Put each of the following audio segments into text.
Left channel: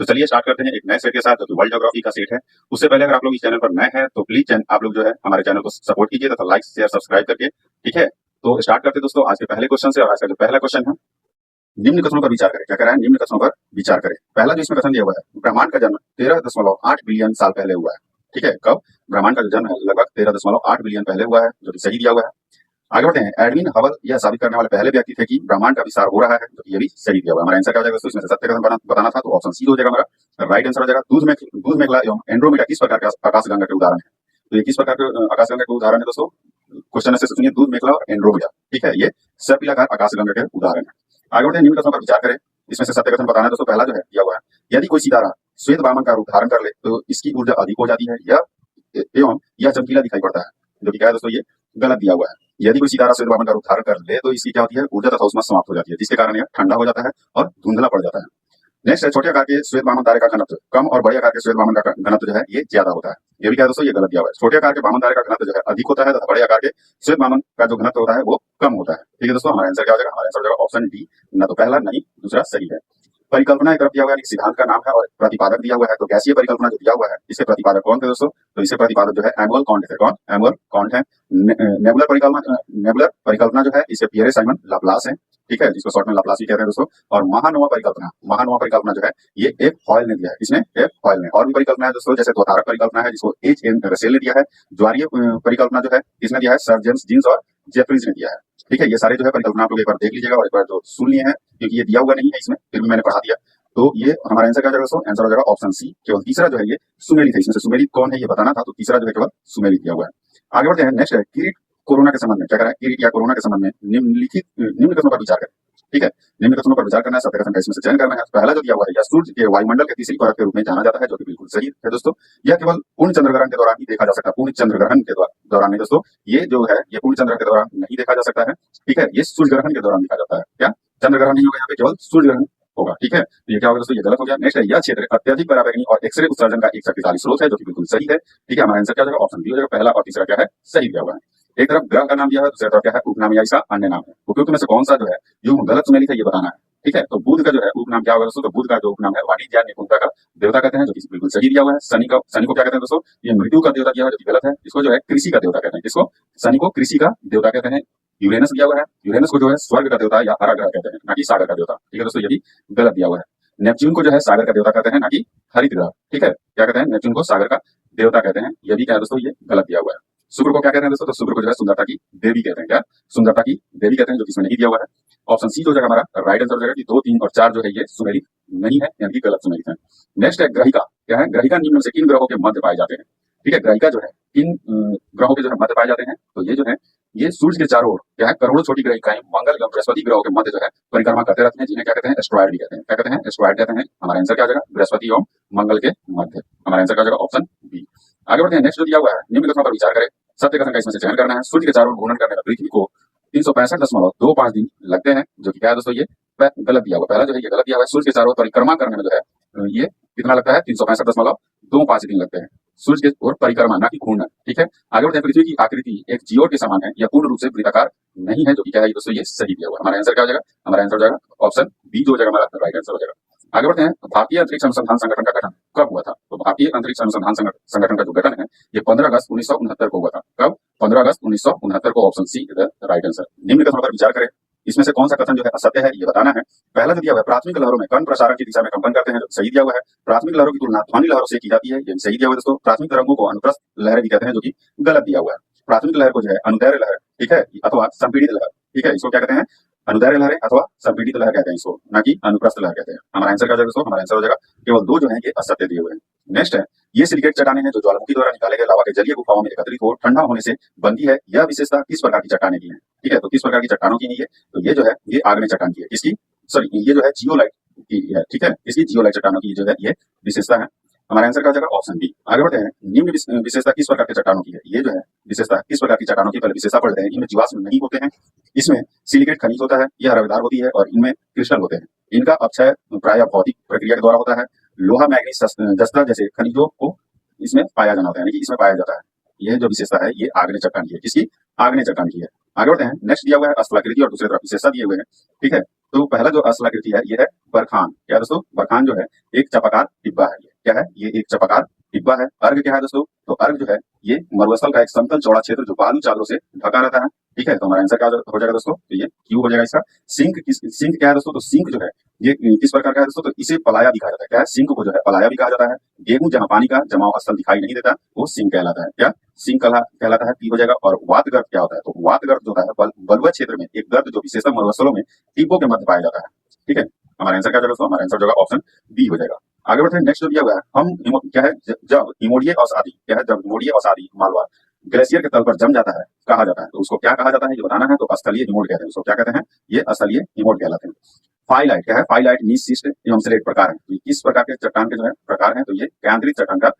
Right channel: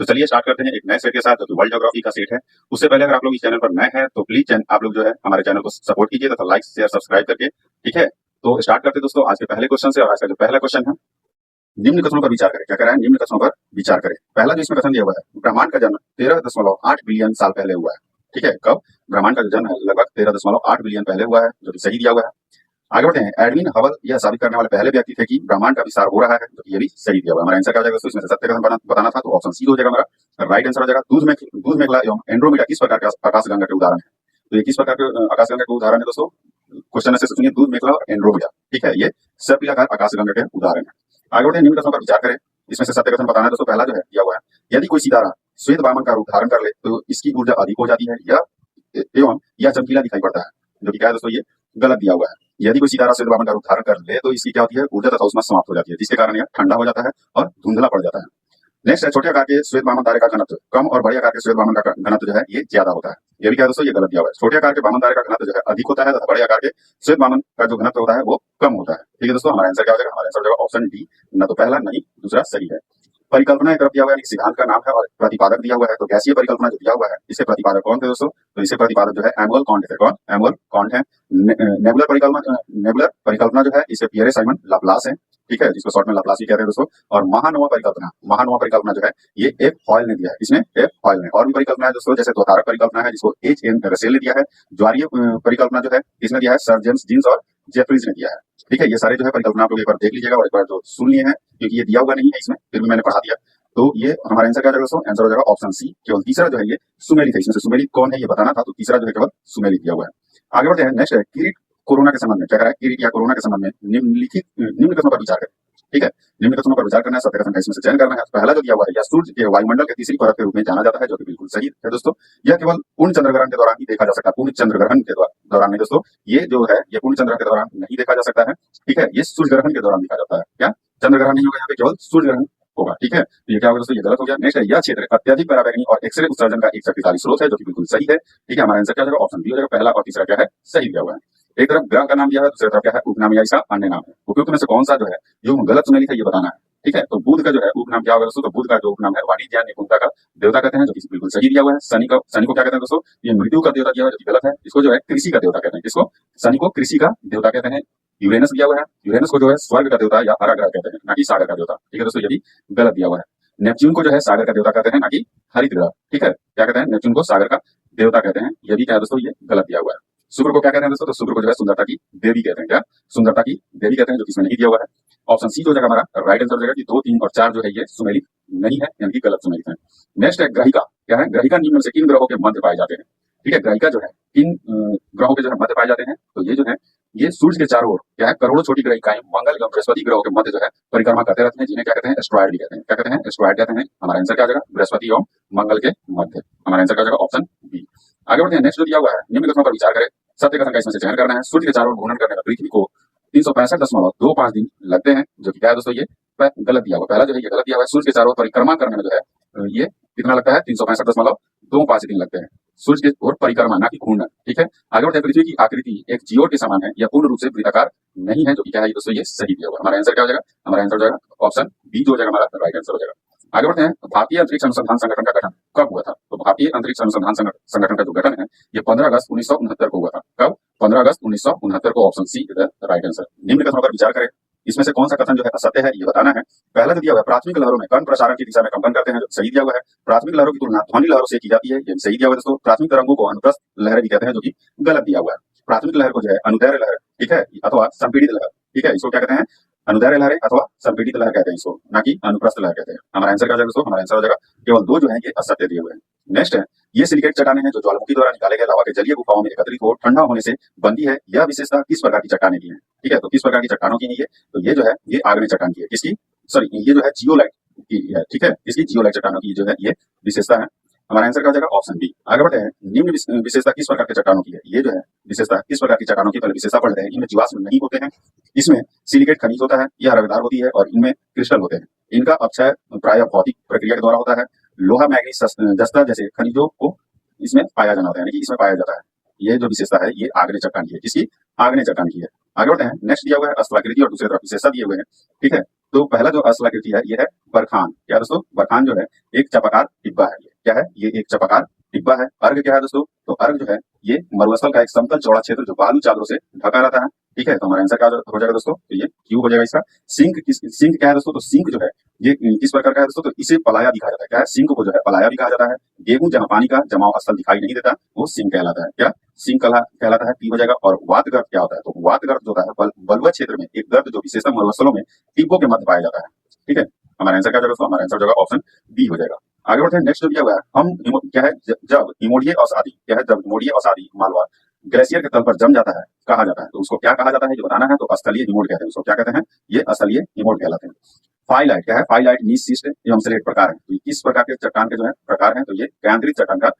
तो चलिए स्टार्ट करते हैं एक नए सेट के साथ, जो कि वर्ल्ड ज्योग्राफी का सेट है। उससे पहले अगर आप लोग इस चैनल पर नए हैं तो प्लीज आप लोग जो है हमारे चैनल को सपोर्ट कीजिए तथा लाइक शेयर सब्सक्राइब करके, ठीक है। तो स्टार्ट करते हैं दोस्तों आज के पहले क्वेश्चन से। और आज का जो पहला क्वेश्चन है, निम्न कथनों पर विचार करें। क्या कह रहा है? निम्न कथनों पर विचार करें। पहला जो इसमें कथन दिया हुआ है, ब्रह्मांड का जन्म 13.8 बिलियन साल पहले हुआ है। ठीक है, कब? ब्रह्मांड का जो जन्म है लगभग 13.8 बिलियन पहले हुआ है, जो कि सही दिया हुआ है। आगे बढ़ते हैं। एडविन हबल यह साबित करने वाले पहले व्यक्ति थे कि ब्रह्मांड का विस्तार हो रहा है, तो ये भी सही दिया हुआ है। हमारा आंसर क्या हो जाएगा दोस्तों? इसमें से सत्य कथन बताना था, तो ऑप्शन सी हो जाएगा हमारा राइट आंसर हो जाएगा। दूध मेघला एवं एंड्रोमेडा किस प्रकार के आकाशगंगा के उदाहरण है? तो ये किस प्रकार के आकाशगंगा के उदाहरण है दोस्तों? क्वेश्चन ऐसे सुनिए, दूध मेघला और एंड्रोमेडा। ठीक है, ये सर्पिलाकार आकाशगंगा के उदाहरण है। आगे बढ़ते हैं, निम्न कथनों पर विचार करें। इसमें से सत्य कथन बताना है दोस्तों। पहला जो है दिया हुआ है, यदि कोई सितारा श्वेत वामन का रूप धारण कर ले तो इसकी ऊर्जा अधिक हो जाती है या एवं यह चमकीला दिखाई पड़ता है, जो कि क्या है दोस्तों? ये गलत दिया हुआ है। यदि कोई सितारा श्वेत वामन का रूप धारण कर ले तो इसकी क्या होती है? ऊर्जा तथा ऊष्मा समाप्त हो जाती है, जिसके कारण यह ठंडा हो जाता है और धुंधला पड़ जाता है। नेक्स्ट है, छोटे आकार के श्वेत वामन तारे का घनत्व कम और बड़े आकार के श्वेत वामन का घनत्व जो है ये ज्यादा होता है। ये भी क्या है दोस्तों? ये गलत दिया हुआ है। छोटे आकार के वामन तारे का घनत्व जो है अधिक होता है तथा बड़े आकार के श्वेत वामन का जो घनत्व होता है वो कम होता है। ठीक है दोस्तों, हमारा आंसर क्या हो जाएगा? हमारा आंसर हो जाएगा ऑप्शन डी, ना तो पहला नहीं दूसरा सही है। परिकल्पना एक तरफ दिया हुआ है, सिद्धांत का नाम है, और प्रतिपादक दिया हुआ है। तो गैसीय परिकल्पना जो दिया हुआ है, इसके प्रतिपादक कौन थे दोस्तों? तो इसके प्रतिपादक जो है एमुअल कॉन्ट थे। कौन? एमुअल कॉन्ट है। नेबुलर परिकल्पना जो है इसे पियरे साइमन लाप्लास है। ठीक है, जिसको शॉर्ट में लाप्लास भी कहते हैं दोस्तों। और महानोवा परिकल्पना जो है ये एफ हॉयल ने दिया है। इसमें एफ हॉयल ने। और भी परिकल्पना है दोस्तों, जैसे द्वतारक परिकल्पना है जिसको एच एन रसेल ने दिया है। ज्वारीय परिकल्पना जो है किसने दिया है? सर जेम्स जीन्स और जेफरीज ने दिया है। ठीक है, ये सारे जो है परिकल्पना आप लोग एक बार देख लीजिएगा और एक बार जो सुन लिए हैं, क्योंकि ये दिया हुआ नहीं है इसमें, फिर भी मैंने पढ़ा दिया। तो ये हमारा आंसर क्या हो जाएगा दोस्तों? आंसर हो जाएगा ऑप्शन सी। केवल तीसरा जो है ये सुमेलित है। इसमें से सुमेलित कौन है ये बताना था, तो तीसरा जो है केवल सुमेलित दिया हुआ है। आगे बढ़ते हैं। नेक्स्ट है, किरीट कोरोना के संबंध में। क्या कह रहा है? किरीट या कोरोना के संबंध में निम्न कथनों पर विचार करें। ठीक है, निम्न कथनों पर विचार करना है, सत्य कथन का इसमें से चयन करना है। पहला जो दिया हुआ है, यह सूर्य के वायुमंडल के तीसरी परत के रूप में जाना जाता है, जो कि बिल्कुल सही है दोस्तों। यह केवल पूर्ण चंद्र ग्रहण के दौरान ही देखा जा सकता है। पूर्ण चंद्र ग्रहण के दौरान नहीं दोस्तों, ये जो है ये पूर्ण चंद्र के दौरान नहीं देखा जा सकता है। ठीक है, ये सूर्य ग्रहण के दौरान देखा जाता है। क्या? चंद्र ग्रहण नहीं होगा यहाँ पे, केवल सूर्य ग्रहण होगा। ठीक है, तो ये क्या होगा दोस्तों? ये गलत हो गया। नेक्स्ट है, यह क्षेत्र अत्यधिक पराबैंगनी और एक्सरे उत्सर्जन का एक शक्तिशाली स्रोत है, जो कि बिल्कुल सही है। ठीक है, हमारा आंसर क्या हो जाएगा? ऑप्शन बी हो जाएगा। पहला और तीसरा क्या है? सही दिया हुआ है। एक तरफ ग्रह का नाम दिया है, दूसरी तरफ क्या है? उपनाम या इसका अन्य नाम है। उपयुक्त में से कौन सा जो है युग्म गलत सुमेलित है ये बताना है। ठीक है, तो बुध का जो है उपनाम क्या होगा दोस्तों? तो बुध का जो उपनाम है वाणिज्य निपुणता का देवता कहते हैं, जो कि बिल्कुल सही दिया हुआ है। शनि को क्या कहते हैं दोस्तों? ये मृत्यु का देवता दिया हुआ है, जो कि गलत है। इसको जो है कृषि का देवता कहते हैं। किसको? शनि को कृषि का देवता कहते हैं। यूरेनस दिया हुआ है, यूरेनस को जो है स्वर्ग का देवता या हरा ग्रह कहते हैं, ना कि सागर का देवता। ठीक है दोस्तों, ये भी गलत दिया हुआ है। नेपच्यून को जो है सागर का देवता कहते हैं, ना कि हरित ग्रह। ठीक है, क्या कहते हैं? नेपच्यून को सागर का देवता कहते हैं। ये भी क्या है दोस्तों? ये गलत दिया हुआ है। शुक्र को क्या कहते हैं दोस्तों? तो शुक्र को जो है सुंदरता की देवी कहते हैं। क्या? सुंदरता की देवी कहते हैं, जो कि इसमें नहीं दिया हुआ है। ऑप्शन सी जो हो जाएगा हमारा राइट आंसर हो जाएगा कि 2, 3 और 4 जो है ये सुमेलित नहीं है, यानी कि गलत सुमेलित है। नेक्स्ट है ग्रहिका। क्या है? ग्रहिका निम्न में से किन ग्रहों के मध्य पाए जाते हैं? ठीक है, ग्रहिका जो है किन ग्रहों के जो है मध्य पाए जाते हैं? तो ये जो है ये सूर्य के चारों ओर क्या है? करोड़ों छोटी ग्रहिकाएं मंगल एवं बृहस्पति ग्रहों के मध्य जो है परिक्रमा करते रहते हैं, जिन्हें क्या कहते हैं? एस्ट्रॉयड भी कहते हैं। क्या कहते हैं? एस्ट्रॉयड कहते हैं। हमारा आंसर क्या हो जाएगा? बृहस्पति एवं मंगल के मध्य। हमारा आंसर क्या हो जाएगा? Option B. आगे बढ़ते हैं। नेक्स्ट जो दिया हुआ है, निम्न कथनों पर विचार करें। सत्य कथन का इसमें से चयन करना है। सूर्य के चारों ओर घूर्णन करने में पृथ्वी को 365.25 दिन लगते हैं, जो कि क्या है दोस्तों? ये गलत दिया हुआ। पहला जो है ये गलत दिया हुआ है। सूर्य के चारों ओर परिक्रमा करने में जो है ये कितना लगता है? 365.25 दिन लगते हैं। सूर्य की ओर परिक्रमा, ना कि घूर्णन। ठीक है, आगे बढ़ते हैं। पृथ्वी की आकृति एक जियोड के समान है, यह पूर्ण रूप से वृत्ताकार नहीं है, जो कि क्या है दोस्तों? ये सही दिया हुआ। हमारा आंसर क्या हो जाएगा? हमारा आंसर हो जाएगा ऑप्शन बी जो हो जाएगा हमारा राइट आंसर हो जाएगा। आगे बढ़ते हैं। भारतीय अंतरिक्ष अनुसंधान संगठन का गठन कब हुआ था? तो भारतीय अंतरिक्ष अनुसंधान संगठन का जो गठन है ये 15 अगस्त 1969 को हुआ था। कब? 15 अगस्त 1969 को। Option C is the right answer. निम्न कथनों पर विचार करें। इसमें से कौन सा कथन जो है असत्य है ये बताना है। पहला जो दिया हुआ है, प्राथमिक लहरों में कण प्रसारण की दिशा में कंपन करते हैं, जो सही दिया हुआ है। प्राथमिक लहरों की तुलना ध्वनि लहरों से की जाती है, ये सही दिया हुआ है दोस्तों। प्राथमिक तरंगों को अनुप्रस्थ लहरें भी कहते हैं, जो कि गलत दिया हुआ है। प्राथमिक लहर को जो है अनुदैर्घ्य लहर, ठीक है, अथवा संपीड़ित लहर, ठीक है, इसको क्या कहते हैं? अनुदैर्घ्य लहरें अथवा संपीड़ित लहर कहते हैं इसको, ना कि अनुप्रस्थ लहर कहते हैं। हमारा आंसर क्या हो जाएगा दोस्तों? हमारा आंसर हो जाएगा केवल 2 जो है ये असत्य दिए हुए हैं। नेक्स्ट है, ये सिलिकेट चट्टानें हैं जो ज्वालामुखी द्वारा निकाले गए लावा के जलीय गुफाओं में एकत्रित हो ठंडा होने से बनती है। यह विशेषता किस प्रकार की चट्टानें की है? ठीक है, तो किस प्रकार की चट्टानों की है ये? तो ये जो है ये आग्नेय चट्टान की है। किसकी? सॉरी, ये जो है जियोलाइट की है। ठीक है, इसकी जियोलाइट चट्टानों की जो है ये विशेषता है। हमारा आंसर क्या हो जाएगा? Option B. आगे बढ़ते हैं। निम्न विशेषता किस प्रकार के चट्टानों की है? ये जो है विशेषता किस प्रकार की चट्टानों की? पहले विशेषता पढ़ते हैं। इनमें जीवाश्म नहीं होते हैं, इसमें सिलिकेट खनिज होता है, यह रवेदार होती है और इनमें क्रिस्टल होते हैं। इनका अपक्षय प्रायः भौतिक प्रक्रिया के द्वारा होता है। लोहा, मैग्नीज, जस्ता जैसे खनिजों को इसमें पाया जाना होता है, यानी कि इसमें पाया जाता है। ये जो विशेषता है ये आग्नेय चट्टान की है। किसकी? आग्नेय चट्टान की है। आगे बढ़ते हैं। नेक्स्ट दिया हुआ है स्थलाकृति और दूसरी तरफ विशेषता दिए हुए हैं। ठीक है, तो पहला जो स्थलाकृति है ये है बरखान। क्या दोस्तों? बरखान जो है एक चपाकार डिब्बा है। ये क्या है? ये एक चपाकार डिब्बा है। अर्घ क्या है दोस्तों? तो अर्घ जो है ये मरुस्थल का एक समतल चौड़ा क्षेत्र जो बालू चादरों से ढका रहता है। ठीक है, तो हमारा आंसर क्या हो जाएगा दोस्तों? तो ये क्यू हो जाएगा इसका। सिंक क्या है दोस्तों? तो सिंक जो है ये किस प्रकार का है दोस्तों? तो इसे पलाया भी कहा जाता है। क्या है? सिंक को जो है पलाया भी कहा जाता है। गेहूं जहां पानी का जमाव स्थल दिखाई नहीं देता वो सिंक कहलाता है। क्या? सिंक कहलाता है। पी हो जाएगा। और वात गर्त क्या होता है? तो वात गर्त जो होता है बलुआ क्षेत्र में एक गर्त जो विशेषतः मरुस्थलों में टिब्बों के मध्य पाया जाता है। ठीक है, हमारा आंसर क्या हो जाएगा दोस्तों? हमारा आंसर जो होगा ऑप्शन बी हो जाएगा। आगे बढ़ते हैं। नेक्स्ट जो दिया हुआ है क्या है? जब हिमोड़ीय अवसादी क्या है? जब हिमोड़ीय अवसादी मालवा ग्लेशियर के तल पर जम जाता है कहा जाता है, तो उसको क्या कहा जाता है ये बताना है। तो स्थलीय हिमोड कहते हैं। उसको क्या कहते हैं? ये स्थलीय हिमोड कहलाते हैं। फाइलाइट क्या है? फाइलाइट नीच शिस्ट एवं स्लेट प्रकार है। तो किस प्रकार के चट्टान के जो है प्रकार है? तो ये केंद्रित चट्टान का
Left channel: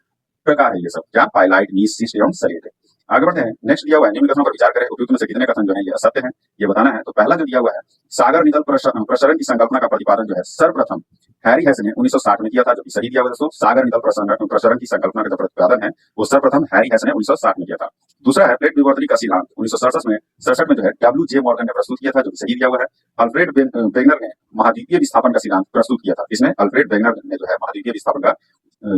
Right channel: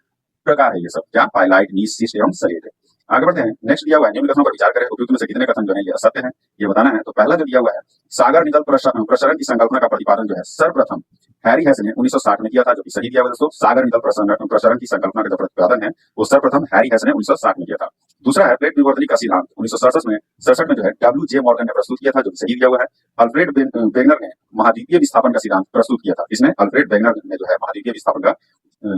प्रकार है। ये सब क्या? फाइलाइट नीच शिस्ट एवं स्लेट है। आगे बढ़ते हैं। नेक्स्ट दिया हुआ है निम्न कथनों पर विचार करें, उपयुक्त में से कितने कथन जो है ये असत्य है ये बताना है। तो पहला जो दिया हुआ है सागर नितल प्रसरण की संकल्पना का प्रतिपादन जो है सर्वप्रथम हैरी हेस ने 1960 में किया था, जो कि सही दिया हुआ है दोस्तों। सागर नितल प्रसरण की संकल्पना का जो प्रतिपादन है वो सर्वप्रथम हैरी हेस ने 1960 में किया था। दूसरा है प्लेट विवर्तनी का सिद्धांत 1967 में जो है डब्ल्यू.जे. मॉर्गन ने प्रस्तुत किया था, जो कि सही दिया हुआ है। अल्फ्रेड वेगनर ने महाद्वीपीय विस्थापन का सिद्धांत प्रस्तुत किया था। इसने अल्फ्रेड वेगनर ने जो है महाद्वीपीय विस्थापन का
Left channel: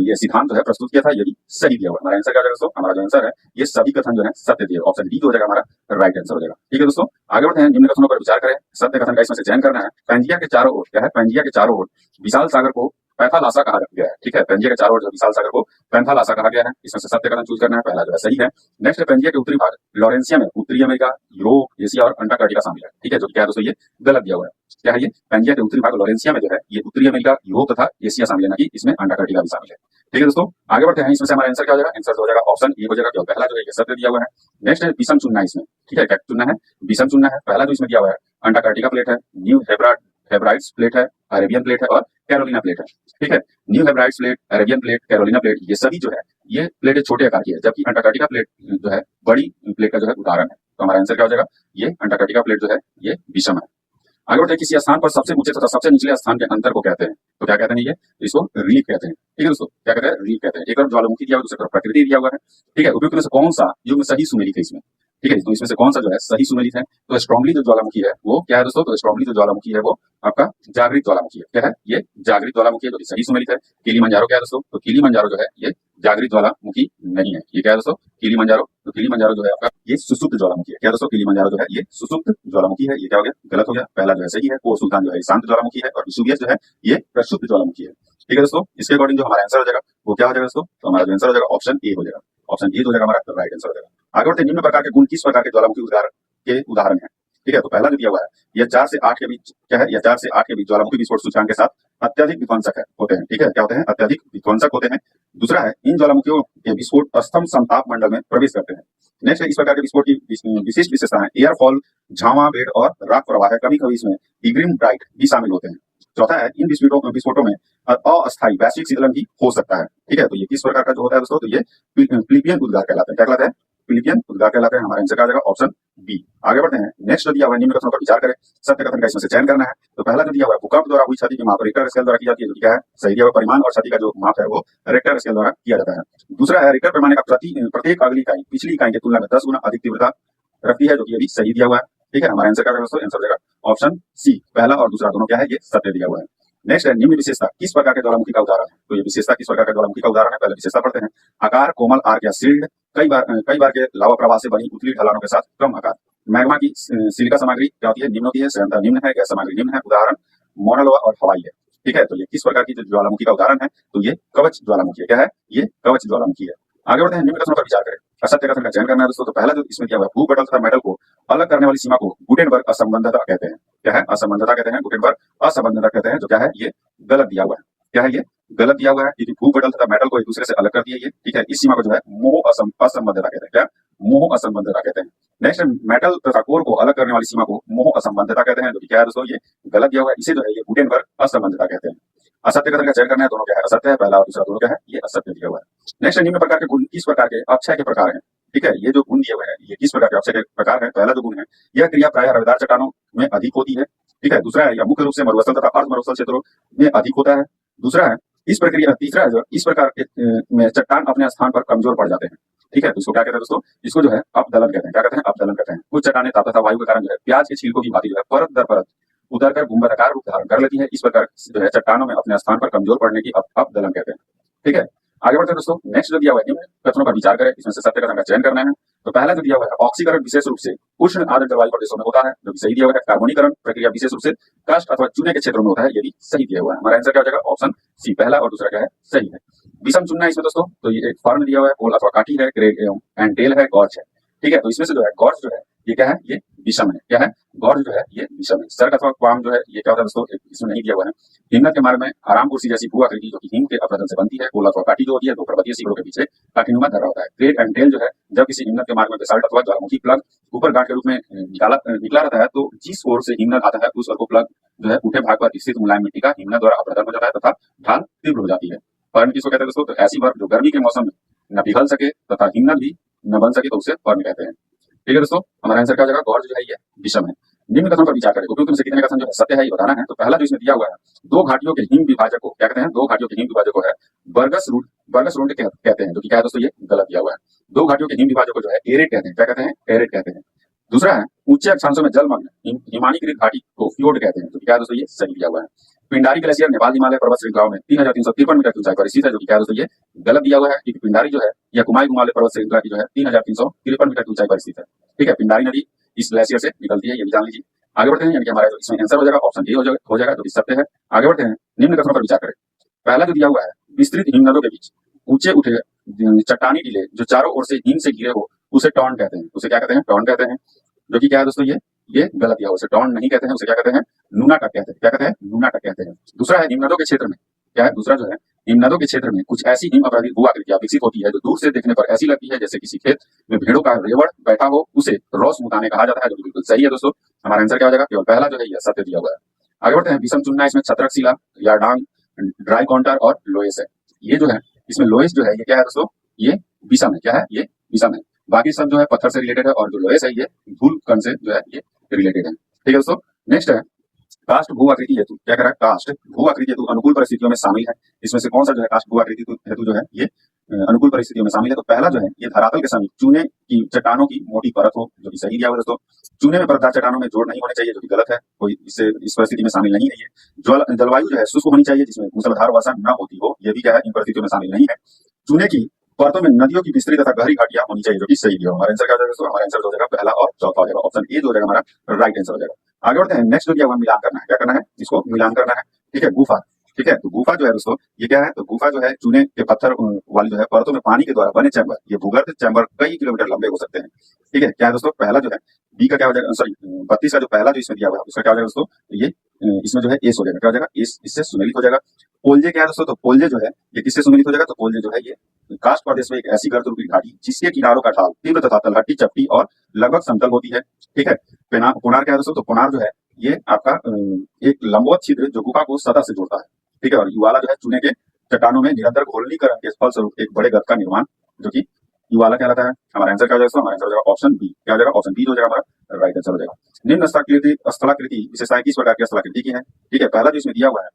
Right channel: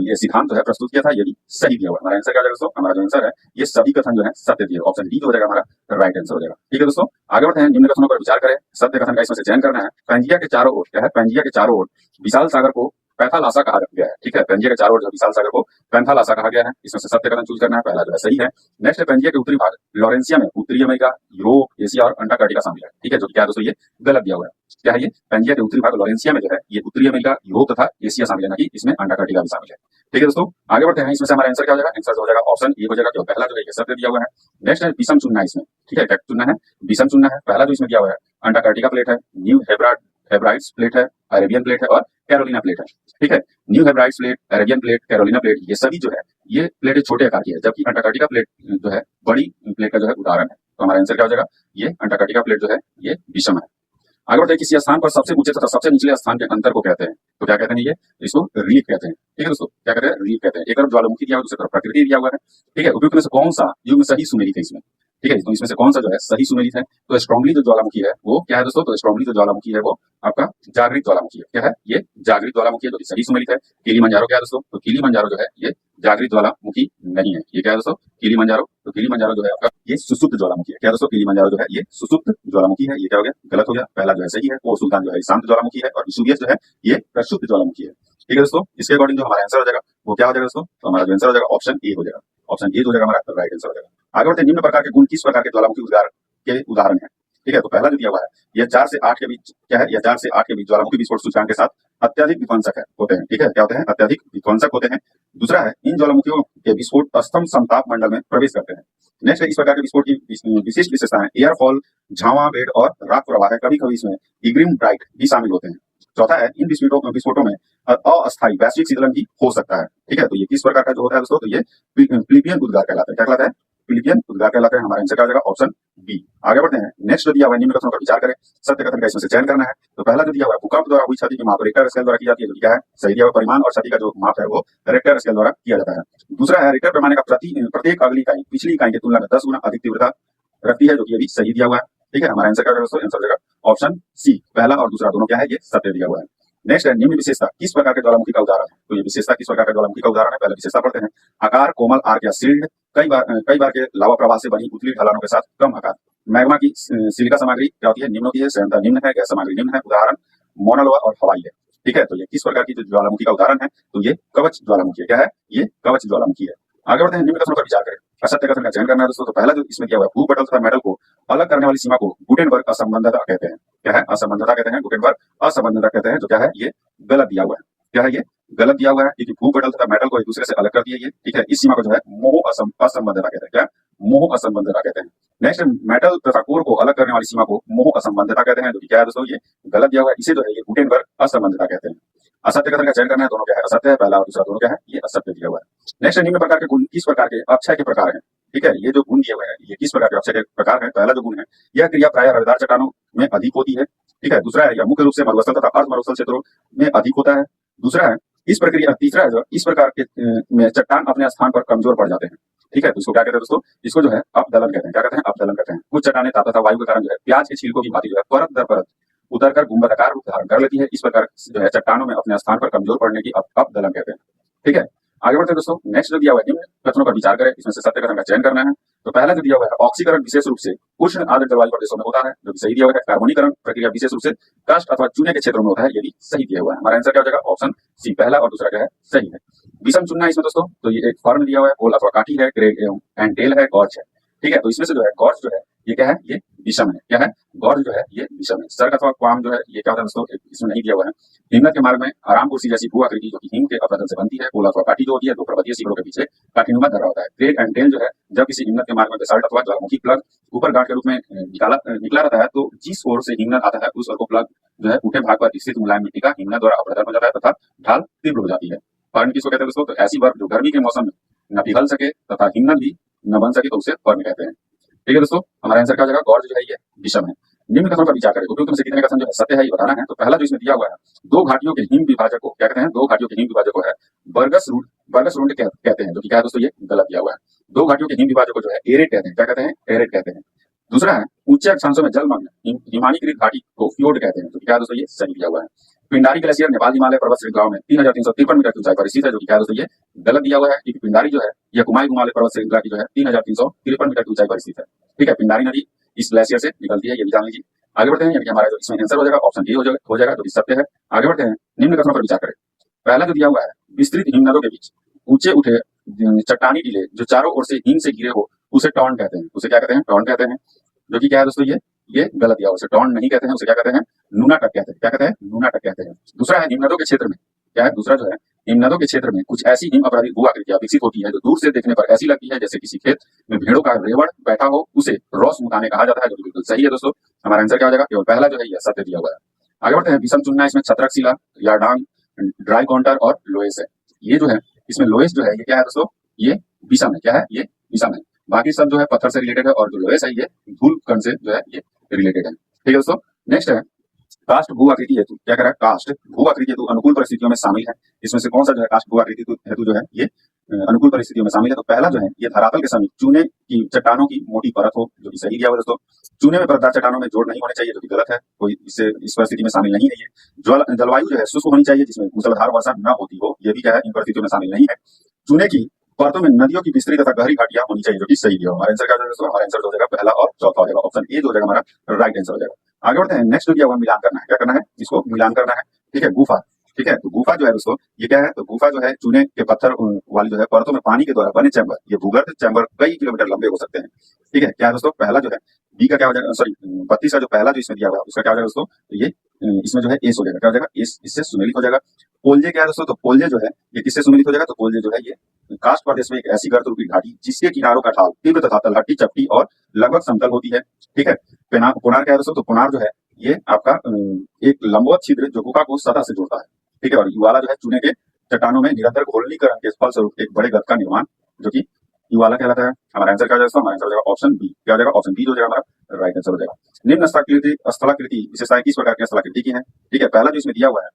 ये सिद्धांत जो है प्रस्तुत किया था, ये भी सही दिया हुआ है। हमारा आंसर क्या हो जाएगा दोस्तों? हमारा जो आंसर है ये सभी कथन जो है सत्य दिए। ऑप्शन डी जो हो जाएगा हमारा राइट आंसर हो जाएगा। ठीक है दोस्तों, आगे बढ़ते हैं। निम्न कथनों पर विचार करें, सत्य कथन का इसमें से चयन करना है। पैंजिया के चारों ओर क्या है? पैंजिया के चारों ओर विशाल सागर को पैंथालासा कहा गया है। ठीक है, पैंजिया के चारों ओर जो विशाल सागर को पैंथालासा कहा गया है। इसमें से सत्य कथन चूज करना है। पहला जो है सही है। नेक्स्ट है पैंजिया के उत्तरी भाग लॉरेंसिया में उत्तरी अमेरिका, यूरोप, एशिया और अंटार्कटिका शामिल है। ठीक है, जो क्या है दोस्तों? ये गलत दिया हुआ है। क्या है? ये पैंजिया के उत्तरी भाग लॉरेंसिया में जो है ये उत्तरी अमेरिका, यूरोप तथा एशिया शामिल है, ना कि इसमें अंटार्कटिका भी शामिल है। ठीक है दोस्तों, आगे बढ़ते हैं। इसमें से हमारा आंसर क्या हो जाएगा? आंसर हो जाएगा ऑप्शन ए हो जाएगा। क्यों? पहला जो है ये सत्य दिया हुआ है। नेक्स्ट है विषम चुनना है इसमें। ठीक है, क्या चुनना है? विषम चुनना है। पहला जो इसमें दिया हुआ है अंटार्कटिका प्लेट है, न्यू हेब्राइड्स प्लेट है, अरेबियन प्लेट है और कैरोलिना प्लेट है। ठीक है, new Hebrides plate, Arabian plate, Carolina plate ये सभी जो है ये प्लेटें छोटे आकार की है, जबकि अंटार्कटिका प्लेट जो है बड़ी प्लेट का जो है उदाहरण है। तो हमारा आंसर क्या हो जाएगा? ये अंटार्कटिका प्लेट जो है ये विषम है। आगे बढ़ते हैं। किसी स्थान पर सबसे ऊंचे तथा सबसे निचले स्थान के अंतर को कहते हैं। तो क्या कहते हैं? ये इसको रीफ कहते हैं। ठीक है दोस्तों, क्या कहते हैं? रीफ कहते हैं। एक तरफ ज्वालामुखी दिया हुआ, दूसरी तरफ प्रकृति दिया हुआ है। ठीक है, उपयुक्त में से कौन सा युग्म सही सुमेलित है इसमें? ठीक है, तो इसमें से कौन सा जो है सही सुमेलित है? तो स्ट्रांगली जो ज्वालामुखी है वो क्या है दोस्तों? तो स्ट्रांगली जो ज्वालामुखी है वो आपका जागृत ज्वालामुखी है। क्या है? ये जागृत ज्वालामुखी है, जो कि सही सुमेलित है। किलिमंजारो क्या है दोस्तों? तो किलिमंजारो जो है ये जागृत ज्वालामुखी नहीं है। ये क्या है दोस्तों? किलिमंजारो। तो किलिमंजारो जो है आपका ये सुसुप्त ज्वालामुखी है। क्या दोस्तों? किलिमंजारो जो है ये सुसुप्त ज्वालामुखी है। ये क्या हो गया? गलत हो गया। पहला जो है सही है। वो सुल्तान जो है शांत ज्वालामुखी है और विसुवियस जो है ये प्रक्षुब्ध ज्वालामुखी है। ठीक है दोस्तों, इसके अकॉर्डिंग जो हमारा आंसर हो जाएगा वो क्या हो जाएगा दोस्तों? तो हमारा जो आंसर हो जाएगा ऑप्शन ए हो जाएगा। ऑप्शन ए हो जाएगा हमारा राइट आंसर हो जाएगा। आगे बढ़ते हैं। निम्न प्रकार के गुण किस प्रकार के ज्वालामुखी उद्गार के उदाहरण है? ठीक है, तो पहला जो दिया हुआ है यह 4 से 8 के बीच क्या है? यह 4 से 8 के बीच ज्वालामुखी विस्फोट सूचकांक के साथ अत्यधिक विध्वंसक होते हैं। ठीक है, क्या होते हैं? अत्यधिक विध्वंसक होते हैं। दूसरा है इन ज्वालामुखियों के विस्फोट स्तंभ समताप मंडल में प्रवेश करते हैं। नेक्स्ट है इस प्रकार के विस्फोट की विशिष्ट विशेषता है एयरफॉल, झावा बेड और राख प्रवाह है। कभी कभी इसमें इग्रिम ब्राइट भी शामिल होते हैं। चौथा है इन विस्फोटों में अस्थायी वैश्विक शीतलन भी हो सकता है। ठीक है, तो ये किस प्रकार का जो होता है दोस्तों? तो ये फिलिपियन उद्गार कहलाता है। क्या कहलाता है? फिलिपियन उद्गार कहलाता है। हमारा आंसर क्या हो जाएगा? Option B. आगे बढ़ते हैं। नेक्स्ट जो दिया हुआ है निम्न कथनों पर विचार करें, सत्य कथन का इसमें से चयन करना है। तो पहला जो दिया हुआ है भूकंप द्वारा हुई क्षति की माप रिक्टर स्केल द्वारा की जाती है, जो कि क्या है? सही दिया हुआ परिमाण और क्षति का जो माप है वो रिक्टर स्केल द्वारा किया जाता है। दूसरा है रिक्टर पैमाने का प्रत्येक अगली इकाई पिछली इकाई की तुलना में 10 गुना अधिक तीव्रता रखती है, जो कि ये भी सही दिया हुआ है। ठीक है, हमारा आंसर क्या होगा दोस्तों? आंसर हो जाएगा ऑप्शन सी। पहला और दूसरा दोनों क्या है? ये सत्य दिया हुआ है। नेक्स्ट है निम्न विशेषता किस प्रकार के ज्वालामुखी का उदाहरण है? तो ये विशेषता किस प्रकार के ज्वालामुखी का उदाहरण है? पहले विशेषता पढ़ते हैं। आकार कोमल आर्क या शील्ड, कई बार के लावा प्रवाह से बनी उथली ढलानों के साथ कम आकार। मैग्मा की सिलिका सामग्री क्या होती है? निम्न होती है। संयंत्र निम्न है, गैस सामग्री निम्न है। उदाहरण मोनालोआ और हवाई है। ठीक है, तो ये किस प्रकार की जो ज्वालामुखी का उदाहरण है? तो ये कवच ज्वालामुखी है। क्या है? ये कवच ज्वालामुखी है। आगे बढ़ते हैं। निम्न कथनों पर विचार करें, असत्य कथन का चयन करना है दोस्तों। तो पहला जो इसमें दिया हुआ है भूपटल तथा मेटल को अलग करने वाली सीमा को गुटेनबर्ग असंबद्धता कहते हैं। क्या है? असंबद्धता कहते हैं। गुटेनबर्ग असंबद्धता कहते हैं, जो क्या है? ये गलत दिया हुआ है। क्या है? ये गलत दिया हुआ है, क्योंकि भूपटल तथा मेटल को एक दूसरे से अलग कर दिया ये। ठीक है, इस सीमा को जो है मोह असंबद्धता कहते हैं। क्या? मोह असंबद्धता कहते हैं। नेक्स्ट मेटल तथा कोर को अलग करने वाली सीमा को मोह असंबद्धता कहते हैं, जो कि क्या है दोस्तों? ये गलत दिया हुआ है। इसे जो है ये गुटेनबर्ग असंबद्धता कहते हैं। असत्य कथन का चयन करना है। दोनों क्या है? असत्य है। पहला और दूसरा दोनों क्या है? ये असत्य दिया हुआ है। नेक्स्ट निम्न प्रकार के गुण किस प्रकार के अक्षय के प्रकार हैं? ठीक है, ये जो गुण दिए हुए हैं ये किस प्रकार के अक्षय के प्रकार है? पहला जो गुण है यह क्रिया प्रायः रवेदार चट्टानों में अधिक होती है। ठीक है, दूसरा है यह मुख्य रूप से मरुस्थल तथा अर्ध मरुस्थल क्षेत्रों में अधिक होता है। दूसरा है इस प्रक्रिया तीसरा है जो इस प्रकार के में चट्टान अपने स्थान पर कमजोर पड़ जाते हैं। ठीक है, तो इसको क्या कहते हैं दोस्तों? इसको जो है अपदलन कहते हैं। क्या कहते हैं? अपदलन कहते हैं। कुछ चट्टानें ताप तथा वायु के कारण जो है प्याज के छील को की भांति जो है परत दर परत उतरकर गुंबदाकार धारण कर लेती है। इस प्रकार जो है चट्टानों में अपने स्थान पर कमजोर पड़ने की अपदलन कहते हैं। ठीक है, आगे बढ़ते हैं दोस्तों। नेक्स्ट जो दिया हुआ है निम्न कथनों पर विचार करें, इसमें से सत्य कथन का चयन करना है। तो पहला जो दिया हुआ है ऑक्सीकरण विशेष रूप से उष्ण आर्द्र जलवायु प्रदेशों में होता है, जो कि सही दिया हुआ है। कार्बोनीकरण प्रक्रिया विशेष रूप से काष्ठ अथवा चूने के क्षेत्रों में होता है, ये भी सही दिया हुआ है। हमारा आंसर क्या हो जाएगा? ऑप्शन सी, पहला और दूसरा क्या है? सही है। विषम चुनना है इसमें दोस्तों, तो ये एक फॉर्म दिया हुआ है, पोल अथवा काठी है, ग्रेड एंड टेल है, गॉर्ज है। ठीक है, तो इसमें से जो है गॉर्ज जो है ये क्या है? ये विषम है। क्या है? गॉर्ज जो है ये विषम है। सर्क अथवा क्वाम जो है ये क्या होता है दोस्तों? इसमें नहीं दिया हुआ है। हिमनद के मार्ग में आराम कुर्सी जैसी भू आकृति जो कि हिम के अपरदन से बनती है। पोल अथवा काठी जो होती है दो पर्वतीय शिखरों के पीछे काठीनुमा धरा होता है। ग्रेड एंड टेल जो है जब किसी हिमनद के मार्ग में बेसाल्ट अथवा ज्वालामुखी प्लग ऊपर गांठ के रूप में निकला रहता है, तो जिस ओर से हिमनद आता है उस ओर को प्लग जो है ऊठे भाग पर स्थित मुलायम मिट्टी का हिमनद द्वारा अपरदन हो जाता है तथा ढाल तीव्र हो जाती है। पर्न किसको कहते हैं दोस्तों? तो ऐसी बर्फ जो गर्मी के मौसम में न पिघल सके तथा हिमनद भी न बन सके, तो उसे पर्न कहते हैं। ठीक है दोस्तों, हमारा आंसर क्या हो जाएगा? गॉर्ज जो है ये विषम है। निम्न कथनों पर विचार करें, उपयुक्त में से कितने कथन जो है सत्य है ये बताना है। तो पहला जो इसमें दिया हुआ है, दो घाटियों के हिम विभाजक को क्या कहते हैं? दो घाटियों के हिम विभाजक को है बर्गस रोड कहते हैं, जो कि क्या है दोस्तों? ये गलत दिया हुआ है। दो घाटियों के हिम विभाजक को जो है एरेट कहते हैं। क्या कहते हैं? एरेट कहते हैं। दूसरा है ऊंचे अक्षांशों में जलमग्न हिमानीकृत घाटी को फ्योर्ड कहते हैं, जो कि क्या है दोस्तों? ये सही दिया हुआ है। पिंडारी ग्लेशियर नेपाल हिमालय पर्वत श्रृंखलाओं में 3353 मीटर की ऊंचाई पर स्थित है, जो कि क्या है दोस्तों? ये गलत दिया हुआ है, क्योंकि पिंडारी जो है यह कुमाई हिमालय पर्वत श्रृंखला की जो है 3353 मीटर की ऊंचाई पर स्थित है। ठीक है, पिंडारी नदी इस ग्लेशियर से निकलती है, ये भी जान लीजिए। आगे बढ़ते हैं, यानी कि हमारा जो इसमें आंसर हो जाएगा ऑप्शन ए हो जाएगा, जो कि सत्य है। आगे बढ़ते हैं, निम्न कथनों पर विचार करें। पहला जो दिया हुआ है, विस्तृत हिमनदों के बीच ऊंचे उठे चट्टानी टीले जो चारों ओर से हिम से घिरे हो उसे टॉन कहते हैं। उसे क्या कहते हैं? टॉन कहते हैं, जो कि क्या है दोस्तों? ये गलत दिया हुआ है। उसे टॉन नहीं कहते हैं, उसे क्या कहते हैं? नूना टक कहते हैं। क्या कहते हैं? नूना टक कहते हैं। दूसरा है हिमनदों के क्षेत्र में क्या है? दूसरा जो है हिमनदों के क्षेत्र में कुछ ऐसी हिम अपराधी भू आकृतियां विकसित होती है जो दूर से देखने पर ऐसी लगती है जैसे किसी खेत में भेड़ों का रेवड़ बैठा हो, उसे रॉस मुताने कहा जाता है, जो कि बिल्कुल सही है दोस्तों। हमारा आंसर क्या हो जाएगा? केवल पहला जो है यह सत्य दिया हुआ है। आगे बढ़ते हैं, विषम चुनना, इसमें छत्रक शिला, यारडांग, ड्राई काउंटर और लोएस है। ये जो है इसमें लोएस जो है ये क्या है दोस्तों? ये विषम है। क्या है? ये विषम है। बाकी सब जो है पत्थर से रिलेटेड है, और जो लोएस है ये धूल कण से जो है ये रिलेटेड है। ठीक है दोस्तों, नेक्स्ट है कास्ट भू आकृति हेतु। क्या कह रहा है? कास्ट भू आकृति हेतु अनुकूल परिस्थितियों में शामिल है। इसमें से कौन सा जो है कास्ट भू आकृति हेतु जो है ये अनुकूल परिस्थितियों में शामिल है? तो पहला जो है ये धरातल के समीप चूने की चट्टानों की मोटी परत हो, जो कि सही दिया हुआ है दोस्तों। चूने में परतदार चट्टानों में जोड़ नहीं होने चाहिए, जो कि गलत है, कोई इससे इस परिस्थिति में शामिल नहीं है। ये जलवायु जो है शुष्क होनी चाहिए, जिसमें मूसलाधार वर्षा न होती हो, ये भी क्या है? इन परिस्थितियों में शामिल नहीं है। चूने की परतों में नदियों की विस्तृत तथा गहरी घाटियां होनी चाहिए, जो कि सही दिया हुआ है। हमारा आंसर क्या हो जाएगा दोस्तों? हमारा आंसर हो जाएगा पहला और चौथा हो जाएगा, ऑप्शन ए जो हो जाएगा हमारा राइट आंसर हो जाएगा। आगे बढ़ते हैं, नेक्स्ट जो दिया हुआ मिलान करना है। क्या करना है? इसको मिलान करना है। ठीक है, गुफा। ठीक है, तो गुफा जो है दोस्तों ये क्या है? तो गुफा जो है चूने के पत्थर वाली जो है परतों में पानी के द्वारा बने चैम्बर, ये भूगर्भ चैम्बर कई किलोमीटर लंबे हो सकते हैं। ठीक है, क्या है दोस्तों? पहला जो है बी का क्या हो जाएगा? सॉरी 32 का जो पहला जो इसमें दिया हुआ है उसका क्या हो जाएगा दोस्तों? ये इसमें जो है एस हो जाएगा। क्या हो जाएगा? एस, इससे सुमेलित हो जाएगा। पोलजे क्या है दोस्तों? तो पोलजे जो है ये किससे सुमेलित हो जाएगा? तो पोलजे जो है ये कास्ट प्रदेश में एक ऐसी गर्त रूपी घाटी जिसके किनारों का ढाल तीव्र तथा तलहटी चपटी और लगभग समतल होती है। ठीक है, पुनार क्या है दोस्तों? तो पुनार जो है ये आपका एक लंबवत छिद्र जो गुफा को सतह से जोड़ता है। ठीक है, और युवाला जो है चूने के चट्टानों में निरंतर घोलनीकरण के फलस्वरूप एक बड़े गर्त का निर्माण, जो कि युवाला कहलाता है। हमारा आंसर क्या हो जाएगा? हमारा आंसर हो जाएगा ऑप्शन बी। क्या हो जाएगा? ऑप्शन बी जो हो जाएगा हमारा राइट आंसर हो जाएगा। निम्न स्थलाकृति विशेषताएं किस प्रकार की स्थलाकृति की है? ठीक है, पहला जो इसमें दिया हुआ है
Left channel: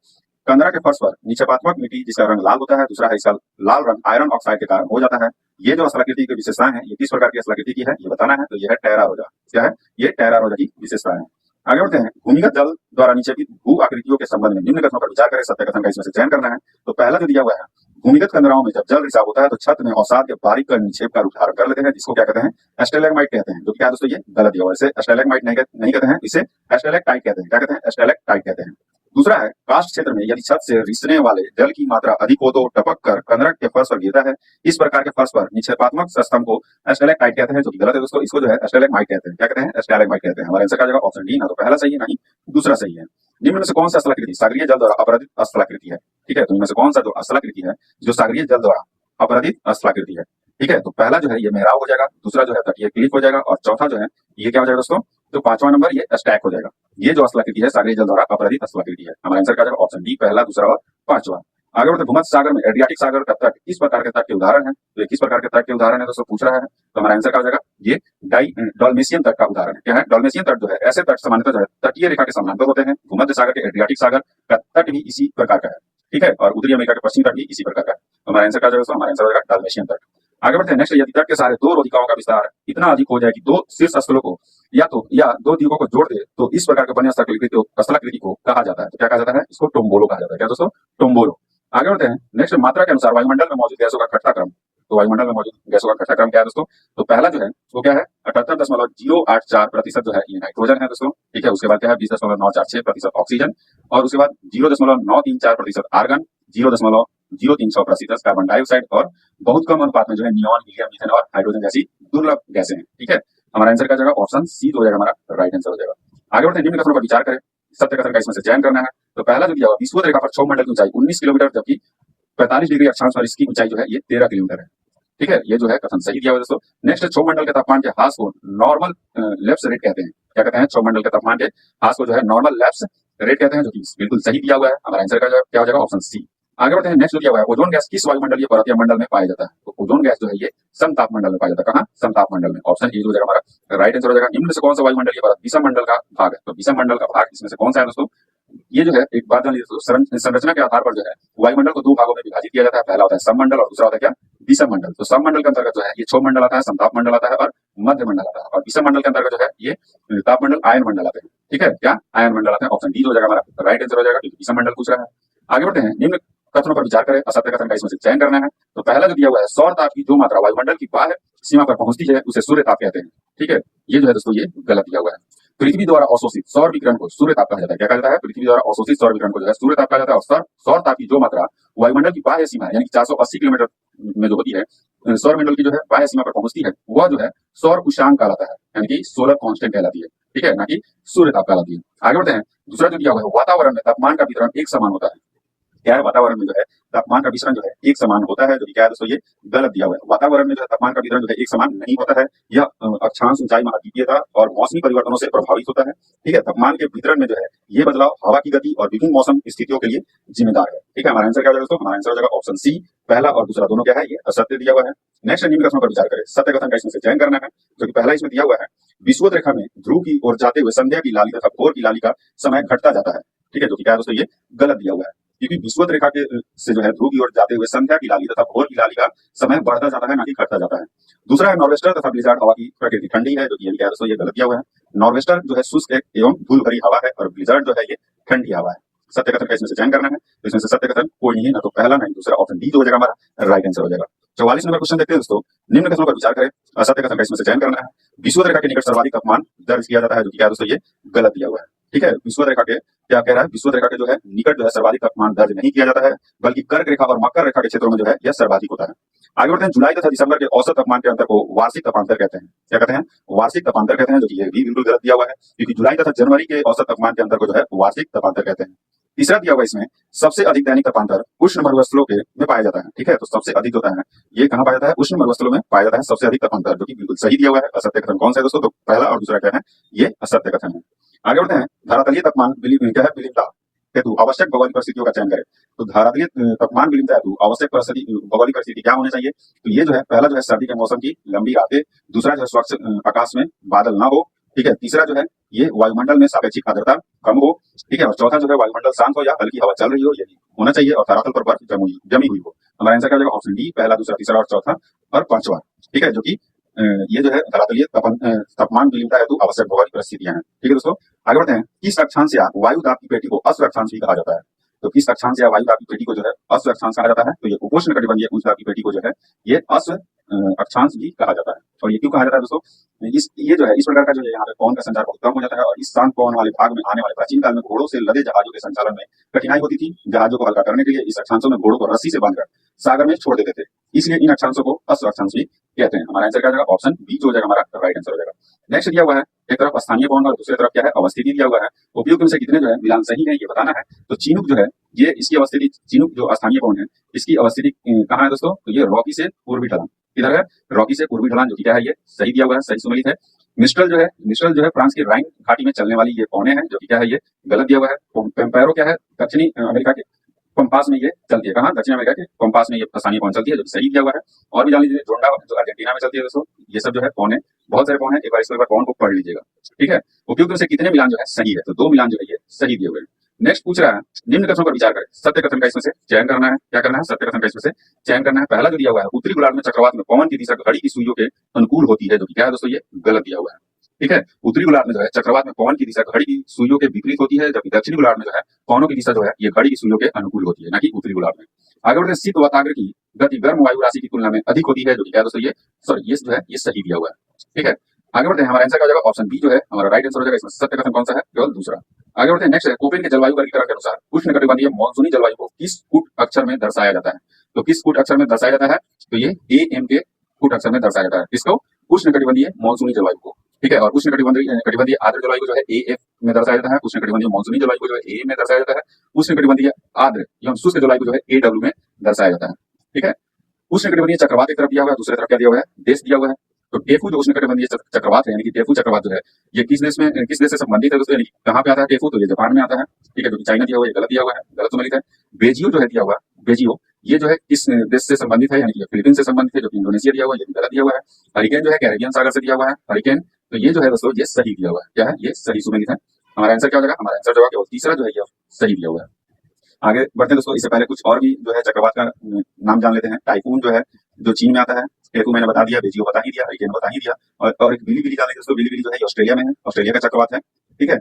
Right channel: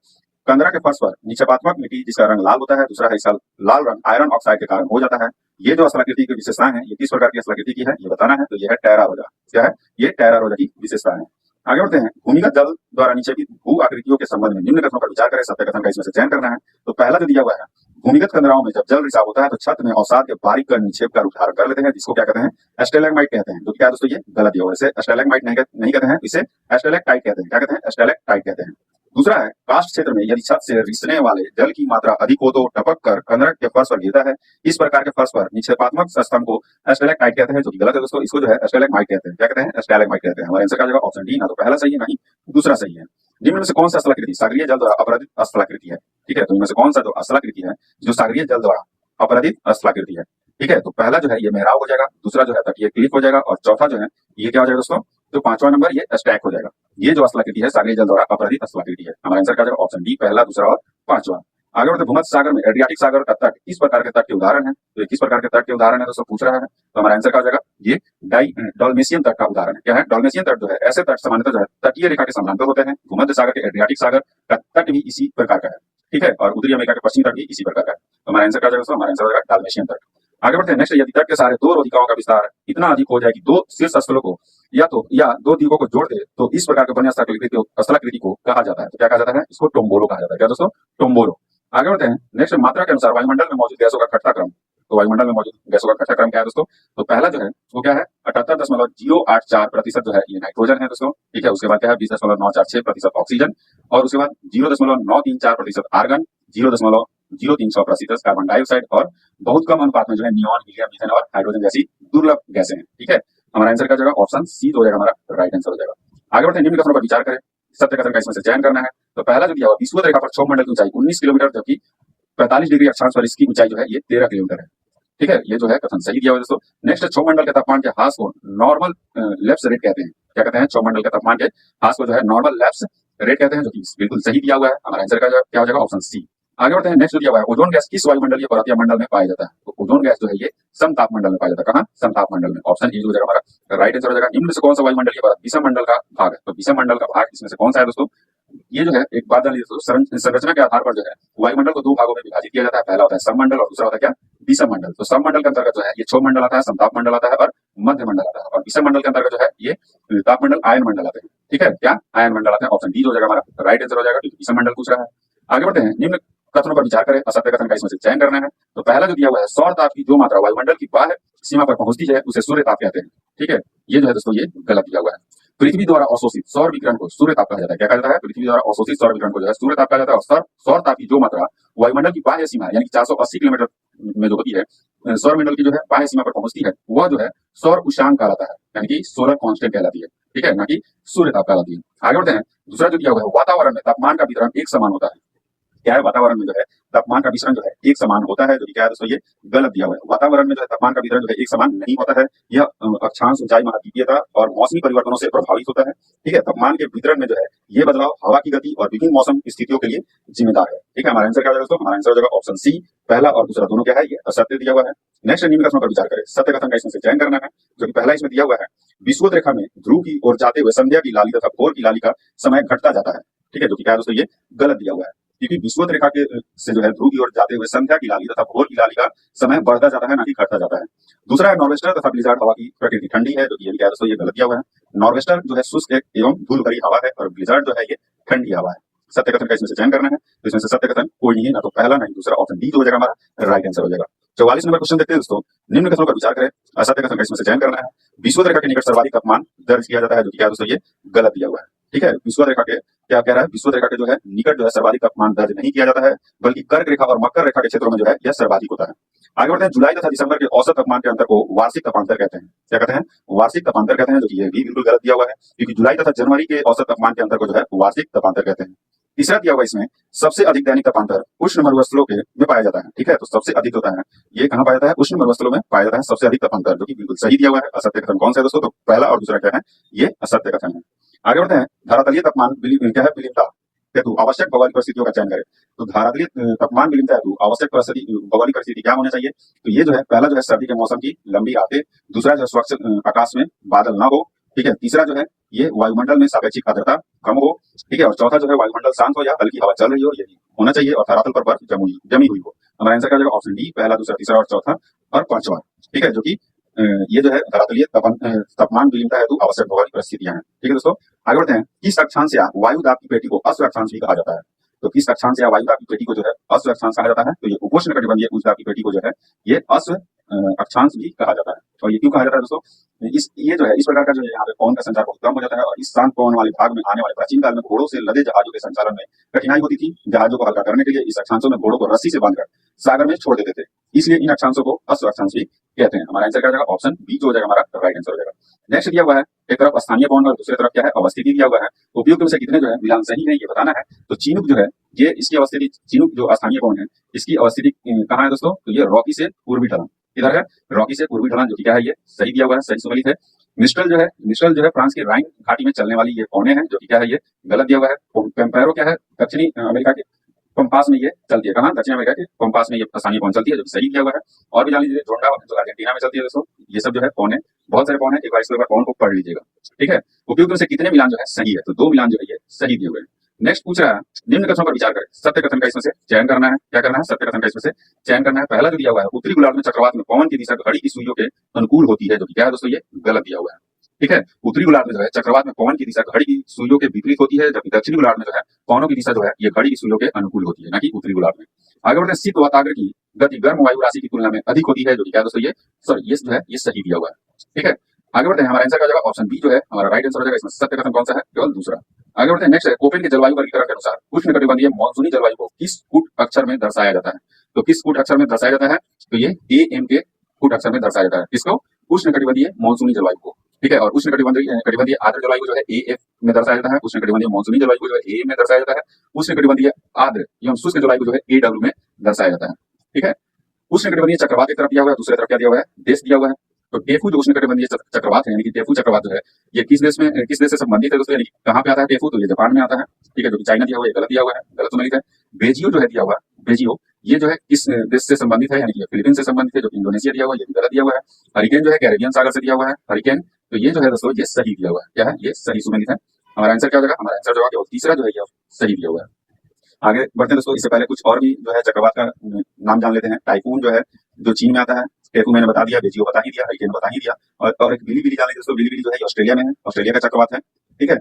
कंदरा के फर्श पर निक्षेपात्मक मिट्टी जिसका रंग लाल होता है। दूसरा है इसका लाल रंग आयरन ऑक्साइड के कारण हो जाता है। ये जो स्थलाकृति की विशेषताएं हैं ये किस प्रकार की स्थलाकृति की है ये बताना है। तो यह है टेरा रोजा। क्या है? ये टेरा रोजा की विशेषताएं है। आगे बढ़ते हैं, भूमिगत जल द्वारा निक्षेपित भू आकृतियों के संबंध में निम्न कथनों पर विचार करें। सत्य कथन का इसमें से चयन करना है। तो पहला जो दिया हुआ है भूमिगत कंदराओं में जब जल रिसाव होता है तो छत में अवसाद के बारीक कण निक्षेप कर उद्धार कर लेते हैं, जिसको क्या कहते हैं? स्टेलेग्माइट कहते हैं। जो क्या दोस्तों? ये गलत दिया हुआ है। इसे स्टेलेग्माइट नहीं कहते हैं, इसे स्टेलेक्टाइट कहते हैं। क्या कहते हैं? स्टेलेक्टाइट कहते हैं। दूसरा है कास्ट क्षेत्र में यदि छत से रिसने वाले जल की मात्रा अधिक हो तो टपक कर कंदरक के फर्श पर गिरता है। इस प्रकार के फर्श पर निक्षेपात्मक स्तंभ को स्टेलेक्टाइट कहते हैं, जो कि गलत है दोस्तों। इसको जो है स्टेलेग्माइट कहते हैं। क्या कहते हैं? स्टेलेग्माइट कहते हैं। हमारा आंसर क्या हो जाएगा? Option D. ना तो पहला सही है ना ही दूसरा सही है। निम्न में से कौन सा स्थलाकृति सागरीय जल द्वारा अपराधित स्थलाकृति है? ठीक है, तो इनमें से कौन सा जो स्थलाकृति है जो सागरीय जल द्वारा अपराधित स्थलाकृति है? ठीक है, तो पहला जो है ये मेहराब हो जाएगा, दूसरा जो है तटीय क्लिफ हो जाएगा, और चौथा जो है ये क्या हो जाएगा दोस्तों? तो पांचवा नंबर ये स्टैक हो जाएगा। ये जो स्थलाकृति है सागरीय जल द्वारा अपराधित स्थलाकृति है। हमारा आंसर क्या जाएगा? ऑप्शन डी, पहला, दूसरा और पांचवा। आगे बढ़ते, भूमध्य सागर में एड्रियाटिक सागर का तट किस प्रकार के तट के उदाहरण है? तो किस प्रकार के तट के उदाहरण है दोस्तों पूछ रहा है। तो हमारा आंसर क्या हो जाएगा? ये डॉल्मेशियन तट का उदाहरण है। क्या है? डॉल्मेशियन तट जो है ऐसे तट सामान्यतः जो है तटीय रेखा के समानांतर होते हैं। भूमध्य सागर के एड्रियाटिक सागर का तट भी इसी प्रकार का है। ठीक है, और उत्तरी अमेरिका के पश्चिमी तट भी इसी प्रकार का है। तो हमारा आंसर क्या हो जाएगा? हमारा आंसर हो जाएगा डॉल्मेशियन तट। आगे बढ़ते हैं नेक्स्ट, यदि तट के सहारे दो रोधिकाओं का विस्तार इतना अधिक हो जाए कि दो शीर्ष स्थलों को या दो द्वीपों को जोड़ दे, तो इस प्रकार के बने स्थलाकृति को कहा जाता है। तो क्या कहा जाता है? इसको टोम्बोलो कहा जाता है। क्या दोस्तों? टोम्बोलो। आगे बढ़ते हैं नेक्स्ट, मात्रा के अनुसार वायुमंडल में मौजूद गैसों का घटता क्रम। तो वायुमंडल में मौजूद गैसों का घटता क्रम क्या है दोस्तों? तो पहला जो है वो क्या है? 78.084% जो है ये नाइट्रोजन है दोस्तों। ठीक है, उसके बाद क्या है? 20.946% ऑक्सीजन, और उसके बाद 0.934% आर्गन, 0.036% कार्बन डाइऑक्साइड, और बहुत कम अनुपात में जो है नियॉन, हीलियम, मीथेन और हाइड्रोजन जैसी दुर्लभ गैसें हैं। ठीक है, हमारा आंसर क्या जाएगा? ऑप्शन सी हो जाएगा, हमारा राइट आंसर हो जाएगा। आगे बढ़ते हैं, निम्न कथनों पर विचार करें, सत्य कथन का इसमें से चयन करना है। तो पहला जो दिया हुआ, विषुवत रेखा पर क्षोभ मंडल की ऊंचाई 19 किलोमीटर, जबकि 45 डिग्री अक्षांश पर इसकी ऊंचाई जो है ये 13 किलोमीटर है। ठीक है, ये जो है कथन सही दिया हुआ है दोस्तों। नेक्स्ट, क्षोभ मंडल के तापमान के ह्रास को नॉर्मल लैप्स रेट कहते हैं। क्या कहते हैं? क्षोभ मंडल के तापमान के ह्रास को जो है नॉर्मल लैप्स रेट कहते हैं, जो कि बिल्कुल सही दिया हुआ है। हमारा आंसर क्या हो जाएगा? Option C. आगे बढ़ते हैं, नेक्स्ट जो दिया हुआ है, ओजोन गैस किस वायुमंडलीय परत या मंडल में पाया जाता है? तो ओजोन गैस जो है ये समताप मंडल में पाया जाता है। कहाँ? समताप मंडल में। ऑप्शन ए हो जाएगा हमारा राइट आंसर हो जाएगा। निम्न से कौन सा वायुमंडलीय परत विषम मंडल का भाग है? तो विषम मंडल का भाग इसमें से कौन सा है दोस्तों? ये जो है एक बात जान लीजिए, संरचना के आधार पर जो है वायुमंडल को दो भागों में विभाजित किया जाता है। पहला होता है सममंडल और दूसरा होता है क्या? विषम मंडल। तो सममंडल के अंतर्गत जो है ये क्षोभ मंडल आता है, समताप मंडल आता है और मध्य मंडल आता है, और विषम मंडल के अंतर्गत जो है ये तापमंडल, आयन मंडल आते हैं। ठीक है, क्या? आयन मंडल आते हैं। ऑप्शन डी हो जाएगा हमारा राइट आंसर हो जाएगा, क्योंकि विषम मंडल पूछ रहा है। आगे बढ़ते हैं, निम्न कथनों पर विचार करें, असत्य कथन का इसमें से चयन करना है। तो पहला जो दिया हुआ है, सौर ताप की जो मात्रा वायुमंडल की बाह्य सीमा पर पहुंचती है उसे सूर्य ताप कहते हैं। ठीक है, ये जो है दोस्तों ये गलत दिया हुआ है। पृथ्वी द्वारा अवशोषित सौर विकिरण को सूर्य ताप कहा जाता है। क्या कहा जाता है? पृथ्वी द्वारा अवशोषित सौर विकिरण को जो है सूर्य ताप कहा जाता है। और सौर ताप की जो मात्रा वायुमंडल की बाह्य सीमा यानी कि 480 किलोमीटर में जो होती है, सौर मंडल की जो है बाह्य सीमा पर पहुंचती है, वह जो है सौर उष्मांक कहलाता है, यानी कि सोलर कांस्टेंट कहलाती है। ठीक है, ना कि सूर्य ताप कहलाती है। आगे बढ़ते हैं, दूसरा जो दिया हुआ है, वातावरण में तापमान का वितरण एक समान होता है। क्या है? वातावरण में जो है तापमान का वितरण जो है एक समान होता है, जो कि क्या है दोस्तों? ये गलत दिया हुआ है। वातावरण में जो है तापमान का वितरण जो है एक समान नहीं होता है। यह अक्षांश, ऊंचाई, महाद्वीपीयता और मौसमी परिवर्तनों से प्रभावित होता है। ठीक है, तापमान के वितरण में जो है ये बदलाव हवा की गति और विभिन्न मौसम स्थितियों के लिए जिम्मेदार है। ठीक है, हमारा आंसर क्या हो जाएगा दोस्तों? हमारा आंसर हो जाएगा ऑप्शन सी। पहला और दूसरा दोनों क्या है? ये असत्य दिया हुआ है। नेक्स्ट, निम्न कथनों पर विचार करें, सत्य कथन का इसमें से चयन करना है। जो कि पहला इसमें दिया हुआ है, विषुवत रेखा में ध्रुव की ओर जाते हुए संध्या की लाली तथा भोर की लाली का समय घटता जाता है। ठीक है, जो कि क्या है दोस्तों? ये गलत दिया हुआ है, क्योंकि विषुवत रेखा के से जो है ध्रुव की ओर जाते हुए संध्या की लाली तथा भोर की लाली का समय बढ़ता जाता है, ना कि घटता जाता है। दूसरा है, नॉर्वेस्टर तथा ब्लिज़ार्ड हवा की प्रकृति ठंडी है, जो कि क्या है दोस्तों? ये गलत दिया हुआ है। नॉर्वेस्टर जो है शुष्क एवं धूल भरी हवा है, और ब्लिज़ार्ड जो है ये ठंडी हवा है। सत्य कथन का इसमें से चयन करना है। तो इसमें से सत्य कथन कोई नहीं है, ना तो पहला ना ही दूसरा। ऑप्शन डी हो जाएगा हमारा राइट आंसर हो जाएगा। 44 नंबर क्वेश्चन देखते हैं दोस्तों, निम्न कथनों पर विचार करें, असत्य कथन का इसमें से चयन करना है। विषुवत रेखा के निकट सर्वाधिक तापमान दर्ज किया जाता है, जो कि क्या है दोस्तों? ये गलत दिया हुआ है। ठीक है, विषुवत रेखा के क्या कह रहा है? विषुवत रेखा के जो है निकट जो है सर्वाधिक तापमान दर्ज नहीं किया जाता है, बल्कि कर्क रेखा और मकर रेखा के क्षेत्रों में जो है यह सर्वाधिक होता है। आगे बढ़ते हैं, जुलाई तथा दिसंबर के औसत तापमान के अंतर को वार्षिक तापांतर कहते हैं। क्या कहते हैं? वार्षिक तापांतर कहते हैं, जो कि ये भी बिल्कुल गलत दिया हुआ है, क्योंकि जुलाई तथा जनवरी के औसत तापमान के अंतर को जो है वार्षिक तापांतर कहते हैं। तीसरा दिया हुआ इसमें, सबसे अधिक दैनिक तापांतर उष्ण मरुस्थलों के में पाया जाता है। ठीक है, तो सबसे अधिक होता है ये कहाँ पाया जाता है? उष्ण मरुस्थलों में पाया जाता है सबसे अधिक तापांतर, जो कि बिल्कुल सही दिया हुआ है। असत्य कथन कौन सा है दोस्तों? तो पहला और दूसरा क्या है? ये असत्य कथन है। आगे बढ़ते हैं, धरातलीय तापमान क्या है? विलिप्तता हेतु आवश्यक भौगोलिक परिस्थितियों का चयन करें। तो धरातलीय तापमान विलिप्तता हेतु आवश्यक भौगोलिक परिस्थिति क्या होनी चाहिए? तो ये जो है, पहला जो है सर्दी के मौसम की लंबी रातें, दूसरा जो है स्वच्छ आकाश में बादल ना हो। ठीक है, तीसरा जो है ये वायुमंडल में सापेक्षिक आर्द्रता कम हो। ठीक है, और चौथा जो है वायुमंडल शांत हो या हल्की हवा चल रही हो, यही होना चाहिए, और धरातल पर बर्फ जमी हुई हो। हमारा आंसर क्या हो जाएगा? ऑप्शन डी, पहला, दूसरा, तीसरा और चौथा और पांचवा। ठीक है, जो कि ये जो है धरातलीय तापमान विलिप्तता हेतु आवश्यक भौगोलिक परिस्थितियां हैं। ठीक है दोस्तों, आगे बढ़ते हैं, किस अक्षांश या वायु दाब की पेटी को अश्व अक्षांश भी कहा जाता है? तो किस अक्षांश या वायु दाब की पेटी को जो है अश्व अक्षांश कहा जाता है? तो ये उपोष्ण कटिबंधीय उच्च दाब की पेटी को जो है ये अश्व अक्षांश भी कहा जाता है। और ये क्यों कहा जाता है दोस्तों? ये जो है इस प्रकार का जो है यहाँ पे पवन का संचार बहुत कम हो जाता है, और इस शांत पवन वाले भाग में आने वाले प्राचीन काल में घोड़ों से लदे जहाजों के संचालन में कठिनाई होती थी। जहाजों को हल्का करने के लिए इस अक्षांशों में घोड़ों को रस्सी से बांधकर सागर में छोड़ देते थे, इसलिए इन अक्षांशों को अश्व अक्षांश भी कहते हैं। हमारा आंसर क्या हो जाएगा? ऑप्शन बी जो हो जाएगा हमारा राइट आंसर हो जाएगा। नेक्स्ट दिया हुआ है, एक तरफ स्थानीय पवन और दूसरी तरफ क्या है? अवस्थिति दिया हुआ है। उपयुक्त में से कितने जो है मिलान सही है, ये बताना है। तो चिनूक जो है ये इसकी अवस्थिति, चिनूक जो स्थानीय पवन है इसकी अवस्थिति कहाँ है दोस्तों? तो ये रॉकी से पूर्वी ढलान, किधर है? रॉकी से पूर्वी ढलान, जो कि क्या है? ये सही दिया हुआ है, सही सुमेलित है। मिस्ट्रल जो है फ्रांस की राइन घाटी में चलने वाली ये पौने हैं, जो कि क्या है? ये गलत दिया हुआ है। पेम्पेरो क्या है? दक्षिणी अमेरिका के पंपास में ये चलती है। कहाँ? दक्षिण अमेरिका के पंपास में ये स्थानीय पवन चलती है, जो सही दिया हुआ है। और भी जान लीजिए, जोंडा जो अर्जेंटीना में चलती है दोस्तों। ये सब जो है पौने, बहुत सारे पौन है, एक बार इसके ऊपर पौन को पढ़ लीजिएगा। ठीक है, उपयुक्त में से कितने मिलान जो है सही है? तो 2 मिलान जो है ये सही दिए हुए हैं। नेक्स्ट पूछ रहा है निम्न कथनों पर विचार करें, सत्य कथन का इसमें से चयन करना है। क्या करना है? सत्य कथन का इसमें से चयन करना है। पहला जो दिया हुआ है, उत्तरी गोलार्ध में चक्रवात में पवन की दिशा घड़ी की सुइयों के अनुकूल होती है, जो कि क्या है दोस्तों, ये गलत दिया हुआ है। ठीक है, उत्तरी गोलार्ध में जो है चक्रवात में पवन की दिशा घड़ी की सुइयों के विपरीत होती है, जबकि दक्षिणी गोलार्ध में जो है पवनों की दिशा जो है ये घड़ी की सुइयों के अनुकूल होती है, ना कि उत्तरी गोलार्ध में। आगे बढ़ते हैं, शीत वाताग्र की गति गर्म वायु राशि की तुलना में अधिक होती है, जो कि क्या है दोस्तों, ये सॉरी ये जो है ये सही दिया हुआ है। ठीक है, आगे बढ़ते हैं, हमारा आंसर क्या हो जाएगा? ऑप्शन बी जो है हमारा राइट आंसर हो जाएगा। इसमें सत्य कथन कौन सा है? केवल दूसरा। आगे बढ़ते हैं, नेक्स्ट है, कोपेन के जलवायु वर्गीकरण के अनुसार उष्णकटिबंधीय मॉनसूनी जलवायु को किस कूट अक्षर में दर्शाया जाता है? तो किस कूट अक्षर में दर्शाया जाता है? तो ये एम के कूट अक्षर में दर्शाया जाता है। किसको? उष्णकटिबंधीय मॉनसूनी जलवायु को। ठीक है, और उष्णकटिबंधीय आर्द्र जलवायु को जो है एएफ में दर्शाया जाता है, उष्णकटिबंधीय मॉनसूनी जलवायु को जो है ए में दर्शाया जाता है, उष्णकटिबंधीय आर्द्र एवं शुष्क जलवायु को जो है एडब्ल्यू में दर्शाया जाता है। ठीक है, उष्णकटिबंधीय चक्रवात एक तरफ दिया हुआ है, दूसरी तरफ क्या दिया हुआ है? देश दिया हुआ है। तो टेफू जो उष्णकटिबंधीय चक्रवात है, यानी कि टेफू चक्रवात जो है ये किस देश से संबंधित है दोस्तों? यानी कहां पे आता है टेफू? तो ये जापान में आता है। ठीक है, जो कि चाइना दिया हुआ है, गलत दिया हुआ है, गलत सम्मिलित है। बेजियो जो है दिया हुआ है, बेजियो ये जो है किस देश से संबंधित है? यानी कि फिलीपींस से संबंधित है, जो कि इंडोनेशिया दिया हुआ है, ये गलत दिया हुआ है। हरिकेन जो है कैरेबियन सागर से दिया हुआ है, हरिकेन, तो ये जो है दोस्तों ये सही दिया हुआ है। क्या है? ये सही सुमेलित है। हमारा आंसर क्या हो जाएगा? हमारा आंसर जो है केवल तीसरा जो है ये सही दिया हुआ है। आगे बढ़ते हैं दोस्तों, इससे पहले कुछ और भी जो है चक्रवात का नाम जान लेते हैं। टाइफून जो है जो चीन में आता है, टेफू मैंने बता दिया, बेजियो बता ही दिया, हरिकेन बता ही दिया, और एक बिली बिली जान लेते दोस्तों। बिली बिली जो है ये ऑस्ट्रेलिया में है, ऑस्ट्रेलिया का चक्रवात है। ठीक है,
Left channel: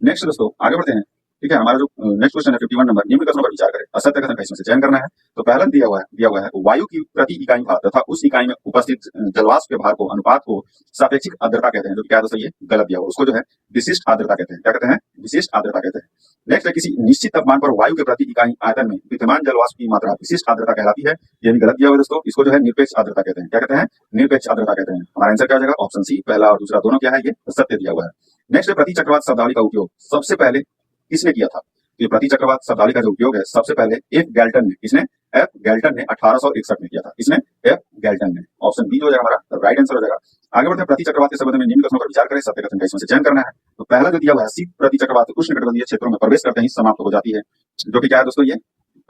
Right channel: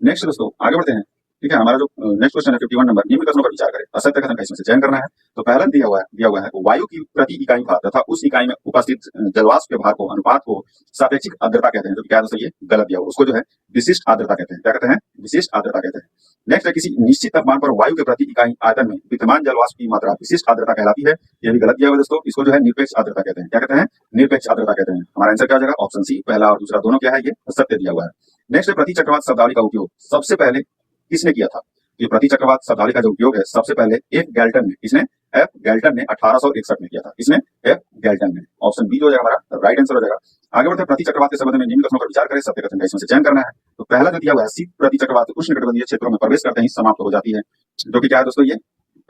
नेक्स्ट दोस्तों आगे बढ़ते हैं। ठीक है, हमारा जो नेक्स्ट क्वेश्चन है 51 नंबर, निम्न कथनों पर विचार करें, असत्य कथन का इसमें से चयन करना है। तो पहला दिया हुआ है वायु की प्रति इकाई भार तथा उस इकाई में उपस्थित जलवाष्प के भार को अनुपात को सापेक्षिक आर्द्रता कहते हैं, जो क्या है दोस्तों, ये गलत दिया हुआ है। उसको जो है विशिष्ट आर्द्रता कहते हैं। क्या कहते हैं? विशिष्ट आर्द्रता कहते हैं। नेक्स्ट है, किसी निश्चित तापमान पर वायु के प्रति इकाई आयतन में विद्यमान जलवाष्प की मात्रा विशिष्ट आर्द्रता कहलाती है। ये भी गलत दिया हुआ है दोस्तों। इसको जो है निरपेक्ष आर्द्रता कहते हैं। क्या कहते हैं? निरपेक्ष आर्द्रता कहते हैं। हमारा आंसर क्या हो जाएगा? ऑप्शन सी, पहला और दूसरा दोनों क्या है? ये सत्य दिया हुआ है। नेक्स्ट है, प्रति चक्रवात शब्दावली का उपयोग सबसे पहले किसने किया था? ये प्रति चक्रवात शब्दावली का जो उपयोग है सबसे पहले एफ गैल्टन ने, किसने? एफ गैल्टन ने 1861 में किया था। इसने एफ गैल्टन ने। ऑप्शन बी जो हो जाएगा हमारा राइट आंसर हो जाएगा। आगे बढ़ते हैं, प्रति चक्रवात के संबंध में निम्न कथनों पर विचार करें, सत्य कथन का इसमें से चयन करना है। तो पहला जो दिया हुआ है, शीत प्रति चक्रवात उष्णकटिबंधीय क्षेत्रों में प्रवेश करते ही समाप्त हो जाती है, जो कि क्या है दोस्तों, ये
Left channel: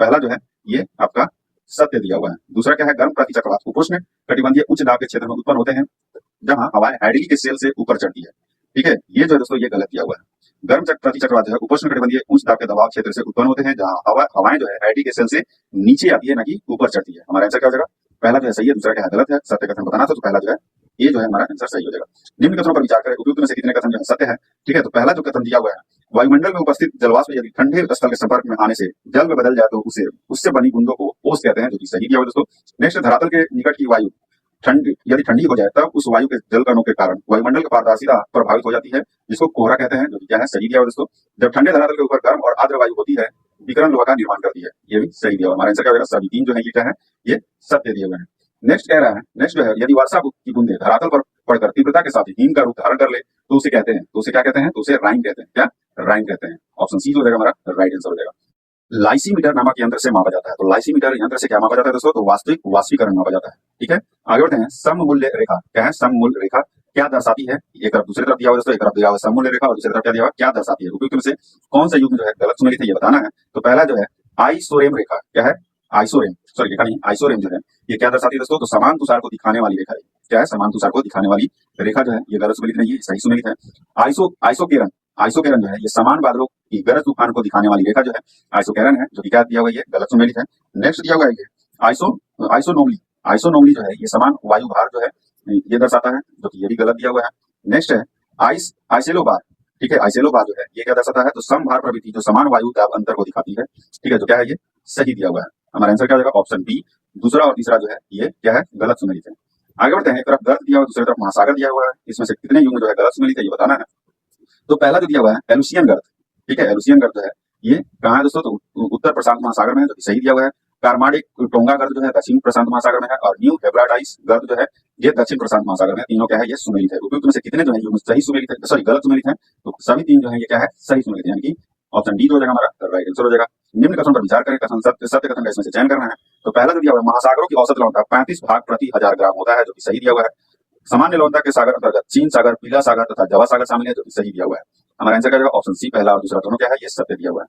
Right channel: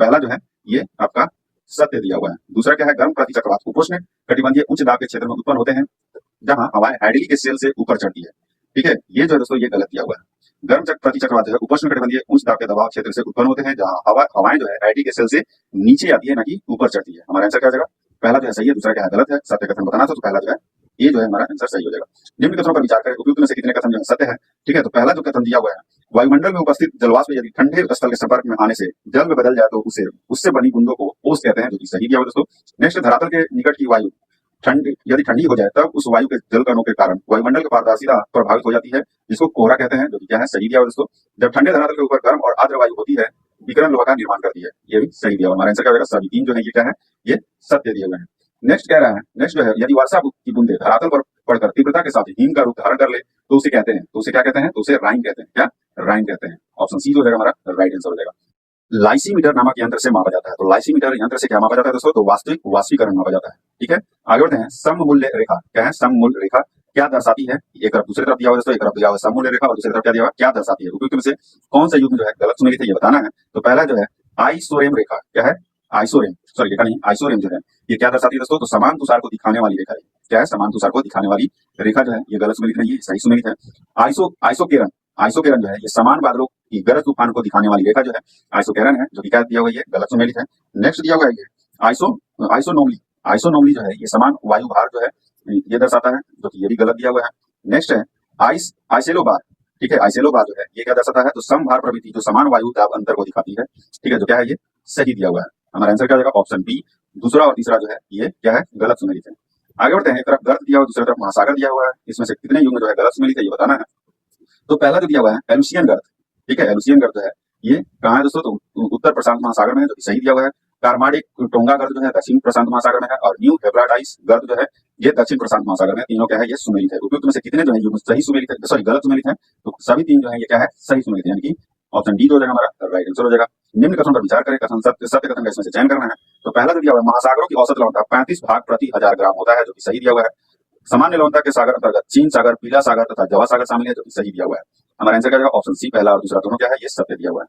पहला जो है ये आपका सत्य दिया हुआ है। दूसरा क्या है? गर्म प्रति चक्रवात उपोष्ण कटिबंधीय उच्च दाब के क्षेत्र में उत्पन्न होते हैं, जहां हवाएं हैडली के सेल से ऊपर चढ़ती है। ठीक है, ये जो है दोस्तों ये गलत दिया हुआ है। गर्म प्रति चक्रवात जो है उपोष्ण कटिबंधीय उच्च दाब के दबाव क्षेत्र से उत्पन्न होते हैं, जहां हवाएं जो है हैडली के सेल से नीचे आती है, ना कि ऊपर चढ़ती है। हमारा आंसर क्या हो जाएगा? पहला जो है सही है, दूसरा क्या है? गलत है। सत्य कथन बताना था, तो पहला जो है ये जो है हमारा आंसर सही हो जाएगा। निम्न कथनों पर विचार करें, उपयुक्त में से कितने कथन जो है सत्य है? ठीक है, तो पहला जो कथन दिया हुआ है, वायुमंडल में उपस्थित जलवाष्प यदि ठंडे स्थल के संपर्क में आने से जल में बदल जाए तो उससे बनी बूंदों को ओस कहते हैं, जो कि सही दिया हुआ दोस्तों। नेक्स्ट, धरातल के निकट की वायु यदि ठंडी हो जाए तब उस वायु के जल कणों के कारण वायुमंडल की पारदर्शिता प्रभावित हो जाती है, जिसको कोहरा कहते हैं, जो कि क्या है? सही दिया हुआ दोस्तों। जब ठंडे धरातल के ऊपर गर्म और आर्द्र वायु होती है, विकिरण लोहा का निर्माण करती है, ये भी सही दिया हुआ। हमारा आंसर क्या होगा? सभी तीन जो है ये क्या है? ये सत्य दिए हुए हैं। नेक्स्ट कह रहा है, नेक्स्ट जो है, यदि वर्षा की बूंदे धरातल पर पड़कर तीव्रता के साथ हिम का रूप धारण कर ले तो उसे कहते हैं, तो उसे क्या कहते हैं? तो उसे राइन कहते हैं। क्या? राइन कहते हैं। ऑप्शन सी जो जाएगा हमारा राइट आंसर हो जाएगा। लाइसीमीटर नामक यंत्र से मापा जाता है। तो लाइसीमीटर यंत्र से क्या मापा जाता है दोस्तों? तो वास्तविक वाष्पीकरण मापा जाता है। ठीक है, आगे बढ़ते हैं। सममूल्य रेखा क्या है? सममूल्य रेखा क्या दर्शाती है? एक तरफ दूसरी तरफ दिया हुआ दोस्तों, एक तरफ दिया हुआ सममूल्य रेखा और दूसरी तरफ क्या दिया हुआ? क्या दर्शाती है? उपयुक्त में से कौन सा युग्म जो है गलत सुमेलित है, ये बताना है। तो पहला जो है आइसोरेम रेखा, क्या है? आइसोरेम, सॉरी रेखा नहीं, आइसोरेम जो है ये क्या दर्शाती है दोस्तों? तो समान तुषार को दिखाने वाली रेखा है। क्या है? समान तुषार को दिखाने वाली रेखा जो है ये गलत सुमेलित नहीं है, सही सुमेलित है। आइसोकेरन जो है ये समान बादलों की गरज तूफान को दिखाने वाली रेखा जो है आइसोकेरन है, जो कि क्या दिया हुआ है? ये गलत सुमेलित है। नेक्स्ट दिया हुआ है ये आइसोनोमली जो है ये समान वायु भार जो है ये दर्शाता है, जो कि ये भी गलत दिया हुआ है। नेक्स्ट है आइसेलोबार। ठीक है, आइसेलोबार जो है ये क्या दर्शाता है? तो समभार प्रवृत्ति जो समान वायु दाब अंतर को दिखाती है। ठीक है, जो क्या है? ये सही दिया हुआ है। हमारा आंसर क्या हो जाएगा? ऑप्शन बी, दूसरा और तीसरा जो है ये क्या है? गलत सुमेलित है। आगे बढ़ते हैं, एक तरफ गर्त दिया हुआ, दूसरी तरफ महासागर दिया हुआ है, इसमें से कितने युग्म जो है गलत सुमेलित है, ये बताना है। तो पहला जो दिया हुआ है एलुसियन गर्त। ठीक है, एलुसियन गर्त जो है ये कहाँ है दोस्तों? तो उत्तर प्रशांत महासागर में है, जो कि सही दिया हुआ है। कार्माडिक टोंगा गर्त जो है दक्षिण प्रशांत महासागर में है, और न्यू हेब्राडाइस गर्त जो है ये दक्षिण प्रशांत महासागर में। तीनों क्या है? ये सुमेलित है। उपयुक्त में से कितने जो है युग्म सही सुमेलित है, सॉरी गलत सुमेलित है? तो सभी तीन जो है ये क्या है? सही सुमेलित है, यानी कि ऑप्शन डी जो हो जाएगा हमारा राइट आंसर हो जाएगा। निम्न कथन पर विचार करें, कथन सत्य कथन का इसमें से चयन करना है। तो पहला जो दिया हुआ है, महासागरों की औसत लवणता 35 भाग प्रति 1000 ग्राम होता है, जो कि सही दिया हुआ है। सामान्य लवणता के सागर अंतर्गत चीन सागर, पीला सागर तथा जवा सागर शामिल है, जो कि सही दिया हुआ है। हमारा आंसर क्या होगा? ऑप्शन सी, पहला और दूसरा दोनों क्या है? ये सत्य दिया हुआ है।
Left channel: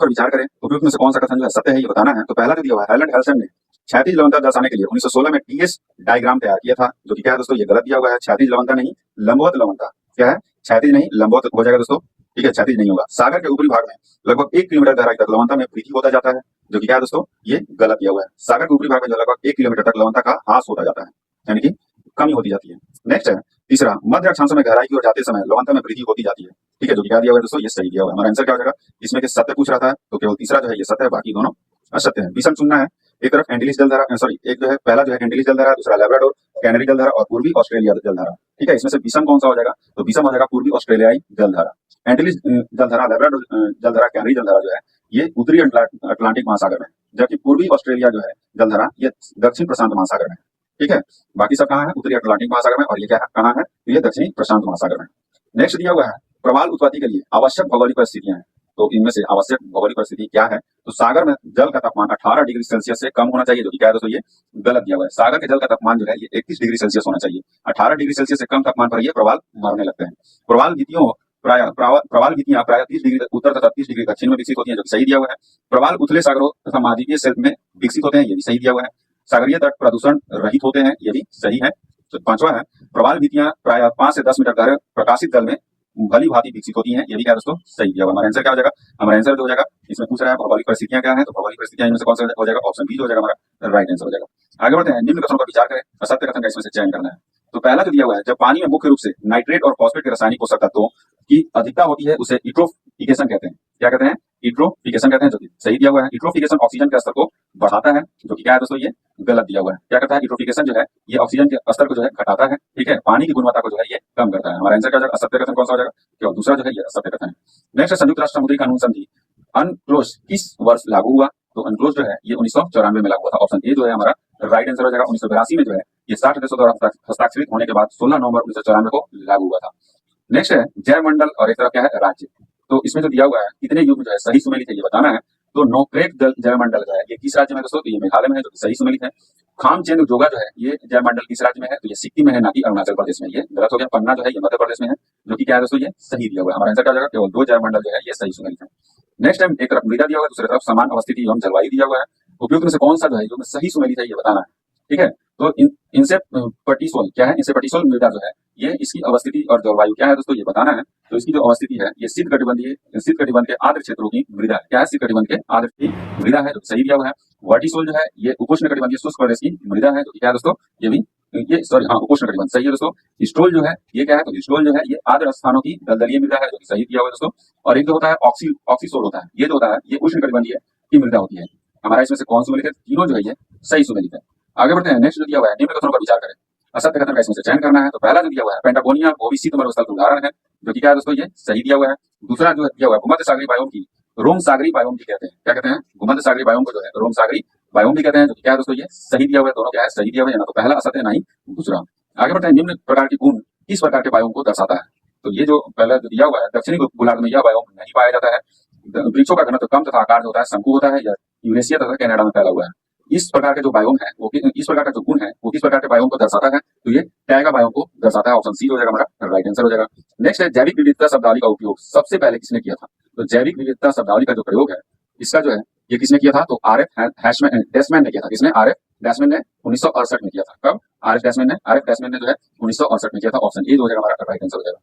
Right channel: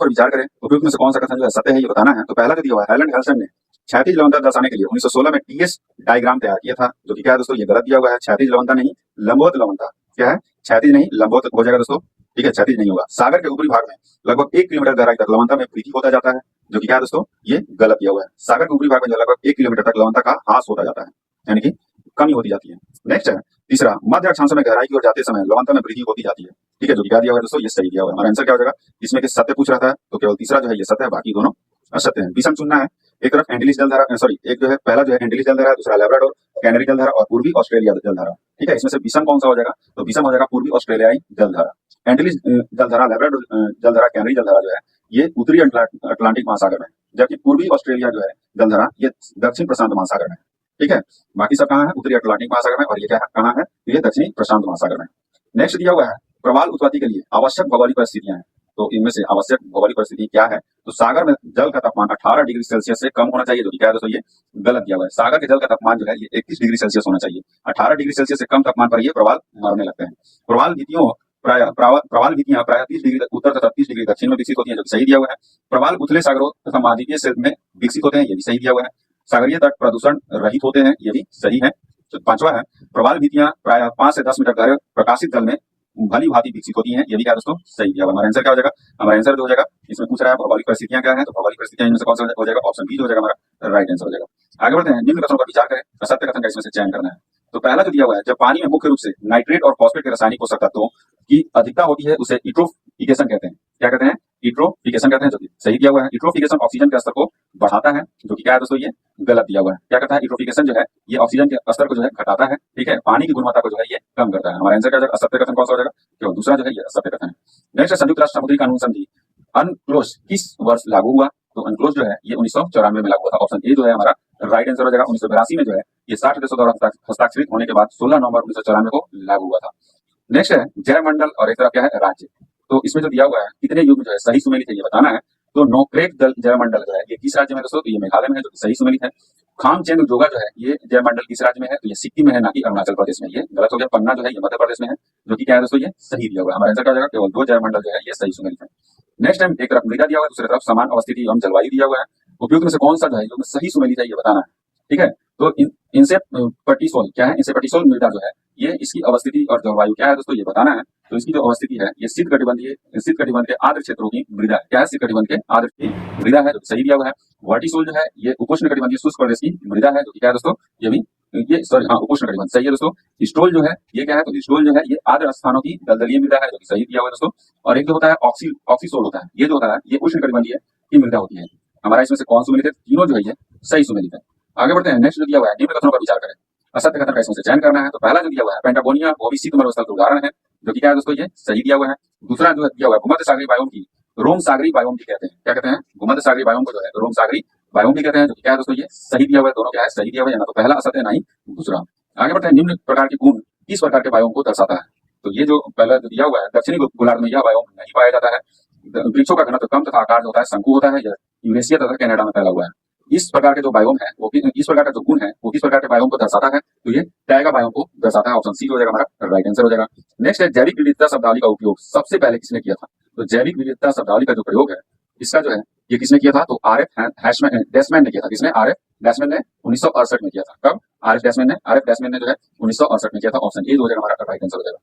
पर विचार करें, उपयुक्त में से कौन सा कथन जो है सत्य है, ये बताना है। तो पहला जो दिया हुआ है, हेलन हेल्सन ने क्षैतिज लवणता दर्शाने के लिए 1916 में टीएस डायग्राम तैयार किया था, जो कि क्या है दोस्तों? ये गलत दिया हुआ है। क्षैतिज लवणता नहीं, लंबवत लवणता। क्या है? क्षैतिज नहीं, लंबवत हो जाएगा दोस्तों। ठीक है, क्षैतिज नहीं होगा। सागर के ऊपरी भाग में लगभग 1 किलोमीटर गहराई तक लवणता में वृद्धि होता जाता है, जो कि क्या है दोस्तों, ये गलत दिया हुआ है। सागर के ऊपरी भाग में जो लगभग 1 किलोमीटर तक लवणता का ह्रास होता जाता है, यानी कि कमी होती जाती है। नेक्स्ट है तीसरा, मध्य अक्षांशों में गहराई की ओर जाते समय लवणता में वृद्धि होती जाती है। ठीक है, जो कि क्या दिया हुआ है दोस्तों, ये सही दिया हुआ है। हमारा आंसर क्या हो जाएगा, इसमें कि सत्य पूछ रहा था तो केवल तीसरा जो है ये सत्य है, बाकी दोनों असत्य है। विषम चुनना है, एक तरफ एंटीलिस जलधारा, सॉरी एक जो है पहला जो है एंटीलिस जलधारा, दूसरा लैब्राडोर कैनरी जलधारा और पूर्वी ऑस्ट्रेलिया जलधारा। ठीक है, इसमें से विषम कौन सा हो जाएगा, तो विषम हो जाएगा पूर्वी ऑस्ट्रेलियाई जलधारा। एंटीलिस जलधारा, लैब्राडोर जलधारा, कैनरी जलधारा जो है ये उत्तरी अटलांटिक महासागर में, जबकि पूर्वी ऑस्ट्रेलिया जो है जलधारा ये दक्षिण प्रशांत महासागर में। ठीक है, बाकी सब कहाँ है, उत्तरी अटलांटिक महासागर में, और ये क्या कहाँ है, तो ये दक्षिणी प्रशांत महासागर में। नेक्स्ट दिया हुआ है प्रवाल उत्पत्ति के लिए आवश्यक भौगोलिक परिस्थितियां हैं। तो इनमें से आवश्यक भौगोलिक परिस्थिति क्या है, तो सागर में जल का तापमान 18 डिग्री सेल्सियस से कम होना चाहिए, जो कि क्या है दोस्तों, ये गलत दिया हुआ है। सागर के जल का तापमान जो है ये 31 डिग्री सेल्सियस होना चाहिए। 18 डिग्री सेल्सियस से कम तापमान पर ये प्रवाल मरने लगते हैं। प्रवाल भित्तियों प्रवाल भित्तियां प्राय 30 डिग्री उत्तर तथा 30 डिग्री दक्षिण में विकसित होती है, जो सही दिया हुआ है। प्रवाल उथले सागरों तथा महाद्वीपीय शेल्फ में विकसित होते हैं, ये भी सही दिया हुआ है। सागरीय तट प्रदूषण रहित होते हैं, ये भी सही है। तो पांचवा है प्रवाल भित्तियां प्राय 5 से 10 मीटर गहरे प्रकाशित जल में भली भांति विकसित होती हैं, ये भी क्या दोस्तों, सही दिया हुआ। हमारा आंसर क्या हो जाएगा, हमारा आंसर जो हो जाएगा, इसमें पूछ रहा है भौगोलिक परिस्थितियां क्या है, तो भौगोलिक परिस्थितियां इनमें से कौन सा हो जाएगा, ऑप्शन बी हो जाएगा हमारा राइट आंसर हो जाएगा। आगे बढ़ते हैं, निम्न कथनों पर विचार करें, असत्य कथन का इसमें से चयन करना है। तो पहला जो दिया हुआ है, जब पानी में मुख्य रूप से नाइट्रेट और फॉस्फेट के रासायनिक पोषक तत्वों की अधिकता होती है उसे यूट्रोफिकेशन कहते हैं। क्या कहते हैं, यूट्रोफिकेशन कहते हैं, जो कि सही दिया हुआ है। यूट्रोफिकेशन ऑक्सीजन के स्तर को बढ़ाता है, जो कि क्या है दोस्तों, ये गलत दिया हुआ है। क्या कहता है, यूट्रोफिकेशन जो है ये ऑक्सीजन के स्तर को जो है घटाता है, ठीक है, पानी की गुणवत्ता को जो है ये कम करता है। हमारा आंसर क्या हो जाएगा, असत्य कथन कौन सा हो जाएगा, क्यों दूसरा जो है ये असत्य कथन है। नेक्स्ट, संयुक्त राष्ट्र समुद्री कानून संधि अनक्लोज किस वर्ष लागू हुआ, तो अनक्लोज जो है ये 1994 में लागू हुआ था। ऑप्शन ए जो है हमारा राइट आंसर हो जाएगा। 1982 में जो है ये 60 देशों द्वारा हस्ताक्षरित होने के बाद 16 नवंबर 1994 को लागू हुआ था। नेक्स्ट है जयमंडल और एक तरफ क्या है राज्य। तो इसमें जो दिया हुआ है कितने युग जो है सही सुमेलित है ये बताना है। तो नोक्रेक जयमंडल जो है ये किस राज्य में दोस्तों, तो ये मेघालय में है, जो कि सही सुमेलित है। खामचंद जोगा जो है ये जयमंडल किस राज्य में है, तो ये सिक्किम में है, ना कि अरुणाचल प्रदेश में, ये गलत हो गया। पन्ना जो है ये मध्य प्रदेश में है, जो कि क्या है दोस्तों, ये सही दिया हुआ है। हमारा आंसर क्या हो जाएगा, केवल 2 जयमंडल जो है ये सही सुमेलित है। नेक्स्ट टाइम एक तरफ मृदा दिया हुआ है, दूसरी तरफ समान अवस्थिति एवं जलवायु दिया हुआ है। उपयुक्त में से कौन सा जो है जो सही सुमेलित है ये बताना है, ठीक है। तो इनसे पटिसोल क्या है, इनसे पटिसोल मृदा जो है ये इसकी अवस्थिति और जलवायु क्या है दोस्तों, ये बताना है। तो इसकी जो अवस्थिति है ये शीत कटिबंध के आर्द्र क्षेत्रों की मृदा है। क्या है, शीत कटिबंध के आर्द्र की मृदा है, जो सही दिया हुआ है। वर्टिसोल जो है ये उपोष्ण कटिबंधीय शुष्क प्रदेश की मृदा है, जो क्या है दोस्तों, ये भी ये सॉरी हाँ उपोष्ण कटिबंध सही है दोस्तों। स्टोल जो है ये क्या है, तो स्टोल जो है ये आर्द्र स्थानों की दलदलीय मृदा है, जो कि सही दिया हुआ है दोस्तों। और एक जो होता है ऑक्सीसोल होता है, ये जो होता है ये उष्ण कटिबंधीय की मृदा होती है। हमारा इसमें से कौन सुमेलित है, तीनों जो है ये सही सुमेलित है। आगे बढ़ते हैं, नेक्स्ट जो दिया हुआ है निम्न कथनों पर विचार करें, असत्य कथन का इसमें से चयन करना है। तो पहला जो दिया हुआ है पेंटागोनिया वो भी शीत मरुस्थल का उदाहरण है, जो कि क्या है दोस्तों, ये सही दिया हुआ है। दूसरा जो दिया हुआ है भूमध्य सागरीय बायोम की रोम सागरी बायोम भी कहते हैं। क्या कहते हैं, भूमध्य सागरीय बायोम को जो है रोम सागरी बायोम भी कहते हैं, जो कि क्या है दोस्तों, ये सही दिया हुआ है। दोनों क्या है, सही दिया हुआ है, ना तो पहला असत्य ना ही दूसरा। आगे बढ़ते हैं, निम्न प्रकार की गुण किस प्रकार के बायोम को दर्शाता है। तो ये जो पहला जो दिया हुआ है दक्षिणी गोलार्ध में यह बायोम नहीं पाया जाता है। वृक्षों का घनत्व कम तथा आकार जो होता है शंकु होता है, या यूरेशिया तथा कनाडा में फैला हुआ है। इस प्रकार के जो बायोम है वो इस प्रकार का जो गुण है वो किस प्रकार के बायोम को दर्शाता है, तो ये टैगा बायोम को दर्शाता है। ऑप्शन सी हो जाएगा हमारा राइट आंसर हो जाएगा। नेक्स्ट है जैविक विविधता शब्दावली का उपयोग सबसे पहले किसने किया था। तो जैविक विविधता शब्दावली का जो प्रयोग है इसका जो है ये किसने किया था, तो आरएफ डैशमैन ने किया था। किसने, आरएफ डैशमैन ने 1968 में किया था। कब, आरएफ डैशमैन ने जो है 1968 में किया था। ऑप्शन ए हो जाएगा हमारा राइट आंसर हो जाएगा।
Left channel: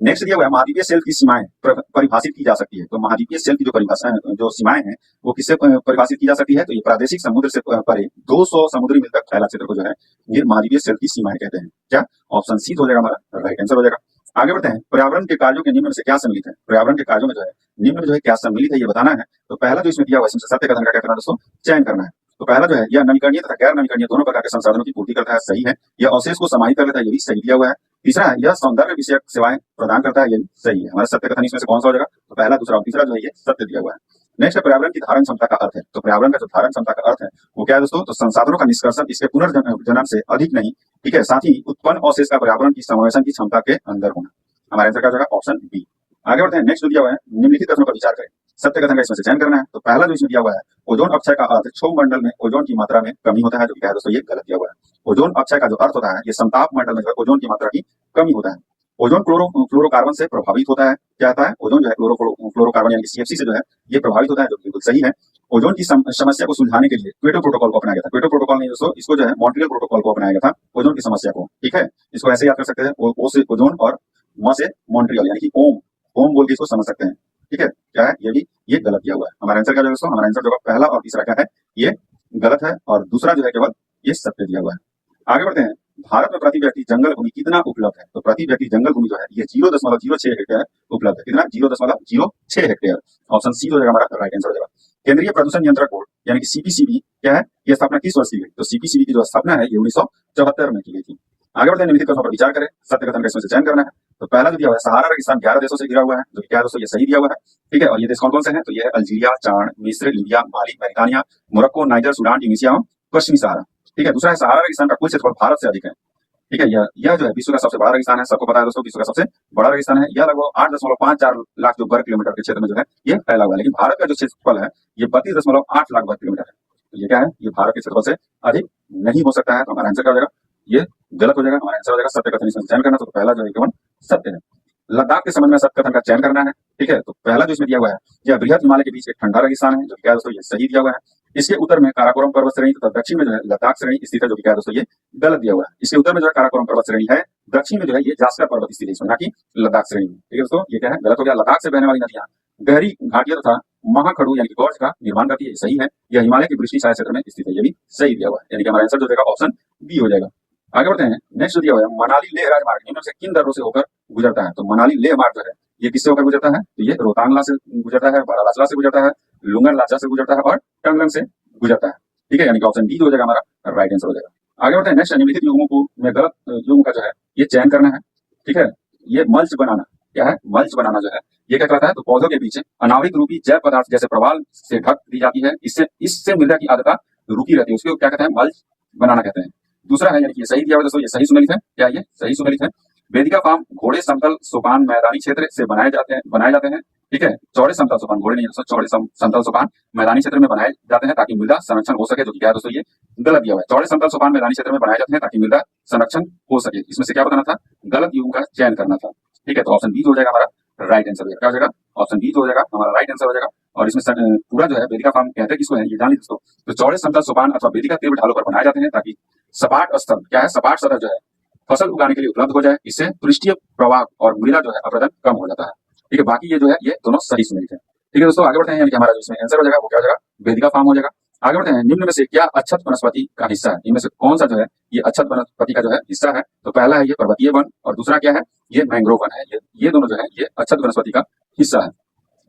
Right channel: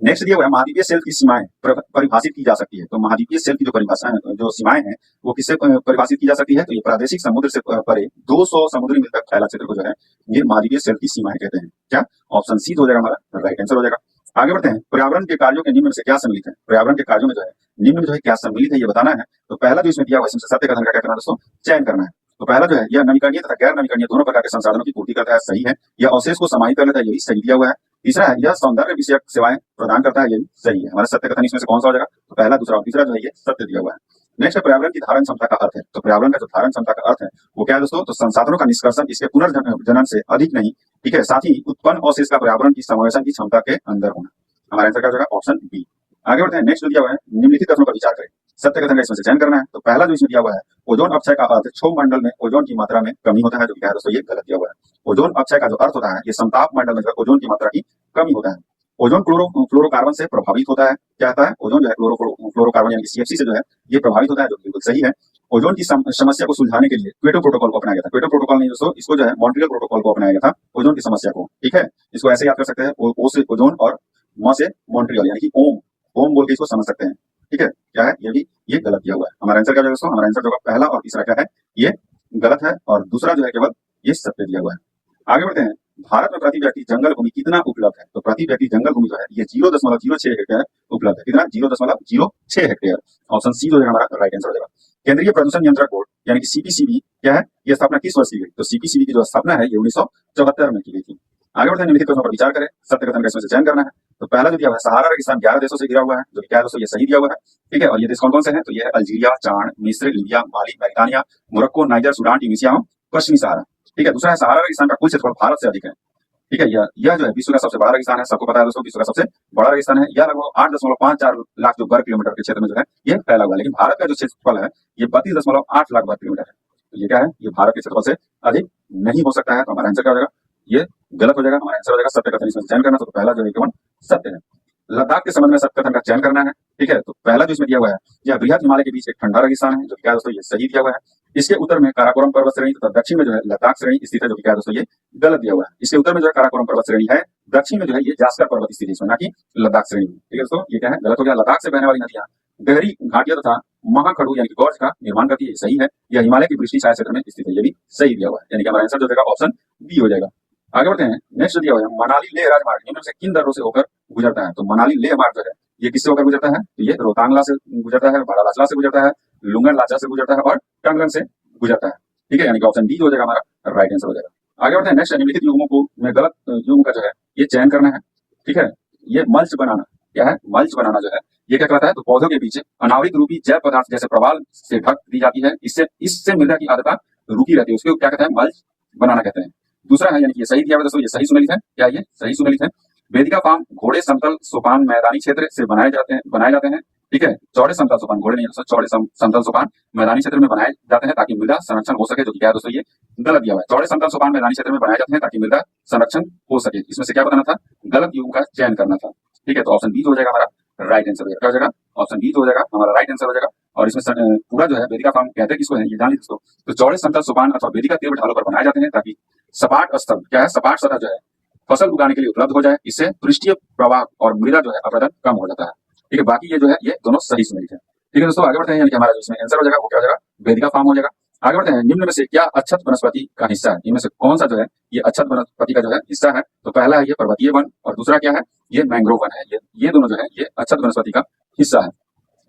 नेक्स्ट दिया हुआ है महाद्वीपीय शेल्फ की सीमाएं परिभाषित की जा सकती है। तो महाद्वीपीय शेल्फ की जो परिभाषा जो सीमाएं हैं वो किससे परिभाषित की जा सकती है, तो ये प्रादेशिक समुद्र से परे 200 समुद्री मील तक फैला क्षेत्र को जो है ये महाद्वीपीय शेल्फ की सीमाएं कहते हैं। क्या, ऑप्शन सी हो जाएगा हमारा राइट आंसर हो जाएगा। आगे बढ़ते हैं, पर्यावरण के कार्यों के निम्न में से क्या सम्मिलित है। पर्यावरण के कार्यों में जो है निम्न में जो है क्या सम्मिलित है ये बताना है। तो पहला जो इसमें दिया हुआ है सत्य कथन का क्या करना है दोस्तों, चयन करना है। तो पहला जो है यह नवीकरणीय तथा गैर नवीकरणीय दोनों प्रकार के संसाधनों की पूर्ति करता है, सही है। यह अवशेष को समाहित कर लेता है, ये भी सही दिया हुआ है। तीसरा है यह सौंदर्य विषयक सेवाएं प्रदान करता है, ये भी सही है। हमारा सत्य कथन इसमें से कौन सा हो जाएगा, तो पहला दूसरा और तीसरा जो है ये सत्य दिया हुआ है। नेक्स्ट है पर्यावरण की धारण क्षमता का अर्थ है। तो पर्यावरण का जो धारण क्षमता का अर्थ है वो क्या है दोस्तों, तो संसाधनों का निष्कर्षण इसके पुनर्जनन से अधिक नहीं, ठीक है, साथ ही उत्पन्न अवशेष का पर्यावरण की समावेशन की क्षमता के अंदर होना। हमारा आंसर क्या हो जाएगा, ऑप्शन बी। आगे बढ़ते हैं, नेक्स्ट जो दिया हुआ है निम्नलिखित कथनों पर विचार करें, सत्य कथन का इसमें से चयन करना है। तो पहला जो इसमें दिया हुआ है ओजोन अक्षय का अर्थ क्षोभ मंडल में ओजोन की मात्रा में कमी होता है, जो क्या है दोस्तों, ये गलत दिया हुआ है। ओजोन अक्षय का जो अर्थ होता है ये समताप मंडल में जो ओजोन की मात्रा की कमी होता है। ओजोन फ्लोरोकार्बन से प्रभावित होता है। क्या होता है, ओजोन जो है फ्लोरोकार्बन यानी सीएफसी से जो है ये प्रभावित होता है, जो बिल्कुल सही है। ओजोन की समस्या को सुलझाने के लिए क्योटो प्रोटोकॉल को अपनाया गया था। क्योटो प्रोटोकॉल नहीं दोस्तों, इसको जो है मॉन्ट्रियल प्रोटोकॉल को अपनाया गया था ओजोन की समस्या को, ठीक है। इसको ऐसे याद कर सकते हैं, ओ से ओजोन और म से मॉन्ट्रियल यानी कि ओम, होम बोल के इसको समझ सकते हैं। ठीक है, क्या है ये गलत दिया हुआ है। हमारा आंसर क्या होगा दोस्तों? हमारा आंसर जो होगा पहला और तीसरा क्या है, ये गलत है और दूसरा जो है केवल ये सत्य दिया हुआ है। आगे बढ़ते हैं। भारत में प्रति व्यक्ति जंगल भूमि कितना उपलब्ध है? तो प्रति व्यक्ति जंगल भूमि जो है ये 0.06 हेक्टेयर उपलब्ध है। कितना? 0.06 हेक्टेयर। ऑप्शन सी जो है हमारा राइट आंसर हो जाएगा। केंद्रीय प्रदूषण नियंत्रण बोर्ड यानी कि सीपीसीबी क्या है, ये स्थापना किस वर्ष की गई? तो सीपीसीबी की जो स्थापना है ये 1974 में की गई थी। आगे बढ़ते हैं, निम्नलिखित कथनों पर विचार करें, सत्य कथन का इसमें से चयन करना है। तो पहला जो दिया हुआ है, सहारा रेगिस्तान 11 देशों से घिरा हुआ है, जो क्या है दोस्तों? ये सही दिया हुआ है। ठीक है, और ये देश कौन कौन से हैं? तो ये है अल्जीरिया, चाड, मिस्र, लीबिया, माली, मरितानिया, मोरक्को, नाइजर, सूडान, ट्यूनीसिया और पश्चिमी सहारा। ठीक है, दूसरा है सहारा रेगिस्तान का कुल क्षेत्रफल भारत से अधिक है। ठीक है, यह जो है विश्व का सबसे बड़ा रेगिस्तान है। सबको पता है दोस्तों, विश्व का सबसे बड़ा रेगिस्तान है। यह लगभग 8.54 लाख जो वर्ग किलोमीटर के क्षेत्र में जो है ये फैला हुआ है। लेकिन भारत का जो क्षेत्रफल है ये 32.8 लाख वर्ग किलोमीटर है। तो ये क्या है? ये भारत के क्षेत्रफल से अधिक नहीं हो सकता है। तो हमारा आंसर क्या हो जाएगा? ये गलत हो जाएगा। हमारा आंसर हो जाएगा सत्य कथन। इसमें चयन करना, तो पहला जो है केवल सत्य है। लद्दाख के संबंध में सत्य कथन का चयन करना है। ठीक है, तो पहला जो इसमें दिया हुआ है, यह बृहद हिमालय के बीच एक ठंडा रेगिस्तान है, जो क्या है दोस्तों? ये सही दिया हुआ है। इसके उत्तर में काराकोरम पर्वत श्रेणी तथा दक्षिण में जो है लद्दाख श्रेणी स्थित है, जो क्या है दोस्तों? ये गलत दिया हुआ है। इसके उत्तर में जो है काराकोरम पर्वत श्रेणी है, दक्षिण में जो है ये जास्कर पर्वत स्थित है, इसमें ना कि लद्दाख श्रेणी। ठीक है दोस्तों, ये क्या है? गलत हो गया। लद्दाख से बहने वाली नदियां गहरी घाटियों तथा महाखड़ू यानी कि गॉर्ज का निर्माण करती है, सही है। यह हिमालय के वृष्टि छाया क्षेत्र में स्थित है, ये भी सही दिया हुआ है। यानी कि हमारा आंसर जो देगा ऑप्शन बी हो जाएगा। आगे बढ़ते हैं। नेक्स्ट दिया हुआ है, मनाली लेह राजमार्ग निम्न से किन दर्रों से होकर गुजरता है? तो मनाली लेह मार्ग जो है ये किससे होकर गुजरता है? तो ये रोहतांगला से गुजरता है, बारालाचला से गुजरता है, लुंगन लाचा से गुजरता है और टंगलंग से गुजरता है। ठीक है, यानी कि ऑप्शन डी हो जाएगा हमारा राइट आंसर हो जाएगा। आगे बढ़ते हैं। नेक्स्ट, निम्नलिखित युग्मों को में गलत युग्म का जो है ये चयन करना है। ठीक है, ये मल्च बनाना क्या है? मल्च बनाना जो है ये क्या कहलाता है? तो पौधों के पीछे अनाविक रूपी जैव पदार्थ जैसे प्रवाल से ढक दी जाती है, इससे मृदा की आर्द्रता रुकी रहती है, उसको क्या कहते हैं? मल्च बनाना कहते हैं। दूसरा है, यानी कि ये सही दिया हुआ दोस्तों, ये सही सुमेलित है। क्या ये सही सुमेलित है? वेदिका फार्म घोड़े समतल सोपान मैदानी क्षेत्र से बनाए जाते हैं। ठीक है, चौड़े समतल सोपान, घोड़े नहीं दोस्तों, चौड़े समतल सोपान मैदानी क्षेत्र में बनाए जाते हैं ताकि मृदा संरक्षण हो सके, जो कि क्या है दोस्तों? ये गलत दिया हुआ है। चौड़े समतल सोपान मैदानी क्षेत्र में बनाए जाते हैं ताकि मृदा संरक्षण हो सके। इसमें से क्या बताना था? गलत युग्म का चयन करना था। ठीक है, तो ऑप्शन बी हो जाएगा हमारा राइट आंसर। क्या हो जाएगा? ऑप्शन बी हो जाएगा हमारा राइट आंसर हो जाएगा। और इसमें पूरा जो है वेदिका फार्म कहते हैं किसको है, ये जान लीजिए दोस्तों। तो चौड़े समतल सोपान अथवा वेदिका तीव्र ढालों पर बनाए जाते हैं ताकि सपाट स्थल क्या है? सपाट सतह जो है फसल उगाने के लिए उपलब्ध हो जाए। इससे पृष्ठीय प्रवाह और मृदा जो है अपरदन कम हो जाता है। ठीक है, बाकी ये जो है ये दोनों सही सुमेलित है। ठीक है दोस्तों, आगे बढ़ते हैं। यानी कि हमारा जो इसमें आंसर हो जाएगा वो क्या हो जाएगा? वेदिका फार्म हो जाएगा। आगे बढ़ते हैं। निम्न में से क्या अच्छत वनस्पति का हिस्सा है? इनमें से कौन सा जो है ये अच्छत वनस्पति का जो है हिस्सा है? तो पहला है ये पर्वतीय वन और दूसरा क्या है? ये मैंग्रोव वन है। ये दोनों जो है ये अच्छत वनस्पति का हिस्सा है।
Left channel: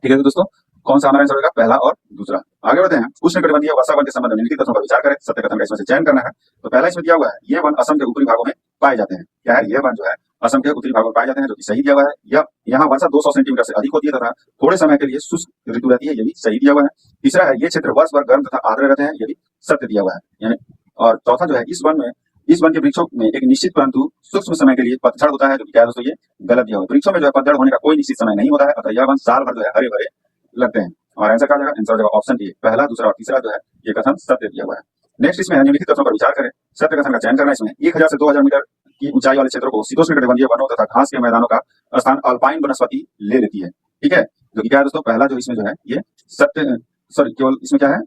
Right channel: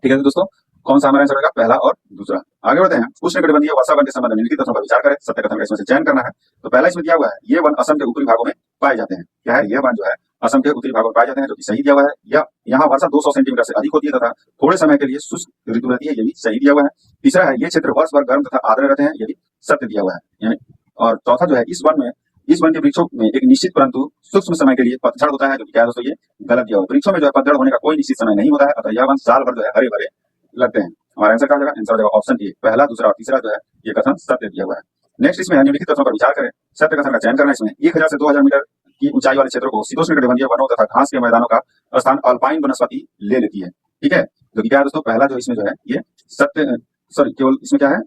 ठीक है दोस्तों, कौन सा हमारा आंसर होगा? पहला और दूसरा। आगे बढ़ते हैं। उष्णकटिबंधीय वर्षा वन के संबंध में निम्नलिखित तथ्यों पर विचार करें, सत्य कथन का इसमें से चयन करना है। तो पहला इसमें दिया हुआ है, ये वन असम के उत्तरी भागों में पाए जाते हैं। क्या है? ये वन जो है असम के उत्तरी भागों में पाए जाते हैं, जो कि सही दिया हुआ है। या यहाँ वर्षा 200 सेंटीमीटर से अधिक होती है तथा थोड़े समय के लिए शुष्क ऋतु रहती है, ये भी सही दिया हुआ है। तीसरा है, ये क्षेत्र वर्ष भर गर्म तथा आर्द्र रहते हैं, ये भी सत्य दिया हुआ है। यानी और चौथा जो है, इस वन के वृक्षों में एक निश्चित परंतु सूक्ष्म समय के लिए पतझड़ होता है, जो कि क्या है दोस्तों? ये गलत दिया हुआ है। वृक्षों में जो है पतझड़ होने का कोई निश्चित समय नहीं होता है, अतः यह वन साल भर जो है हरे भरे लगते हैं। हमारा आंसर क्या हो जाएगा? आंसर हो जाएगा ऑप्शन डी। पहला, दूसरा और तीसरा जो है ये कथन सत्य दिया हुआ है। नेक्स्ट इसमें निम्नलिखित कथनों पर विचार करें, सत्य कथन का चयन करना है। इसमें 1000 से 2000 मीटर की ऊंचाई वाले क्षेत्रों को शीतोष्णकटिबंधीय वनों तथा घास के मैदानों का स्थान अल्पाइन वनस्पति ले लेती है। ठीक है, जो कि क्या है दोस्तों? पहला जो इसमें जो है ये सत्य केवल इसमें क्या है?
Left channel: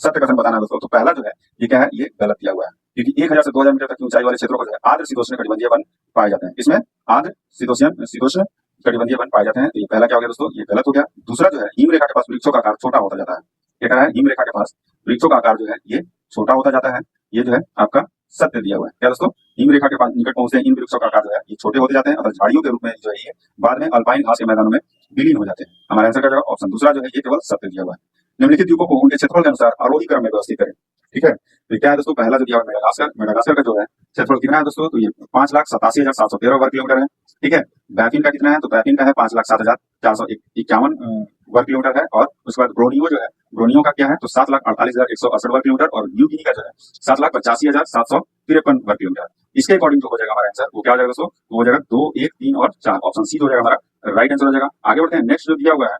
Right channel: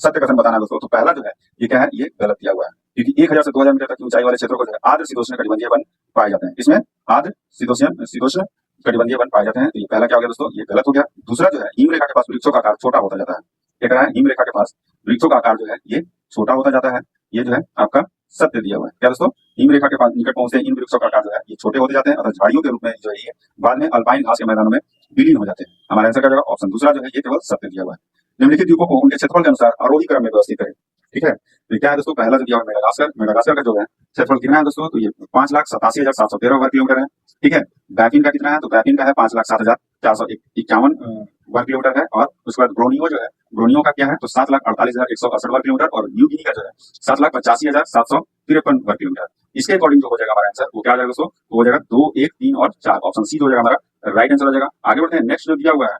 सत्य कथन बताना दोस्तों। तो पहला जो है ये क्या है? ये गलत दिया हुआ है, क्योंकि 1000 से 2000 मीटर तक की ऊंचाई वाले क्षेत्रों को जो है आर्द्र शीतोष्णकटिबंधीय वन पाए जाते हैं। इसमें आर्द्र शीतोष्ण कटिबंधीय वन पाए जाते हैं। तो ये पहला क्या हो गया दोस्तों? ये गलत हो गया। दूसरा जो है, हिम रेखा के पास वृक्षों का आकार छोटा होता जाता है। क्या कह रहा है? हिम रेखा के पास वृक्षों का आकार जो है ये छोटा होता जाता है, ये जो है आपका सत्य दिया हुआ है। क्या दोस्तों? हिम रेखा के पास निकट पहुंचते हैं इन वृक्षों का आकार जो है ये छोटे होते जाते हैं, अर्थात झाड़ियों के रूप में जो है ये बाद में अल्पाइन घास के मैदानों में विलीन हो जाते हैं। हमारा आंसर क्या होगा? ऑप्शन दूसरा जो है ये केवल सत्य दिया हुआ है। निम्नलिखित द्वीपों को उनके क्षेत्रफल के अनुसार आरोही क्रम में व्यवस्थित करें। ठीक है, तो क्या है दोस्तों? पहला जो दिया हुआ मेडागास्कर का जो है क्षेत्रफल कितना है दोस्तों? तो ये 5,87,713 वर्ग किलोमीटर है। ठीक है, बैफिन का कितना है? तो बैफिन का है 5,07,451 वर्ग किलोमीटर है। और उसके बाद ब्रोनियो जो है, ब्रोनियो का क्या है? तो 7,48,168 वर्ग किलोमीटर। और न्यू गिनी का जो है 7,85,753 वर्ग किलोमीटर। इसके अकॉर्डिंग जो हो जाएगा हमारा आंसर वो क्या हो जाएगा दोस्तों? वो हो जाएगा 2, 1, 3 और 4। ऑप्शन सी हो जाएगा हमारा राइट आंसर हो जाएगा। आगे बढ़ते हैं। नेक्स्ट जो दिया हुआ है,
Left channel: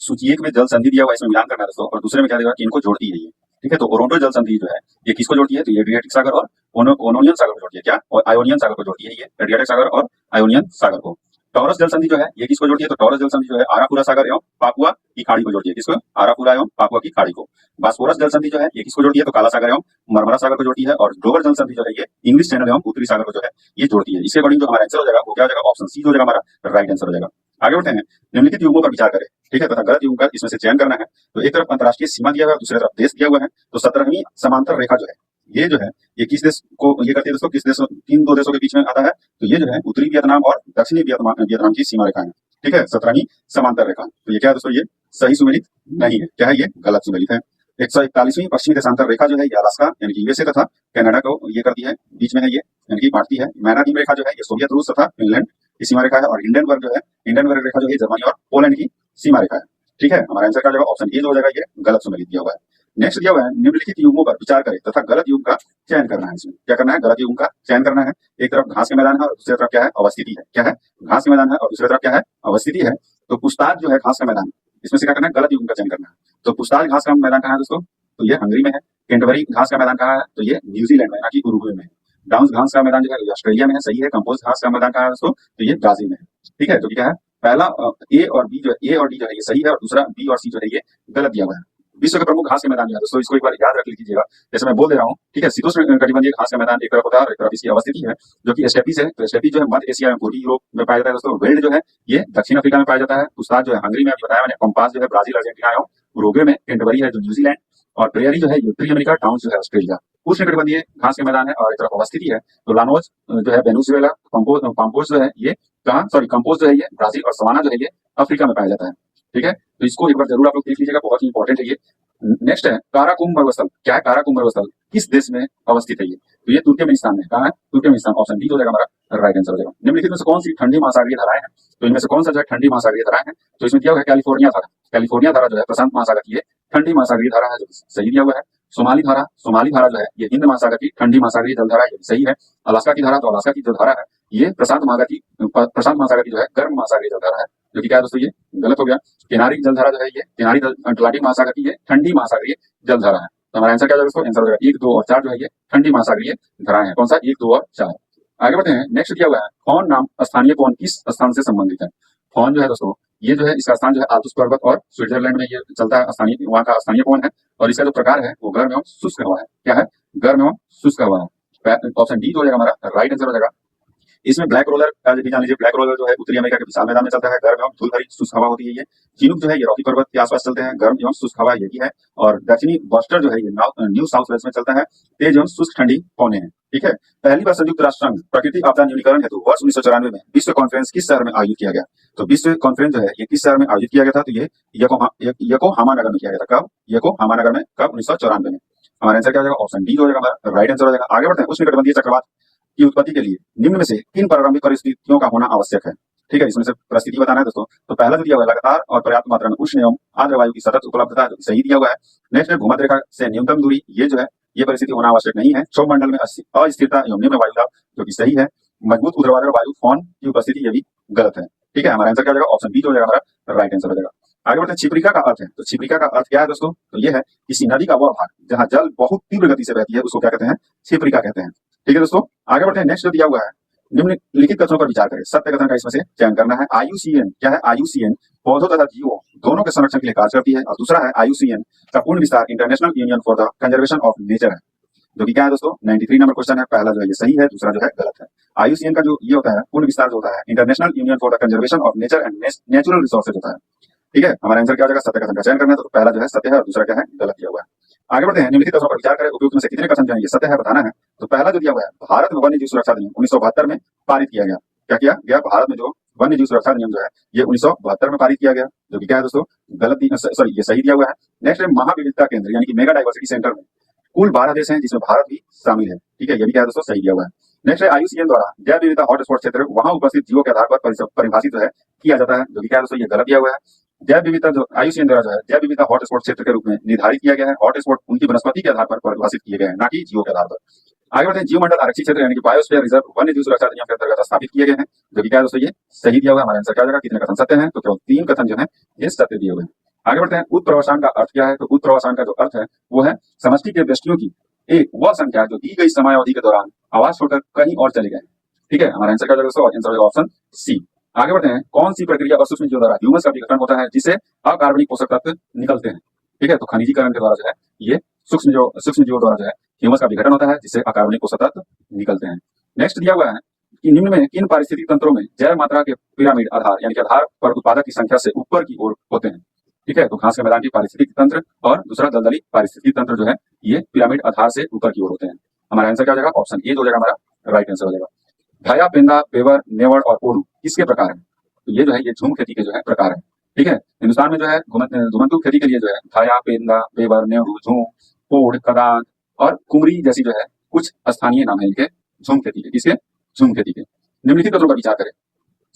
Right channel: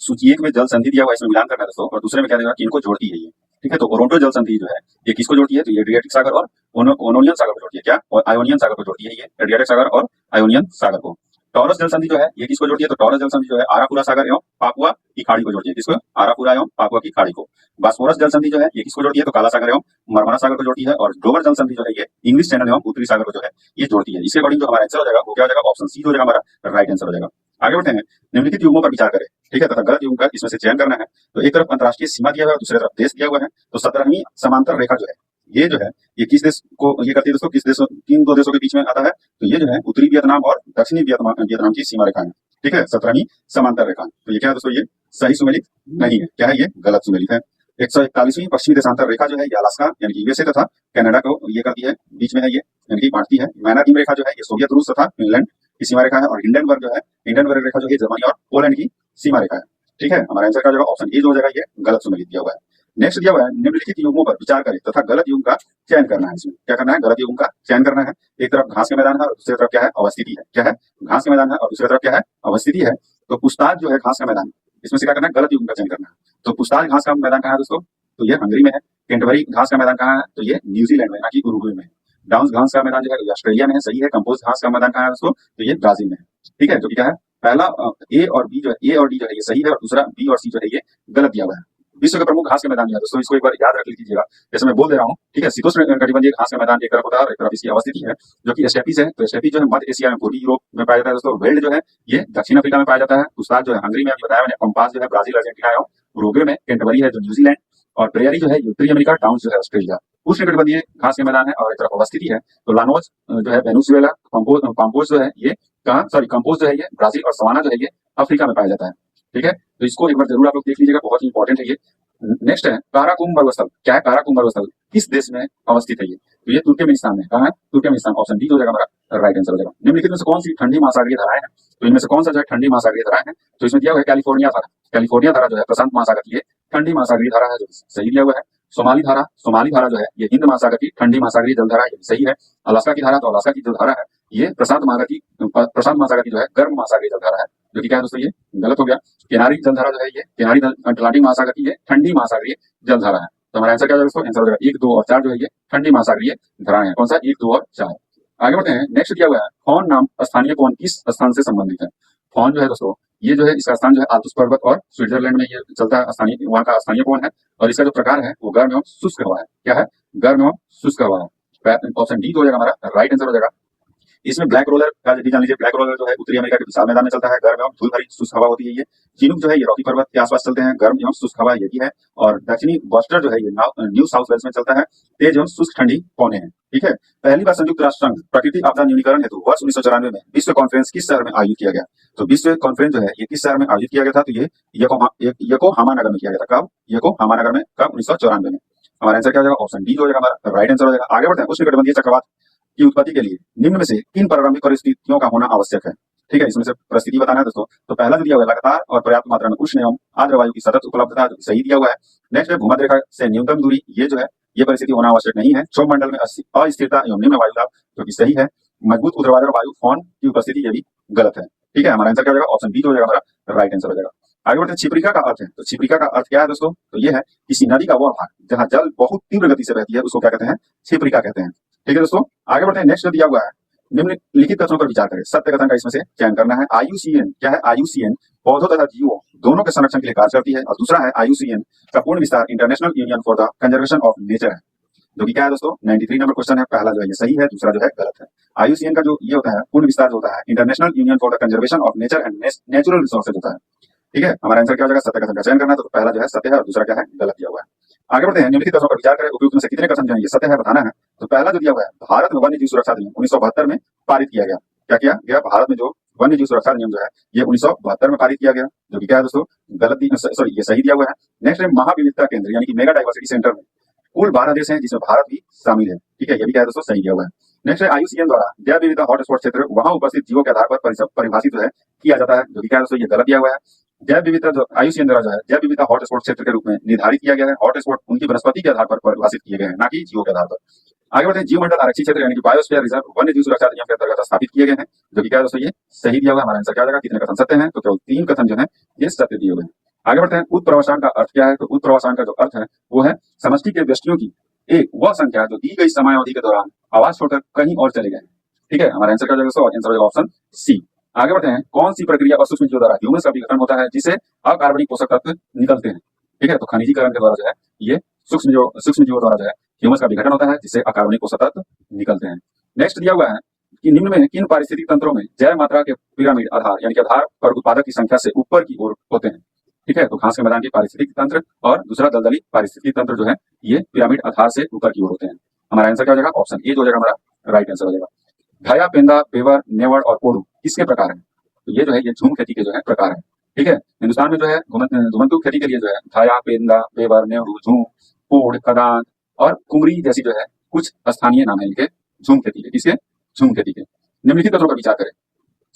सूची 1 में जल संधि दिया हुआ है, इसमें मिलान करना है दोस्तों। और दूसरे में क्या देगा कि इनको जोड़ती है ये। ठीक है, तो ओरोंटो जल संधि जो है ये किसको जोड़ती है? तो ये एड्रियाटिक सागर और ओनोनियन सागर को जोड़ती है। क्या? और आयोनियन सागर को जोड़ती है, ये एड्रियाटिक सागर और आयोनियन सागर को। टॉरस जल संधि जो है ये किसको जोड़ती है? तो टॉरस जल संधि जो है आरापुरा सागर एवं पापुआ की खाड़ी को जोड़ती है। किसको? आरापुरा एवं पापुआ की खाड़ी को। बास्फोरस जल संधि जो है ये किसको जोड़ती है? तो काला सागर एवं मरमरा सागर को जोड़ती है। और डोवर जल संधि जो है ये इंग्लिश चैनल एवं उत्तरी सागर को जो है ये जोड़ती है। इसके अकॉर्डिंग जो हमारा आंसर हो जाएगा वो क्या हो जाएगा? ऑप्शन सी हो जाएगा हमारा राइट आंसर हो जाएगा। आगे बढ़ते हैं, निम्नलिखित युग्मों पर विचार करें, ठीक है, तथा गलत युग्म का इसमें से चयन करना है। तो एक तरफ अंतरराष्ट्रीय सीमा दिया हुआ है, दूसरी तरफ देश दिया हुआ है। तो 17वीं समांतर रेखा जो है, ये जो है, ये किस देश को ये करती है दोस्तों, किस देशों, किन दो देशों के बीच में आता है? तो ये जो है उत्तरी वियतनाम और दक्षिणी वियतनाम की सीमा रेखा है, ठीक है, 17वीं समांतर रेखा। तो ये क्या है दोस्तों, ये सही सुमेलित नहीं है, क्या है, ये गलत सुमेलित है। 141वीं पश्चिमी देशांतर रेखा जो है, ये अलास्का यानी कि यूएसए तथा कनाडा को ये करती है, बीच में है ये, यानी कि बांटती है। मैनाकीम रेखा जो है, ये सोवियत रूस तथा फिनलैंड की सीमा रेखा है। और हिंडनबर्ग जो है, हिंडनबर्ग रेखा जो है, जर्मनी और पोलैंड की सीमा रेखा है, ठीक है। हमारा आंसर का जो ऑप्शन ए जो हो जाएगा, ये गलत सुमेलित दिया हुआ है। नेक्स्ट दिया हुआ है, निम्नलिखित युग्मों पर विचार करें तथा गलत युग्म का चयन करना है। इसमें क्या करना है, गलत युग्म का चयन करना है। एक तरफ घास के मैदान है और दूसरी तरफ क्या है, अवस्थिति है। क्या है, घास के मैदान है और दूसरी तरफ क्या है, अवस्थिति है। तो पूछताछ जो है घास का मैदान, इसमें से क्या करना है, गलत युग्म का चयन करना है। तो पूछताछ घास का मैदान कहाँ है दोस्तों, तो ये हंगरी में है। कैंटरबरी घास का मैदान कहाँ है, तो ये न्यूजीलैंड में, ना कि उरुग्वे में। डाउन्स घास का मैदान जो है, ये ऑस्ट्रेलिया में है, सही है। कंपोज घास का मैदान कहाँ है दोस्तों, तो ये ब्राजील में है, ठीक है। जो कि क्या है, पहला ए और बी जो है, ए और डी जो है ये सही है, और दूसरा बी और सी जो है ये गलत दिया हुआ है। विश्व के प्रमुख घास के मैदान जो है दोस्तों, इसको एक बार याद रख लीजिएगा, जैसे मैं बोल दे रहा हूँ, ठीक है। शीतोष्ण कटिबंधीय घास का मैदान एक तरफ होता है और एक तरफ इसकी अवस्थिति है, जो कि स्टेपीज है। तो स्टेपीज जो है मध्य एशिया में, पूर्वी यूरोप में पाया जाता है दोस्तों। वेल्ड जो है ये दक्षिण अफ्रीका में पाया जाता है। पुस्ताद जो है हंगरी में, अभी बताया मैंने। कंपास जो है ब्राजील, अर्जेंटीना एवं उरुग्वे में। कैंटरबरी है जो न्यूजीलैंड, और प्रेयरी जो है उत्तरी अमेरिका, डाउन्स जो है ऑस्ट्रेलिया। उष्णकटिबंधीय घास के मैदान है और एक तरफ अवस्थिति है। तो लानोज जो है वेनेजुएला, कंपोज जो है ये कहाँ, सॉरी कंपोज जो है ये ब्राजील, और सवाना जो है ये अफ्रीका में पाया जाता है, ठीक है। तो इसको एक बार जरूर आप लोग देख लीजिएगा, बहुत ही इंपॉर्टेंट है ये। नेक्स्ट है काराकुम पर्वतस्थल। क्या है काराकुम पर्वतस्थल, किस देश में अवस्थित है ये, तो ये तुर्कमेनिस्तान में। कहाँ है, तुर्कमेनिस्तान। ऑप्शन डी हो जाएगा हमारा राइट आंसर हो जाएगा। निम्नलिखित में से कौन सी ठंडी महासागरीय धाराएं हैं, तो इनमें से कौन सा जो है ठंडी महासागरीय धाराएं है, तो इसमें दिया हुआ है कैलिफोर्निया धारा। कैलिफोर्निया धारा जो है प्रशांत महासागर की ठंडी महासागरीय धारा है, जो सही दिया हुआ है। सोमाली धारा जो है ये हिंद महासागर की ठंडी महासागरीय जल धारा है, ये सही है। अलास्का की धारा, तो अलास्का की जो धारा है ये प्रशांत महासागर की जो है गर्म महासागरीय जल धारा है, जो कि क्या है दोस्तों, ये गलत हो गया। किनारी जल धारा जो है ये किनारी अटलांटिक महासागर की ठंडी महासागरीय जल धारा है। तो हमारा आंसर क्या होगा दोस्तों, आंसर हो जाएगा 1, 2 और 4 जो है ये ठंडी महासागरीय धाराएं हैं। कौन सा, 1, 2 और 4। आगे बढ़ते हैं, नेक्स्ट दिया हुआ है फॉन नाम स्थानीय कौन किस स्थान से संबंधित है। फॉन जो है दोस्तों, ये जो है इसका स्थान जो है आल्प्स पर्वत और स्विट्जरलैंड में ये चलता है, स्थानीय वहाँ का स्थानीय कौन है। और इसका जो प्रकार है वो गर्म एवं शुष्क हवा है। क्या है, गर्म एवं शुष्क हवा है। ऑप्शन डी हो जाएगा हमारा राइट आंसर हो जाएगा। इसमें ब्लैक रोलर का भी जान लीजिए। ब्लैक रोलर जो है उत्तरी अमेरिका के विशाल मैदान में चलता है, गर्म एवं धूल भरी शुष्क हवा होती है ये। चिनूक जो है ये रॉकी पर्वत के आसपास चलते हैं, गर्म एवं शुष्क हवा यही है। और दक्षिणी बस्टर जो है ये न्यू साउथ वेल्स में चलता है, तेज एवं शुष्क ठंडी पौने हैं, ठीक है। पहली बार संयुक्त राष्ट्र संघ प्रकृति आपदा न्यूनीकरण हेतु वर्ष 1994 में विश्व कॉन्फ्रेंस किस शहर में आयोजित किया गया। तो विश्व कॉन्फ्रेंस जो है ये किस शहर में आयोजित किया गया था, तो ये योकोहामा नगर में किया गया था। कब, योकोहामा नगर में, कब, 1994 में। हमारा आंसर क्या हो जाएगा, ऑप्शन डी हो जाएगा हमारा राइट आंसर हो जाएगा। आगे बढ़ते हैं, उष्णकटिबंधीय चक्रवात की उत्पत्ति के लिए निम्न में से किन प्रारंभिक परिस्थितियों का होना आवश्यक है, ठीक है। इसमें से परिस्थिति बताना है दोस्तों। तो पहला जो दिया हुआ है लगातार और पर्याप्त मात्रा में उष्ण एवं आर्द्र वायु की सतत उपलब्धता, जो सही दिया हुआ है। नेक्स्ट है भूमध्य रेखा से न्यूनतम दूरी, ये जो है ये परिस्थिति होना आवश्यक नहीं है। क्षोभ मंडल में अस्थिरता एवं निम्न वायु दाब, जो कि सही है। मजबूत ऊर्ध्वाधर वायु फॉन की उपस्थिति, ये भी गलत है, ठीक है। हमारा आंसर क्या हो जाएगा, ऑप्शन बी हो जाएगा हमारा राइट आंसर हो जाएगा। आगे बढ़ते हैं, छिपरिका का अर्थ है। तो छिपरिका का अर्थ क्या है दोस्तों, तो ये है किसी नदी का वह भाग जहाँ जल बहुत तीव्र गति से बहती है, उसको क्या कहते हैं, छिपरिका कहते हैं, ठीक है दोस्तों। आगे बढ़ते हैं, नेक्स्ट जो दिया हुआ है निम्नलिखित कथनों पर विचार करें, सत्य कथन का इसमें से चयन करना है। IUCN क्या है, IUCN पौधों तथा जीवों दोनों के संरक्षण के लिए कार्य करती है। और दूसरा है IUCN का पूर्ण विस्तार international union for the conservation of nature है, जो कि क्या है दोस्तों, 93 नंबर क्वेश्चन है। पहला जो है ये सही है, दूसरा जो है गलत है। IUCN का जो ये होता है पूर्ण विस्तार जो होता है international union for the conservation of nature and natural resources होता है, ठीक है। हमारा आंसर क्या हो जाएगा, सत्य कथन का चयन करना है। तो पहला जो है सत्य है और दूसरा क्या है, गलत दिया हुआ है। आगे बढ़ते हैं, निम्नलिखित कथनों पर विचार करें, उपयुक्त में से कितने कथन जो है ये सत्य है बताना है। तो पहला जो दिया हुआ है, भारत में वन्य जीव सुरक्षा अधिनियम 1972 में पारित किया गया। क्या किया गया, भारत में जो वन्य जीव सुरक्षा अधिनियम जो है ये 1972 में पारित किया गया, जो कि क्या है दोस्तों, गलत, सॉरी ये सही दिया हुआ है। नेक्स्ट है महाविविधता केंद्र यानी कि मेगा डाइवर्सिटी सेंटर में कुल 12 देश हैं, जिसमें भारत भी शामिल है, ठीक है। ये भी क्या है दोस्तों, सही दिया हुआ है। नेक्स्ट है IUCN द्वारा जैव विविधता हॉटस्पॉट क्षेत्र वहां उपस्थित जीवों के आधार पर परिभाषित है किया जाता है, जो कि क्या है दोस्तों, ये गलत दिया हुआ है। जैव विविधता जो IUCN द्वारा जो है जैव विविधता हॉटस्पॉट क्षेत्र के रूप में निर्धारित किया गया है। हॉटस्पॉट उनकी वनस्पति के आधार पर परिभाषित किए गए हैं, ना कि जीवों के आधार पर। आगे बढ़ते हैं, जीव मंडल आरक्षित क्षेत्र यानी कि बायोस्फीयर रिजर्व वन्य जीव सुरक्षा अधिनियम के अंतर्गत स्थापित किए गए हैं, जो कि क्या है दोस्तों, ये सही दिया हुआ है। हमारा आंसर क्या हो जाएगा, कितने कथन सत्य हैं, तो केवल 3 कथन जो है ये सत्य दिए हुए हैं। आगे बढ़ते हैं, उत्प्रवासान का अर्थ क्या है। तो उत्प्रवासान का जो अर्थ है वो है समष्टि के व्यक्तियों की एक वह संख्या जो दी गई समय अवधि के दौरान आवास छोड़कर कहीं और चले गए, ठीक है। हमारा आंसर क्या हो जाएगा, आंसर होगा ऑप्शन सी। आगे बढ़ते हैं, कौन सी प्रक्रिया और सूक्ष्म जीवों द्वारा ह्यूमस का विघटन होता है जिससे अकार्बनिक पोषक तत्व निकलते हैं, ठीक है। तो खनिजीकरण के द्वारा जो है ये सूक्ष्म जीवों द्वारा जो है ह्यूमस का विघटन होता है जिससे अकार्बनिक पोषक तत्व निकलते हैं। नेक्स्ट दिया हुआ है कि निम्न में किन पारिस्थितिक तंत्रों में जैव मात्रा के पिरामिड आधार यानी कि आधार पर उत्पादक की संख्या से ऊपर की ओर होते हैं। ठीक है, तो घास के मैदान की पारिस्थितिक तंत्र और दूसरा दलदली पारिस्थितिक तंत्र जो है ये पिरामिड आधार से ऊपर की ओर होते हैं। हमारा आंसर क्या हो जाएगा? ऑप्शन ए जो हो जाएगा हमारा राइट आंसर हो जाएगा। घाया, पेंदा, पेवर, नेवड़ और पोड़ू किसके प्रकार है? तो ये जो है ये झूम खेती के जो है प्रकार है। ठीक है, हिंदुस्तान में जो है घुमंतू खेती के लिए जो है घाया, पेंदा, पेवर, नेवड़ू, झूम, पोड़, कदान और कुमरी जैसी जो है कुछ स्थानीय नाम है इनके झूम खेती के। किसके? झूम खेती के। निम्नलिखित कथनों पर विचार करें।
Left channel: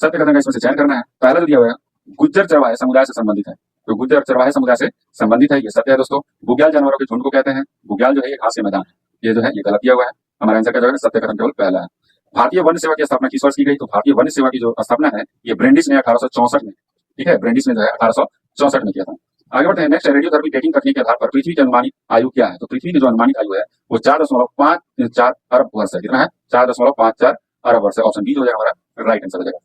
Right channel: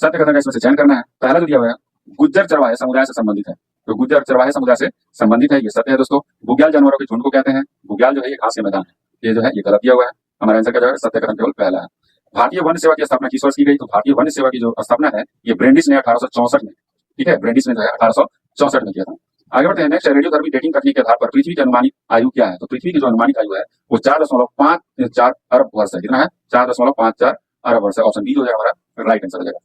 सत्य कथन का इसमें से चयन करना है। पहला जो दिया हुआ है गुज्जर चरवाहे समुदाय से संबंधित है, तो गुज्जर चरवाहे समुदाय से संबंधित है, ये सत्य है दोस्तों। बुग्याल जानवरों के झुंड को कहते हैं। बुग्याल जो है ये घास के मैदान है, ये जो है ये गलत दिया हुआ है। हमारा आंसर क्या जाएगा? सत्य कथन केवल पहला है। भारतीय वन सेवा की स्थापना किस वर्ष की गई? तो भारतीय वन सेवा की जो स्थापना है ये ब्रेंडिस ने 1864 में, ठीक है, ब्रेंडिस ने जो है 1864 में किया था। आगे बढ़ते हैं। नेक्स्ट, रेडियोधर्मी डेटिंग तकनीक के आधार पर पृथ्वी की अनुमानित आयु क्या है? तो पृथ्वी की जो अनुमानित आयु है वो 4.54 अरब वर्ष है। कितना है? 4.54 अरब वर्ष है। ऑप्शन बी जो है हमारा राइट आंसर हो जाएगा।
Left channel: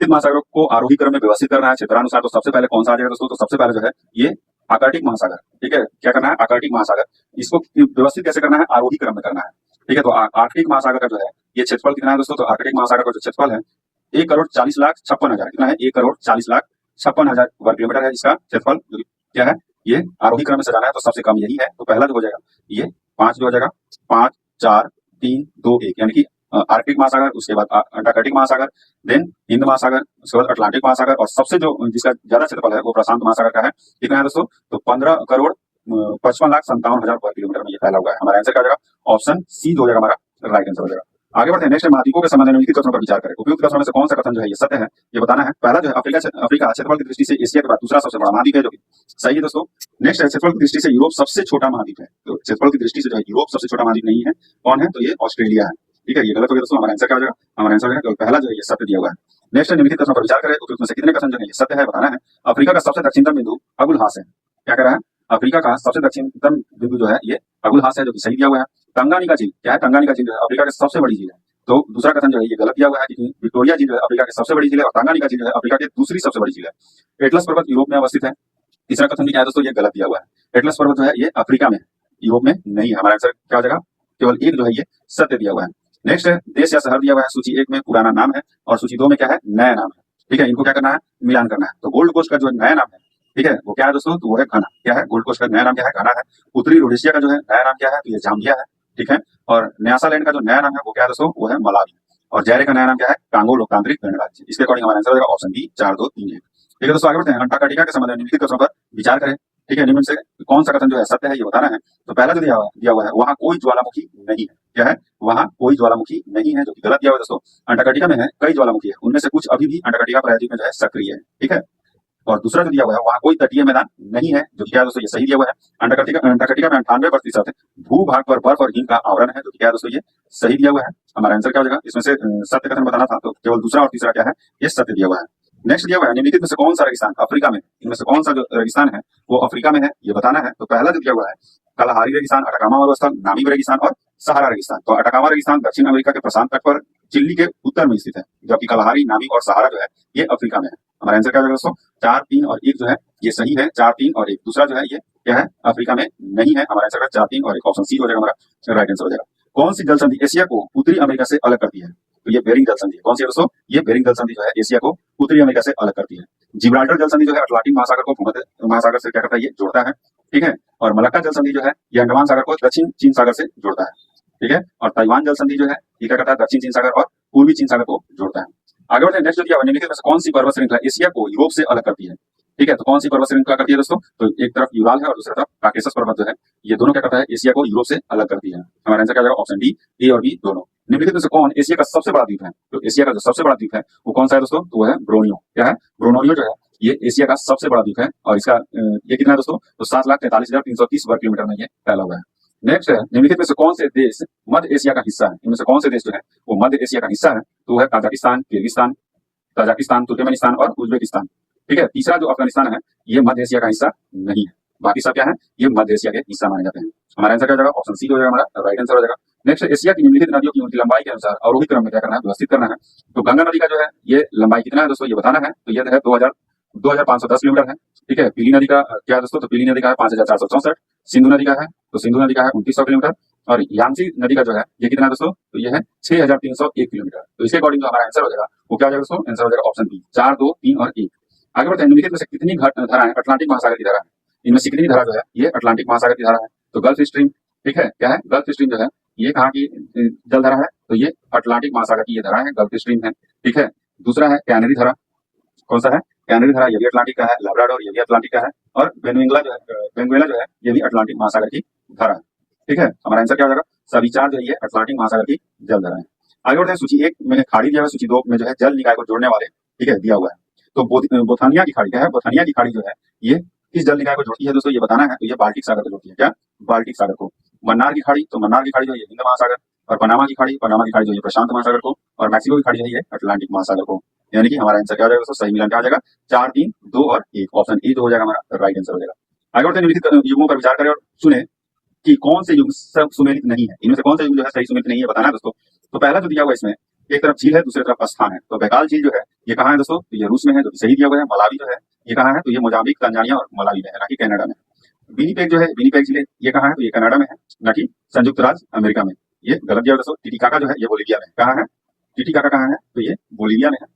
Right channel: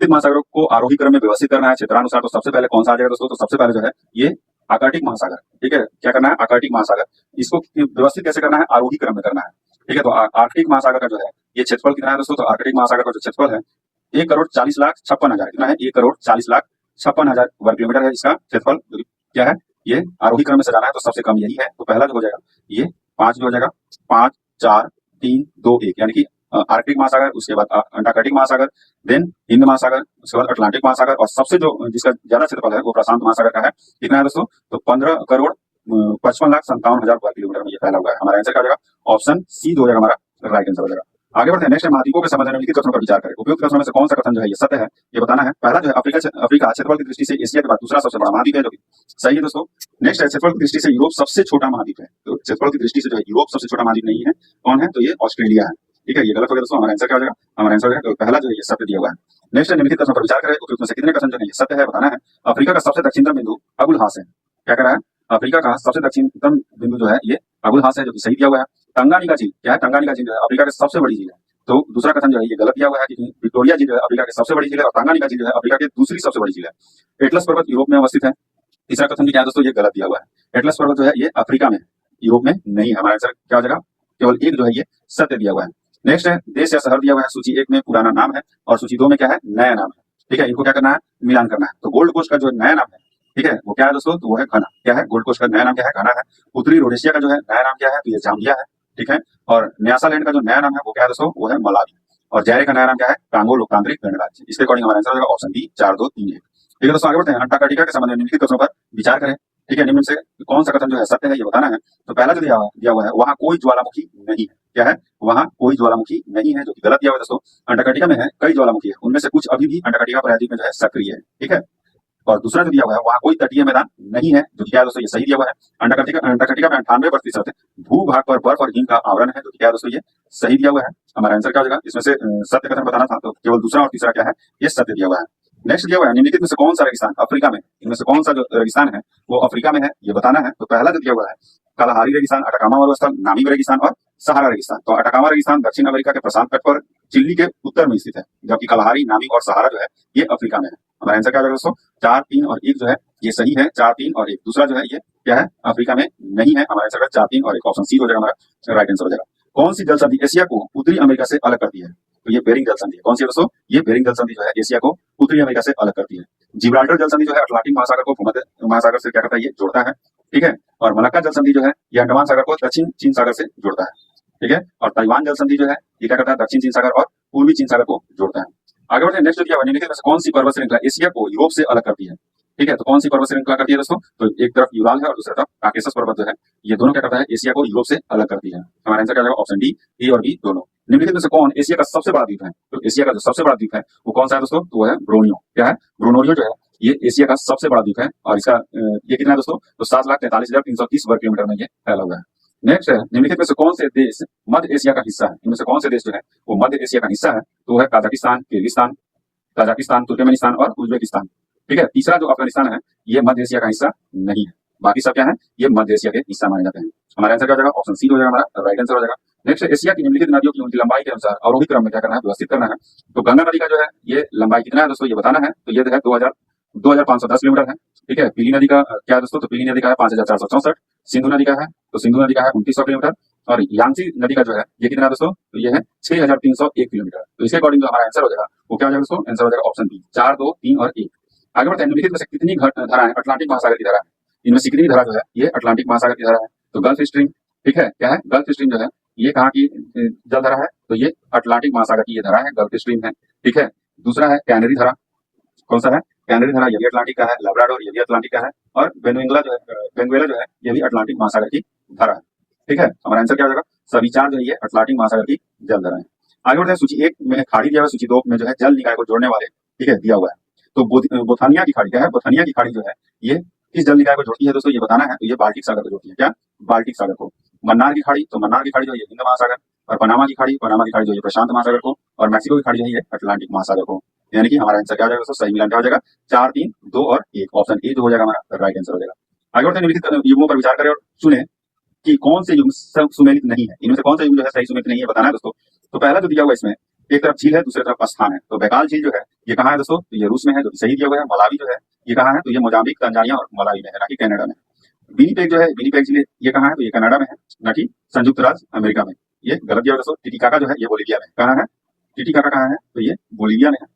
महासागरों को आरोही क्रम में व्यवस्थित करना है क्षेत्रानुसार, तो सबसे पहले कौन सा आ जाएगा दोस्तों? तो सबसे पहले जो है ये आर्कटिक महासागर। ठीक है, क्या करना है? आर्कटिक महासागर। इसको व्यवस्थित कैसे करना है? आरोही क्रम में करना है। ठीक है, तो आर्कटिक महासागर का जो है ये क्षेत्रफल कितना है दोस्तों? तो आर्कटिक महासागर का जो क्षेत्रफल है 1,40,56,000। कितना है? 1,40,56,000 वर्ग किलोमीटर है इसका क्षेत्रफल। क्या है? ये आरोही क्रम में सजाना है तो सबसे कम यही है, तो पहला जो हो जाएगा ये 5 जो हो जाएगा 5, 4, 3, 2, 1 यानी कि आर्कटिक महासागर, उसके बाद अंटार्कटिक महासागर, देन हिंद महासागर, उसके बाद अटलांटिक महासागर और सबसे जो जिसका ज्यादा क्षेत्रफल है वो प्रशांत महासागर का है। कितना है दोस्तों? तो 15,55,57,000 वर्ग किलोमीटर में ये फैला हुआ है। हमारा आंसर क्या हो जाएगा? ऑप्शन सी जो हो जाएगा हमारा राइट आंसर हो जाएगा। आगे बढ़ते हैं। नेक्स्ट, महाद्वीपों के संबंध में निम्नलिखित कथनों पर विचार करें। उपयुक्त कथनों में से कौन सा कथन जो है ये सत्य है ये बताना है। पहला जो है अफ्रीका क्षेत्रफल की दृष्टि से एशिया के बाद दूसरा सबसे बड़ा महाद्वीप है, जो कि सही है दोस्तों। नेक्स्ट है क्षेत्रफल की दृष्टि से यूरोप सबसे छोटा महाद्वीप है, तो क्षेत्रफल की दृष्टि से जो है यूरोप सबसे छोटा महाद्वीप नहीं है। कौन है? तो ये ऑस्ट्रेलिया है। ठीक है, ये गलत हो गया दोस्तों। हमारा आंसर क्या हो जाएगा? हमारा आंसर है पहला जो है ये सत्य दिया हुआ है। नेक्स्ट, निम्नलिखित कथनों पर विचार करें। उपयुक्त में से कितने कथन जो है ये सत्य है बताना है। अफ्रीका का सबसे दक्षिणतम बिंदु अगुलहास है। क्या कर रहा है? अफ्रीका का सबसे दक्षिणतम बिंदु जो है ये अगुलहास है, जो कि सही दिया हुआ है। तंगानिका झील क्या है? तंगानिका झील जो है अफ्रीका की सबसे बड़ी झील है, तो दूसरा कथन जो है ये गलत दिया हुआ है, क्योंकि विक्टोरिया झील जो है अफ्रीका की सबसे बड़ी झील है और तंगानिका झील जो है अफ्रीका की दूसरी सबसे बड़ी झील है। एटलस पर्वत यूरोप में अवस्थित है। तीसरा कथन भी क्या है दोस्तों? ये गलत दिया हुआ है। एटलस पर्वत जो है ये अफ्रीका में है, यूरोप में नहीं है। हमारा आंसर क्या हो जाएगा? केवल एक जो है ये सत्य दिया हुआ है। नेक्स्ट है देश या शहर दिया हुआ है। सूची 1 में पुराना नाम है और सूची 2 में क्या है? नया नाम है। ठीक है, इनको क्या करना है? मिलान करना है। तो गोल्ड कोस्ट का जो नया नाम है, ठीक है, वो क्या है दोस्तों? तो वो है घना। क्या है? गोल्ड कोस्ट का नया नाम क्या है? घना है। उत्तरी रोडेशिया का जो है नया नाम क्या है? तो ये जाम्बिया है। ठीक है, और न्यासालैंड का जो नया नाम है वो क्या है दोस्तों? वो है मलावी। और जायरे का नया नाम क्या है? कांगो लोकतांत्रिक गणराज्य। इसके अकॉर्डिंग हमारा आंसर हो जाएगा ऑप्शन बी 4, 2, 3, 1। ठीक है दोस्तों, आगे बढ़ते हैं। अंटार्कटिका के संबंध में निम्नलिखित कथनों पर विचार करें। ठीक है, निम्न से कौन सा कथन जो है सत्य है ये बताना है। तो पहला जो दिया हुआ है वहां कोई ज्वालामुखी नहीं है। क्या है? वहां कोई ज्वालामुखी नहीं है, जो कि गलत दिया हुआ है दोस्तों। अंटार्कटिका में है कई ज्वालामुखी है, उनमें से कुछ अभी भी अंटार्कटिका प्रायद्वीप में जो है सक्रिय है। ठीक है, और दूसरा जो दिया हुआ है वहां कोई तटीय मैदान नहीं है, जो क्या है दोस्तों? ये सही दिया हुआ है। अंटार्कटिका में 98% भूभाग पर बर्फ और हिम का आवरण है, जो क्या है दोस्तों? ये सही दिया हुआ है। हमारा आंसर क्या हो जाएगा? इसमें से सत्य कथन बताना था, तो केवल दूसरा और तीसरा क्या है? ये सत्य दिया हुआ है। नेक्स्ट दिया हुआ है निम्नलिखित में से कौन सा रेगिस्तान अफ्रीका में, इनमें से कौन सा जो रेगिस्तान है वो अफ्रीका में है ये बताना है। तो पहला जो दिया हुआ है कलाहारी रेगिस्तान, अटाकामा मरुस्थल, नामीब रेगिस्तान और सहारा रेगिस्तान। तो अटाकामा रेगिस्तान दक्षिण अमेरिका के प्रशांत तट पर चिली के उत्तर में स्थित है, जबकि कलाहारी, नामीब और सहारा जो है ये अफ्रीका में है। हमारा आंसर क्या होगा दोस्तों? 4, 3 और 1 जो है ये सही है। 4, 3 और 1 दूसरा जो है ये क्या है? अफ्रीका में नहीं है। हमारा आंसर 4, 3 और 1 ऑप्शन सी हो जाएगा हमारा राइट आंसर हो जाएगा। कौन सी जल संधि एशिया को उत्तरी अमेरिका से अलग करती है? तो ये बेरिंग जल संधि है। कौन सी है दोस्तों? ये बेरिंग जल संधि जो है एशिया को उत्तरी अमेरिका से अलग करती है। जिब्राल्टर जल संधि जो है अटलांटिक महासागर को भूमध्य महासागर से क्या करता है? ये जोड़ता है। ठीक है, और मलक्का जल संधि जो है ये अंडमान सागर को दक्षिण चीन सागर से जोड़ता है। ठीक है, और ताइवान जल संधि जो है ये क्या करता है? दक्षिण चीन सागर और पूर्वी चीन सागर को जोड़ता है। आगे बढ़ते हैं। नेक्स्ट जो दिया हुआ है निम्नलिखित में से कौन सी पर्वत श्रृंखला एशिया को यूरोप से अलग करती है? ठीक है, तो कौन सी पर्वत श्रृंखला करती है दोस्तों? तो एक तरफ यूराल है और दूसरी तरफ काकेशस पर्वत जो है ये दोनों क्या करता है? एशिया को यूरोप से अलग करती है। हमारा आंसर क्या जाएगा? ऑप्शन डी, ए और बी दोनों। निम्नलिखित में से कौन एशिया का सबसे बड़ा द्वीप है? तो एशिया का जो सबसे बड़ा द्वीप है वो कौन सा है दोस्तों? तो वो है ब्रोनियो। क्या है? ब्रोनोरियो जो है ये एशिया का सबसे बड़ा द्वीप है और इसका ये कितना है दोस्तों? तो 7,43,330 वर्ग किलोमीटर में ये फैला हुआ है। नेक्स्ट है निम्नलिखित में से कौन से देश मध्य एशिया का हिस्सा है? इनमें से कौन से देश जो है वो मध्य एशिया का हिस्सा है? तो वो है काजाकिस्तान, किर्गिस्तान, तजाकिस्तान, तुर्कमेनिस्तान और उज्बेकिस्तान। ठीक है, तीसरा जो अफगानिस्तान है ये मध्य एशिया का हिस्सा नहीं है। बाकी सब क्या है? ये मध्य एशिया के हिस्सा माने जाते हैं। हमारा आंसर क्या हो जाएगा? ऑप्शन सी हो जाएगा हमारा राइट आंसर हो जाएगा। नेक्स्ट एशिया की निम्नलिखित नदियों की उनकी लंबाई के अनुसार अवरोही क्रम में क्या करना है? व्यवस्थित करना है। तो गंगा नदी का जो है ये लंबाई कितना है दोस्तों? ये बताना है। तो ये जो है 2510 किलोमीटर है। ठीक है, पीली नदी का क्या है दोस्तों? तो पीली नदी का है 5464। सिंधु नदी का है तो सिंधु नदी का है 2900 किलोमीटर और यांगसी नदी का जो है ये कितना है दोस्तों, तो ये है 6301 किलोमीटर। तो इसके अकॉर्डिंग जो हमारा आंसर हो जाएगा वो क्या हो जाएगा दोस्तों, आंसर हो जाएगा ऑप्शन बी 4, 2, 3 और 1। आगे बढ़ते हैं, निम्नलिखित में से कितनी धाराएं अटलांटिक महासागर की धारा है। इनमें से कितनी धारा जो है ये अटलांटिक महासागर की धारा है। तो गल्फ स्ट्रीम, ठीक है, क्या है गल्फ स्ट्रीम जो है ये कहाँ की जल धारा है, तो ये अटलांटिक महासागर की ये धारा है, गल्फ स्ट्रीम है, ठीक है। दूसरा है कैनरी धारा, कौन सा है, कैनरी धारा, ये भी अटलांटिक का है। लब्राडोर ये भी अटलांटिक का है। और वेनेजुएला जो है, वेनेजुएला जो है ये भी अटलांटिक महासागर की धारा है, ठीक है। हमारा आंसर क्या हो जाएगा, सभी चार जो है ये अटलांटिक महासागर की जल धारा है। आगे बढ़ते हैं, सूची 1 में खाड़ी दिया हुआ, सूची 2 में जो है जल निकाय को जोड़ने वाले, ठीक है, दिया हुआ है। तो बोथानिया की खाड़ी क्या है, बोथानिया की खाड़ी जो है ये किस जल निकाय को जोड़ती है दोस्तों, ये बताना है। तो ये बाल्टिक सागर को जोड़ती है, क्या, बाल्टिक सागर को। मन्नार की खाड़ी, तो मन्नार की खाड़ी जो है हिंद महासागर। और पनामा की खाड़ी, पनामा की खाड़ी जो है प्रशांत महासागर को। और मैक्सिको की खाड़ी जो है ये अटलांटिक महासागर को। यानी कि हमारा आंसर क्या हो जाएगा दोस्तों, सही मिलान क्या हो जाएगा, 4, 3, 2 और 1, ऑप्शन ए जो हो जाएगा हमारा राइट आंसर हो जाएगा। आगे बढ़ते हैं, निम्नलिखित युग्मों पर विचार करें और सुने कि कौन से युग्म सब सुमेलित नहीं है। इनमें से कौन सा युग्म जो है सही सुमेलित नहीं है, बताना है दोस्तों। तो पहला जो दिया हुआ इसमें, एक तरफ झील है, दूसरी तरफ स्थान है। तो बैकाल झील जो है ये कहाँ है दोस्तों, तो ये रूस में है, जो कि सही दिया हुआ है। मलावी जो है ये कहाँ है, तो ये मोजाम्बिक, तंजानिया और मलावी में है, ना कि कनाडा में। विनिपेग जो है, विनिपेग झील ये कहाँ है, तो ये कनाडा में है, ना कि संयुक्त राज्य अमेरिका में। ये गलत दिया हुआ दोस्तों। टिटिकाका जो है ये बोलिविया में, कहाँ है, टिटिकाका कहाँ है, तो ये बोलिविया में है,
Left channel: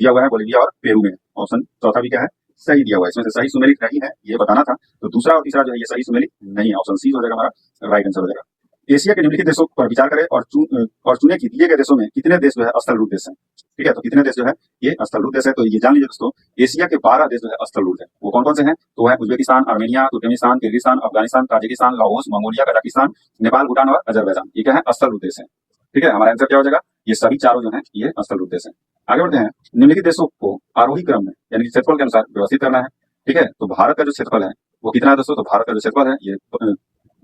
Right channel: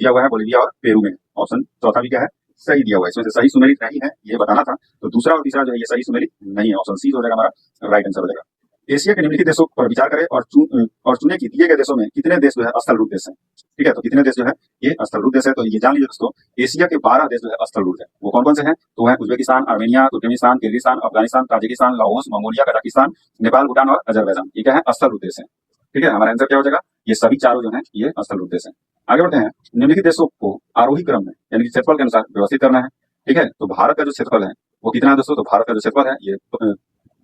दिया हुआ है बोलिविया और पेरू में। ऑप्शन चौथा भी क्या है, सही दिया हुआ है। इसमें से सही सुमेलित नहीं है ये बताना था। तो दूसरा और तीसरा जो है ये सही सुमेलित नहीं है, ऑप्शन सी हो जाएगा हमारा राइट आंसर हो जाएगा। एशिया के निम्नलिखित देशों पर विचार करें और चुने कि दिए गए देशों में कितने देश जो है स्थलरूप देश हैं, ठीक है। तो कितने देश जो है ये स्थलरूप देश है, तो ये जान लीजिए दोस्तों, एशिया के 12 देश जो है स्थलरूप है। वो कौन कौन से हैं, तो है Uzbekistan, Armenia, Turkmenistan, Kyrgyzstan, Afghanistan, Tajikistan, Laos, Mongolia, Kazakhstan, Nepal, Bhutan और अजरबैजान। ये क्या है, स्थलरूप देश है, ठीक है। हमारा आंसर क्या हो जाएगा, ये सभी चारों जो है ये स्थलरूप देश है। आगे बढ़ते हैं, निम्नलिखित देशों को आरोही क्रम में यानी कि क्षेत्रफल के अनुसार व्यवस्थित करना है, ठीक है। तो भारत का जो क्षेत्रफल है वो कितना है दोस्तों, तो भारत का जो क्षेत्रफल है ये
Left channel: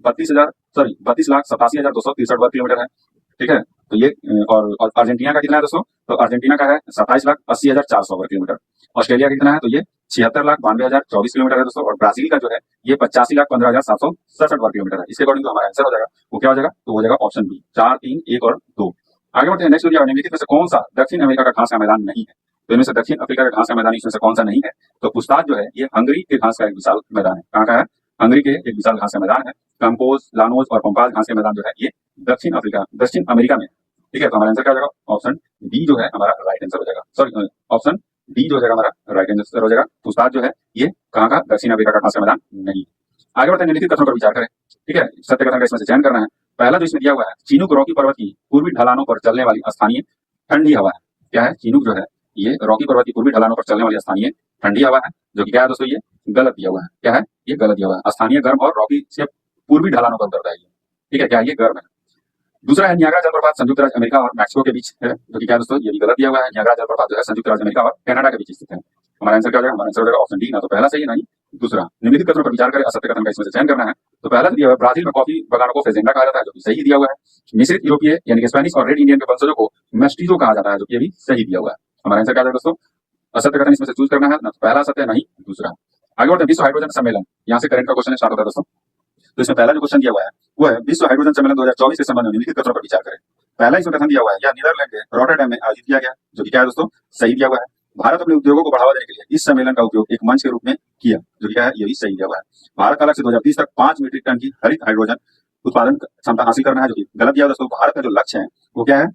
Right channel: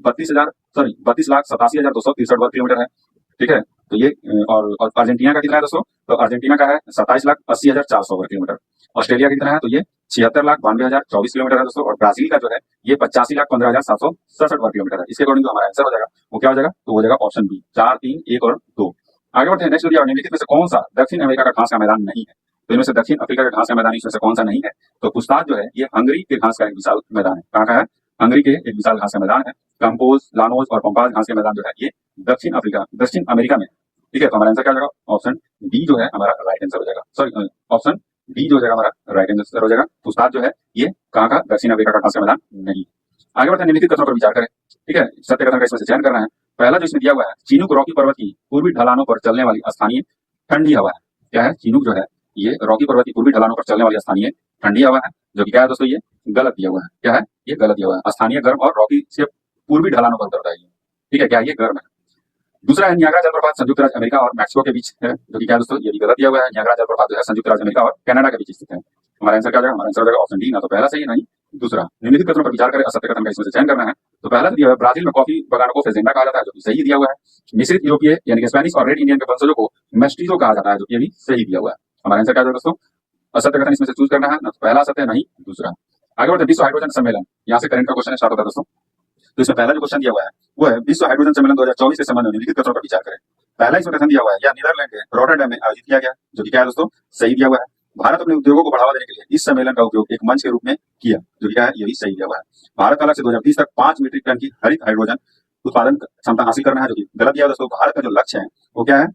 32,87,263 वर्ग किलोमीटर है, ठीक है। तो ये और अर्जेंटीना का कितना है दोस्तों, तो अर्जेंटीना का है 27,80,400 वर्ग किलोमीटर। ऑस्ट्रेलिया का कितना है, तो ये 76,92,024 किलोमीटर है दोस्तों। और ब्राजील का जो है ये 85,15,767 वर्ग किलोमीटर है। इसके अकॉर्डिंग जो हमारा आंसर हो जाएगा वो क्या हो जाएगा, तो हो जाएगा ऑप्शन बी 4, 3, 1 और 2। आगे बढ़ते हैं, नेक्स्ट जो निम्नलिखित में से कौन सा दक्षिण अमेरिका का घास का मैदान नहीं है। तो इनमें से दक्षिण अफ्रीका का घास का मैदान इसमें से कौन सा नहीं है, तो पुस्ताद जो है ये हंगरी के घास का एक विशाल मैदान है। कहाँ का है, हंगरी के एक विशाल घास का मैदान है। कंपोज, लानोज और पंपाज घास के मैदान जो है ये दक्षिण अमेरिका में, ठीक है। तो हमारा आंसर क्या हो जाएगा, ऑप्शन डी जो है हमारा राइट आंसर हो जाएगा। सॉरी, ऑप्शन डी जो हो जाएगा हमारा राइट आंसर हो जाएगा। पुस्ताद जो है ये कहाँ का, दक्षिण अफ्रीका का घास का मैदान नहीं। आगे बढ़ते हैं, निम्नलिखित कथनों पर विचार करें, ठीक है। सत्य कथन का इसमें से चयन करना है। पहला जो इसमें दिया हुआ है, चीनूक रॉकी पर्वत की पूर्वी ढलानों पर चलने वाली स्थानीय ठंडी हवा है। क्या है, चीनूक जो है ये रॉकी पर्वत की पूर्वी ढलानों पर चलने वाली स्थानीय ठंडी हवा है, जो कि क्या है दोस्तों, ये गलत दिया हुआ है। क्या है, ये गलत दिया हुआ है। स्थानीय गर्म और रॉकी से पूर्वी ढलानों पर उतरता है, ठीक है, क्या ये गर्म है। दूसरा है नियाग्रा जलप्रपात संयुक्त राज्य अमेरिका और मैक्सिको के बीच है, जो कि क्या दोस्तों, ये भी गलत दिया हुआ है। नियाग्रा जलप्रपात जो है संयुक्त राज्य अमेरिका और कनाडा के बीच स्थित है। हमारा आंसर क्या हो जाएगा, हमारा आंसर हो जाएगा ऑप्शन डी, ना तो पहला सही है ना ही दूसरा। निम्नलिखित कथनों पर विचार करें, असत्य कथन का इसमें से चयन करना है। तो पहला दिया हुआ है, ब्राजील में कॉफी बगानों को फेजेंडा कहा जाता है, जो कि सही दिया हुआ है। मिश्रित यूरोपीय यानी कि स्पेनिश और रेड इंडियन के वंशजों को मेस्टिजो कहा जाता है, जो कि भी सही दिया हुआ है। हमारा आंसर क्या होगा दोस्तों, असत्य कथन इसमें से चूज करना है, ना तो पहला सत्य नहीं दूसरा। आगे बढ़ते, विश्व हाइड्रोजन सम्मेलन, यहाँ से करंट का क्वेश्चन स्टार्ट होता है दोस्तों। तो इसमें पहला जो क्वेश्चन दिया हुआ है वो है, विश्व हाइड्रोजन सम्मेलन 2024 के संबंध में निम्नलिखित कथनों पर विचार करें। पहला इसमें कथन दिया हुआ है, यह नीदरलैंड के रॉटरडैम में आयोजित किया गया, जो कि क्या है दोस्तों, सही दिया हुआ है। भारत अपने उद्योगों को बढ़ावा देने के लिए इस सम्मेलन का उपयोग एक मंच के रूप में किया, जो क्या है, ये भी सही दिया हुआ है। भारत का लक्ष्य 2030 तक 5 मीट्रिक टन की हरित हाइड्रोजन उत्पादन क्षमता हासिल करना है, जो कि गलत दिया हुआ दोस्तों। भारत का जो लक्ष्य है वो क्या है,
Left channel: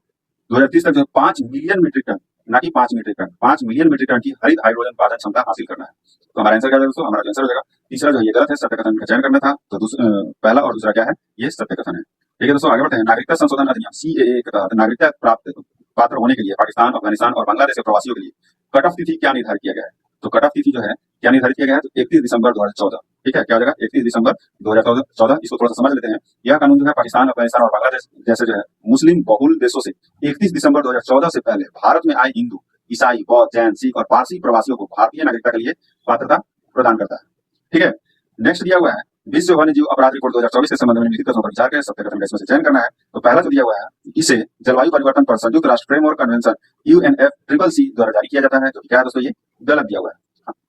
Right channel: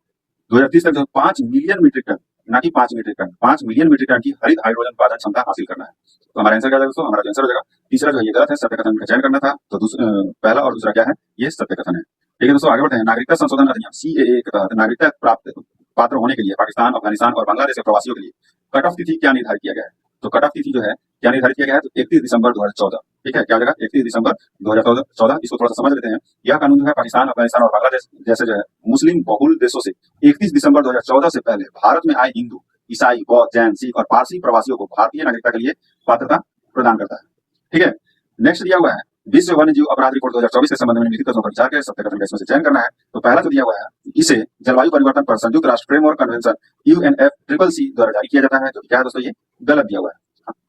2030 तक जो 5 मिलियन मीट्रिक टन, ना कि 5 metric ton, 5 million metric ton की हरित हाइड्रोजन उत्पादन क्षमता हासिल करना है। तो हमारा आंसर क्या है दोस्तों, हमारा आंसर हो जाएगा तीसरा जो है ये गलत है, सत्य कथन का चयन करना था। तो पहला और दूसरा क्या है, ये सत्य कथन है, ठीक है दोस्तों। आगे बढ़ते हैं, नागरिकता संशोधन अधिनियम सीएए के तहत नागरिकता प्राप्त पात्र होने के लिए पाकिस्तान, अफगानिस्तान और बांग्लादेश के प्रवासियों के लिए कट ऑफ तिथि क्या निर्धारित किया गया है। तो कट ऑफ तिथि जो है क्या निर्धारित किया गया है, तो 31 दिसंबर 2014, ठीक है। क्या जगह 31 दिसंबर 2014। इसको थोड़ा सा समझ लेते हैं। यह कानून जो है पाकिस्तान, अफगानिस्तान और बांग्लादेश जैसे जो है मुस्लिम बहुल देशों से 31 दिसंबर 2014 से पहले भारत में आए हिंदू, ईसाई, बौद्ध, जैन, सिख और पारसी प्रवासियों को भारतीय नागरिकता के लिए पात्रता प्रदान करता है, ठीक है। नेक्स्ट दिया हुआ है, विश्व वन्यजीव अपराध रिपोर्ट 2024 के संबंध में निम्नलिखित कथनों पर विचार करें, सत्य कथन का इसमें से चयन करना है। तो पहला जो दिया हुआ है, इसे जलवायु परिवर्तन पर संयुक्त राष्ट्र फ्रेमवर्क कन्वेंशन UNFCCC द्वारा जारी किया जाता है, जो क्या है दोस्तों, ये गलत दिया हुआ है।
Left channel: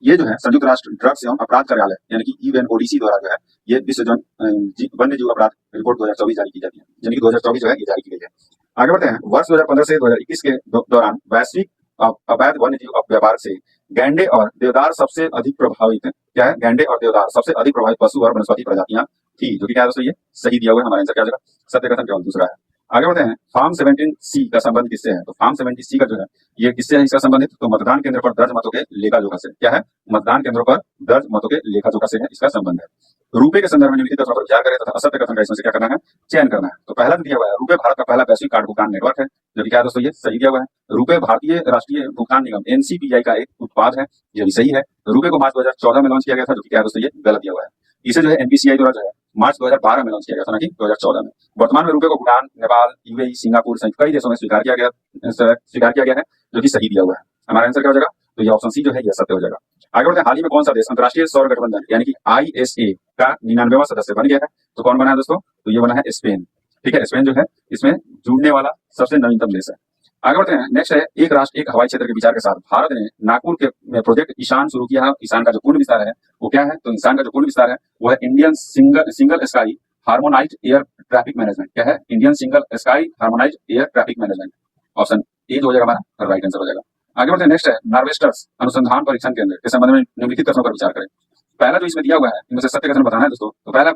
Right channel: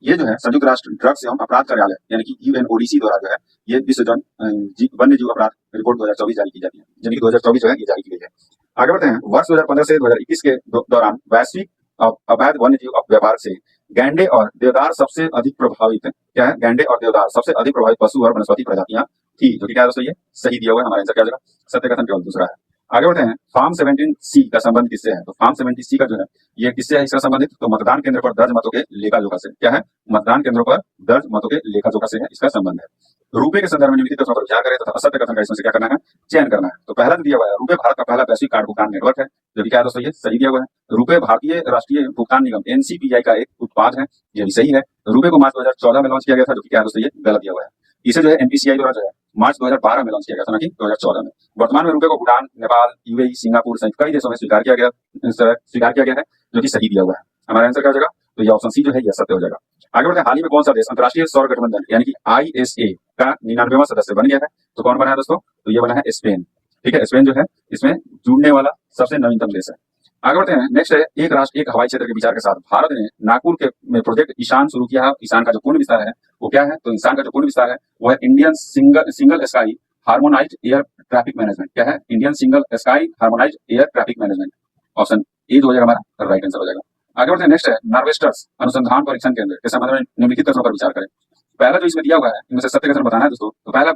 ये जो है संयुक्त राष्ट्र ड्रग्स एवं अपराध कार्यालय यानी कि UNODC द्वारा जो है ये विश्व वन्य जीव अपराध रिपोर्ट 2024 जारी की जाती है, यानी कि 2024 जो है ये जारी की गई है। आगे बढ़ते हैं, वर्ष 2015 से 2021 के दौरान वैश्विक अवैध वन्य जीव व्यापार से गैंडे और देवदार सबसे अधिक प्रभावित है। क्या है, गैंडे और देवदार सबसे अधिक प्रभावित पशु और वनस्पति प्रजातियां थी, जो कि क्या है दोस्तों, ये सही दिया हुआ है। हमारा आंसर क्या हो जाएगा, सत्य कथन केवल दूसरा है। आगे बढ़ते हैं, फॉर्म 17C का संबंध किससे है? तो फॉर्म 17C का जो है ये किससे है इसका संबंधित? तो मतदान केंद्र पर दर्ज मतों के लेखा जोखा से। क्या है? मतदान केंद्रों पर दर्ज मतों के लेखा जोखा से है इसका संबंध है। रुपए के संदर्भ में निम्नलिखित कथनों पर विचार करें तथा असत्य कथन का इसमें से क्या करना है, चयन करना है। तो पहला जो दिया हुआ है, रुपए भारत का पहला वैश्विक कार्ड भुगतान नेटवर्क है, जो कि क्या है दोस्तों, ये सही दिया हुआ है। रुपए भारतीय राष्ट्रीय भुगतान निगम एनसीपीआई का एक उत्पाद है, ये भी सही है। रुपए को मार्च 2014 में लॉन्च किया गया था, जो कि क्या है दोस्तों, ये गलत दिया हुआ है। इसे जो है एनपीसीआई द्वारा जो है मार्च 2012 में लॉन्च किया गया था, ना कि 2014 में। वर्तमान में रुपए को भूटान, नेपाल, यूएई, सिंगापुर सहित कई देशों में स्वीकार किया गया है, जो कि सही दिया हुआ है। हमारा आंसर क्या हो जाएगा? तो ये ऑप्शन सी जो है ये सत्य हो जाएगा। आगे बढ़ते हैं, हाल ही में कौन सा देश अंतर्राष्ट्रीय सौर गठबंधन यानी कि आईएसए का 99वां सदस्य बन गया है? तो कौन बना है दोस्तों? तो ये बना है स्पेन। ठीक है, स्पेन जो है इसमें जुड़ने वाला सबसे नवीनतम देश है। आगे बढ़ते हैं, नेक्स्ट है, एक राष्ट्र एक हवाई क्षेत्र के विचार के साथ भारत ने नागपुर के में प्रोजेक्ट ईशान शुरू किया है। ईशान का जो पूर्ण विस्तार है वो क्या है? तो ईशान का जो पूर्ण विस्तार है वो है Indian single sky harmonised air traffic management. क्या है? Indian single sky harmonised air traffic management. Option A जो हो जाएगा हमारा राइट आंसर हो जाएगा। आगे बढ़ते हैं, नेक्स्ट है, नार्वेस्टर्स अनुसंधान परीक्षण केंद्र के संबंध में निम्नलिखित कथनों पर विचार करें। पहला जो इसमें दिया हुआ है इनमें से सत्य कथन बताना है दोस्तों। तो भारत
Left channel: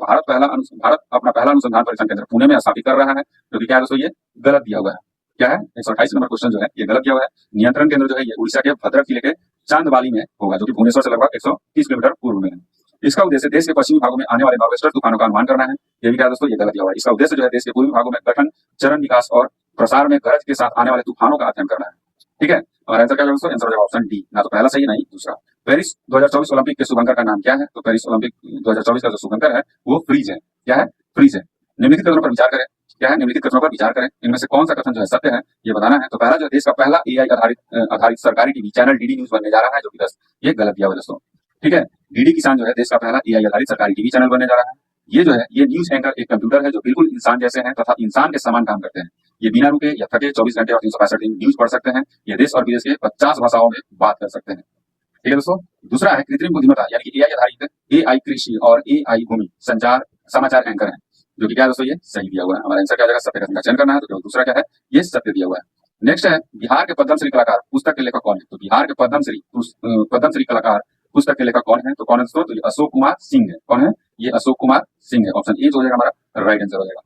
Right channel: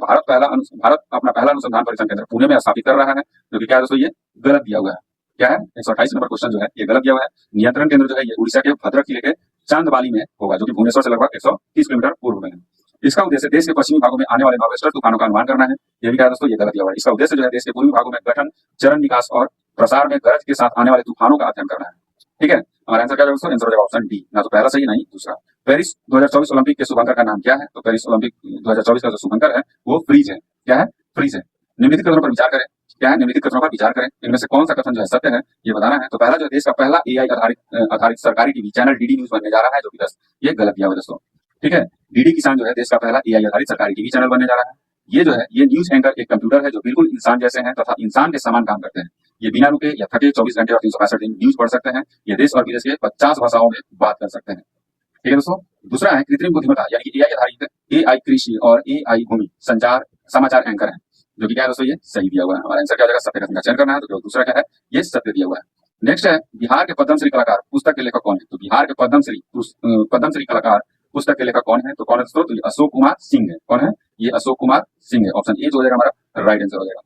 अपना पहला अनुसंधान परीक्षण केंद्र पुणे में स्थापित कर रहा है, जो कि क्या है दोस्तों, ये गलत दिया हुआ है। क्या है? 128 नंबर क्वेश्चन जो है ये गलत दिया हुआ है। नियंत्रण केंद्र जो है ये उड़ीसा के भद्रक जिले के चांदबाली में होगा, जो कि भुवनेश्वर से लगभग 130 किलोमीटर पूर्व में है। इसका उद्देश्य देश के पश्चिमी भागों में आने वाले नॉर्वेस्टर तूफानों का अनुमान करना है। ये भी क्या है दोस्तों, ये गलत दिया हुआ है। इसका उद्देश्य जो है देश के पूर्वी भागों में गठन, चरण विकास और प्रसार में गरज के साथ आने वाले तूफानों का अध्ययन करना है। ठीक है, हमारा आंसर क्या है दोस्तों? आंसर हो जाएगा ऑप्शन डी, ना तो पहला सही नहीं दूसरा। पेरिस 2024 ओलंपिक के शुभंकर का नाम क्या है? तो पेरिस ओलंपिक 2024 का जो शुभंकर है वो फ्रीज है। क्या है? फ्रीज है। निम्नलिखित कथनों पर विचार करें। क्या है? निम्नलिखित कथनों पर विचार करें, इनमें से कौन सा कथन जो है सत्य है ये बताना है। तो पहला जो देश का पहला एआई आधारित सरकारी टीवी चैनल डीडी न्यूज बनने जा रहा है, जो कि ये गलत दिया हुआ दोस्तों। ठीक है, डीडी किसान जो है देश का पहला एआई आधारित सरकारी टीवी चैनल बनने जा रहा है। ये जो है ये न्यूज एंकर एक कंप्यूटर है जो बिल्कुल इंसान जैसे हैं तथा इंसान के समान काम करते हैं। ये बिना रुके या थके 24 घंटे और 365 दिन न्यूज पढ़ सकते हैं। ये देश और विदेश के 50 भाषाओं में बात कर सकते हैं। ठीक है दोस्तों। दूसरा है कृत्रिम बुद्धिमत्ता यानी कि एआई आधारित एआई कृषि और एआई भूमि संचार समाचार एंकर है, जो कि क्या है दोस्तों, ये सही दिया हुआ है। हमारा आंसर क्या हो जाएगा? सत्य कथन का चयन करना है, तो दूसरा क्या है? ये सत्य दिया हुआ है। नेक्स्ट है, बिहार के पद्मश्री कलाकार पुस्तक के लेखक कौन है? तो बिहार के पद्मश्री कलाकार पुस्तक के लेखक कौन है? तो कौन है दोस्तों? तो ये अशोक कुमार सिंह है। कौन है? ये अशोक कुमार सिंह है। ऑप्शन ए जो हो जाएगा हमारा राइट आंसर हो जाएगा।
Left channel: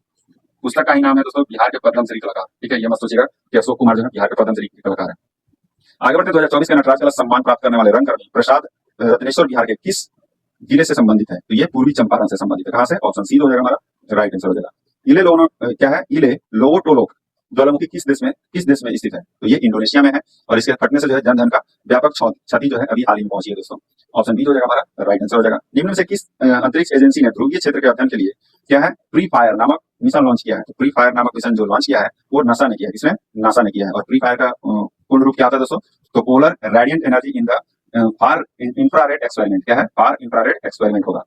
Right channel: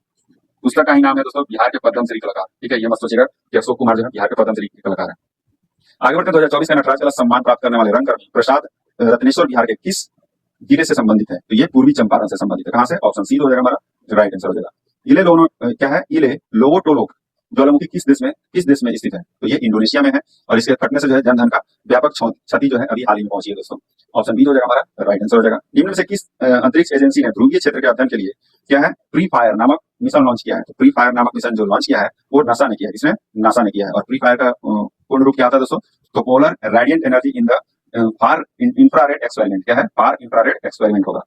पुस्तक का ही नाम है दोस्तों बिहार के पद्मश्री कलाकार। ठीक है, ये मत सोचिएगा कि अशोक कुमार जो है बिहार के पद्मश्री कलाकार है। आगे बढ़ते 2024 के नटराज कला सम्मान प्राप्त करने वाले रंगकर्मी प्रसाद रत्नेश्वर बिहार के किस जिले से संबंधित है? तो ये पूर्वी चंपारण से संबंधित है। कहां से? ऑप्शन सी हो जाएगा हमारा राइट आंसर हो जाएगा। क्या है? इले लोवोटोलोक ज्वालामुखी किस देश में स्थित है? तो ये इंडोनेशिया में है और इसके फटने से जो है जनधन का व्यापक क्षति जो है अभी हाल ही में पहुंची है दोस्तों। ऑप्शन बी हो जाएगा हमारा राइट आंसर हो जाएगा। निम्न में से किस अंतरिक्ष एजेंसी ने ध्रुवीय क्षेत्र के अध्ययन के लिए क्या है फ्री फायर नामक मिशन लॉन्च किया है? तो फ्री फायर नामक मिशन जो लॉन्च किया है वो नासा ने किया है। इसमें नासा ने किया है। और फ्री फायर का पूर्ण रूप क्या आता है दोस्तों? तो polar radiant energy in the far infrared experiment. क्या है? फार इंफ्रारेड एक्सपेरिमेंट होगा।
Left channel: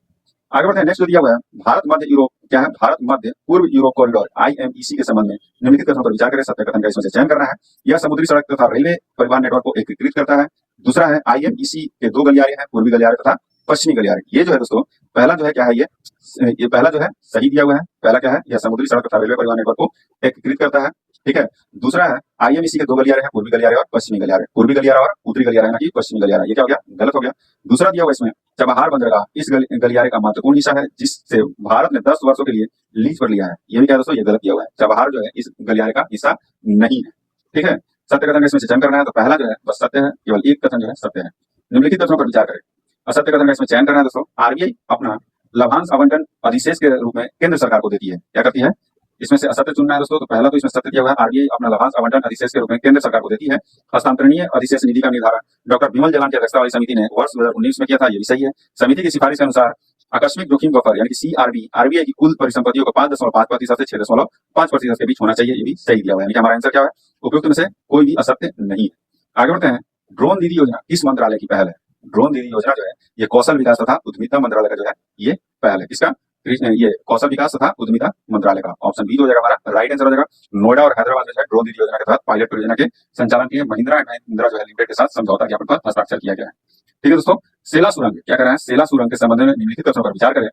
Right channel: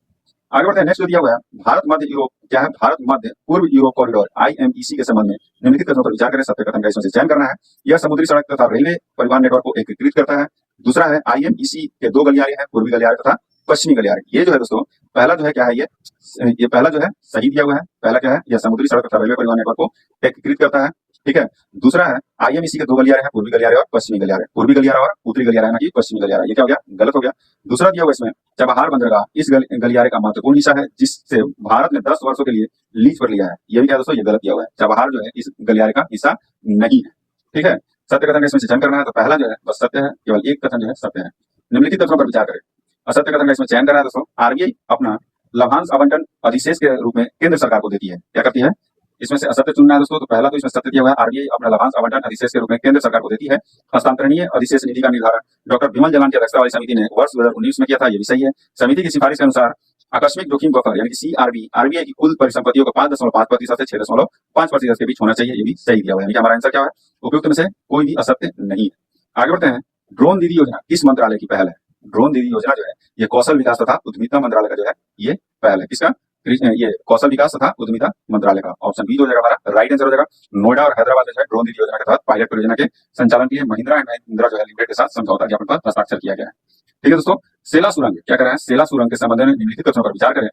आगे बढ़ते हैं, नेक्स्ट जो दिया हुआ है, भारत मध्य यूरोप क्या है? भारत मध्य पूर्व यूरोप कॉरिडोर आईएमईसी के संबंध में निम्नलिखित कथनों पर विचार करें। सत्य कथन का इसमें से चयन करना है। यह समुद्री सड़क तथा रेलवे परिवहन नेटवर्क को एकीकृत करता है। दूसरा है, आईएमईसी के 2 गलियारे हैं, पूर्वी गलियारे तथा पश्चिमी गलियारे। ये जो है दोस्तों पहला जो है क्या है? ये पहला जो है सही दिया हुआ है। पहला क्या है? यह समुद्री सड़क तथा रेलवे परिवहन नेटवर्क को एकीकृत करता है। ठीक है, दूसरा है, आईएमईसी के 2 गलियारे हैं, पूर्वी गलियारे और पश्चिमी गलियारे। पूर्वी गलियारा और उत्तरी गलियारा ना कि पश्चिमी गलियारा। ये क्या हो गया? गलत हो गया। दूसरा दिया हुआ इसमें चबहार बंदरगाह इस गलियारे का महत्वपूर्ण हिस्सा है, जिससे भारत ने 10 वर्षों के लिए लीज पर लिया है। ये भी क्या दोस्तों? ये गलत दिया हुआ है। चबहार जो है इस गलियारे का हिस्सा नहीं है। ठीक है, सत्य कथन का इसमें चयन करना है। तो पहला जो है बस सत्य है, केवल एक कथन जो है सत्य है। निम्नलिखित कथनों पर विचार करें। असत्य कथन का इसमें चयन करना है दोस्तों। आरबीआई अपना लाभांश आवंटन अधिशेष के रूप में केंद्र सरकार को देती है। क्या करती है? इसमें से असत्य चुनना है दोस्तों। तो पहला तो इसमें सत्य दिया हुआ है, आरबीआई अपना लाभांश आवंटन अधिशेष के रूप में केंद्र सरकार को देती है। हस्तांतरणीय अधिशेष निधि का निर्धारण डॉक्टर विमल जलान की अध्यक्षता वाली समिति ने वर्ष 2019 में किया था। ये भी सही है। समिति की सिफारिश के अनुसार आकस्मिक जोखिम बफर यानी कि सीआरबी आरबीआई की कुल परिसंपत्तियों को 5.5% से 6.5% के बीच होना चाहिए। ये भी सही दिया हुआ है। हमारा आंसर क्या है? उपयुक्त में से कोई भी असत्य नहीं है। आगे बढ़ते हैं, ड्रोन दीदी योजना किस मंत्रालय की पहल है? ड्रोन दीदी योजना जो है ये कौशल विकास तथा उद्यमिता मंत्रालय का जो है ये पहल है। किसका? ये कौशल विकास तथा उद्यमिता मंत्रालय का। ऑप्शन बी हो जाएगा हमारा राइट आंसर हो जाएगा। नोएडा और हैदराबाद में जो है ड्रोन दीदी योजना के तहत पायलट परियोजना के संचालन के लिए महिंद्रा एंड महिंद्रा जो है लिमिटेड के साथ समझौता ज्ञापन पर हस्ताक्षर किया गया है। ठीक है दोस्तों, सेला सुरंग क्या कर रहे हैं? सेला सुरंग के संबंध में निम्नलिखित कथनों पर विचार करें।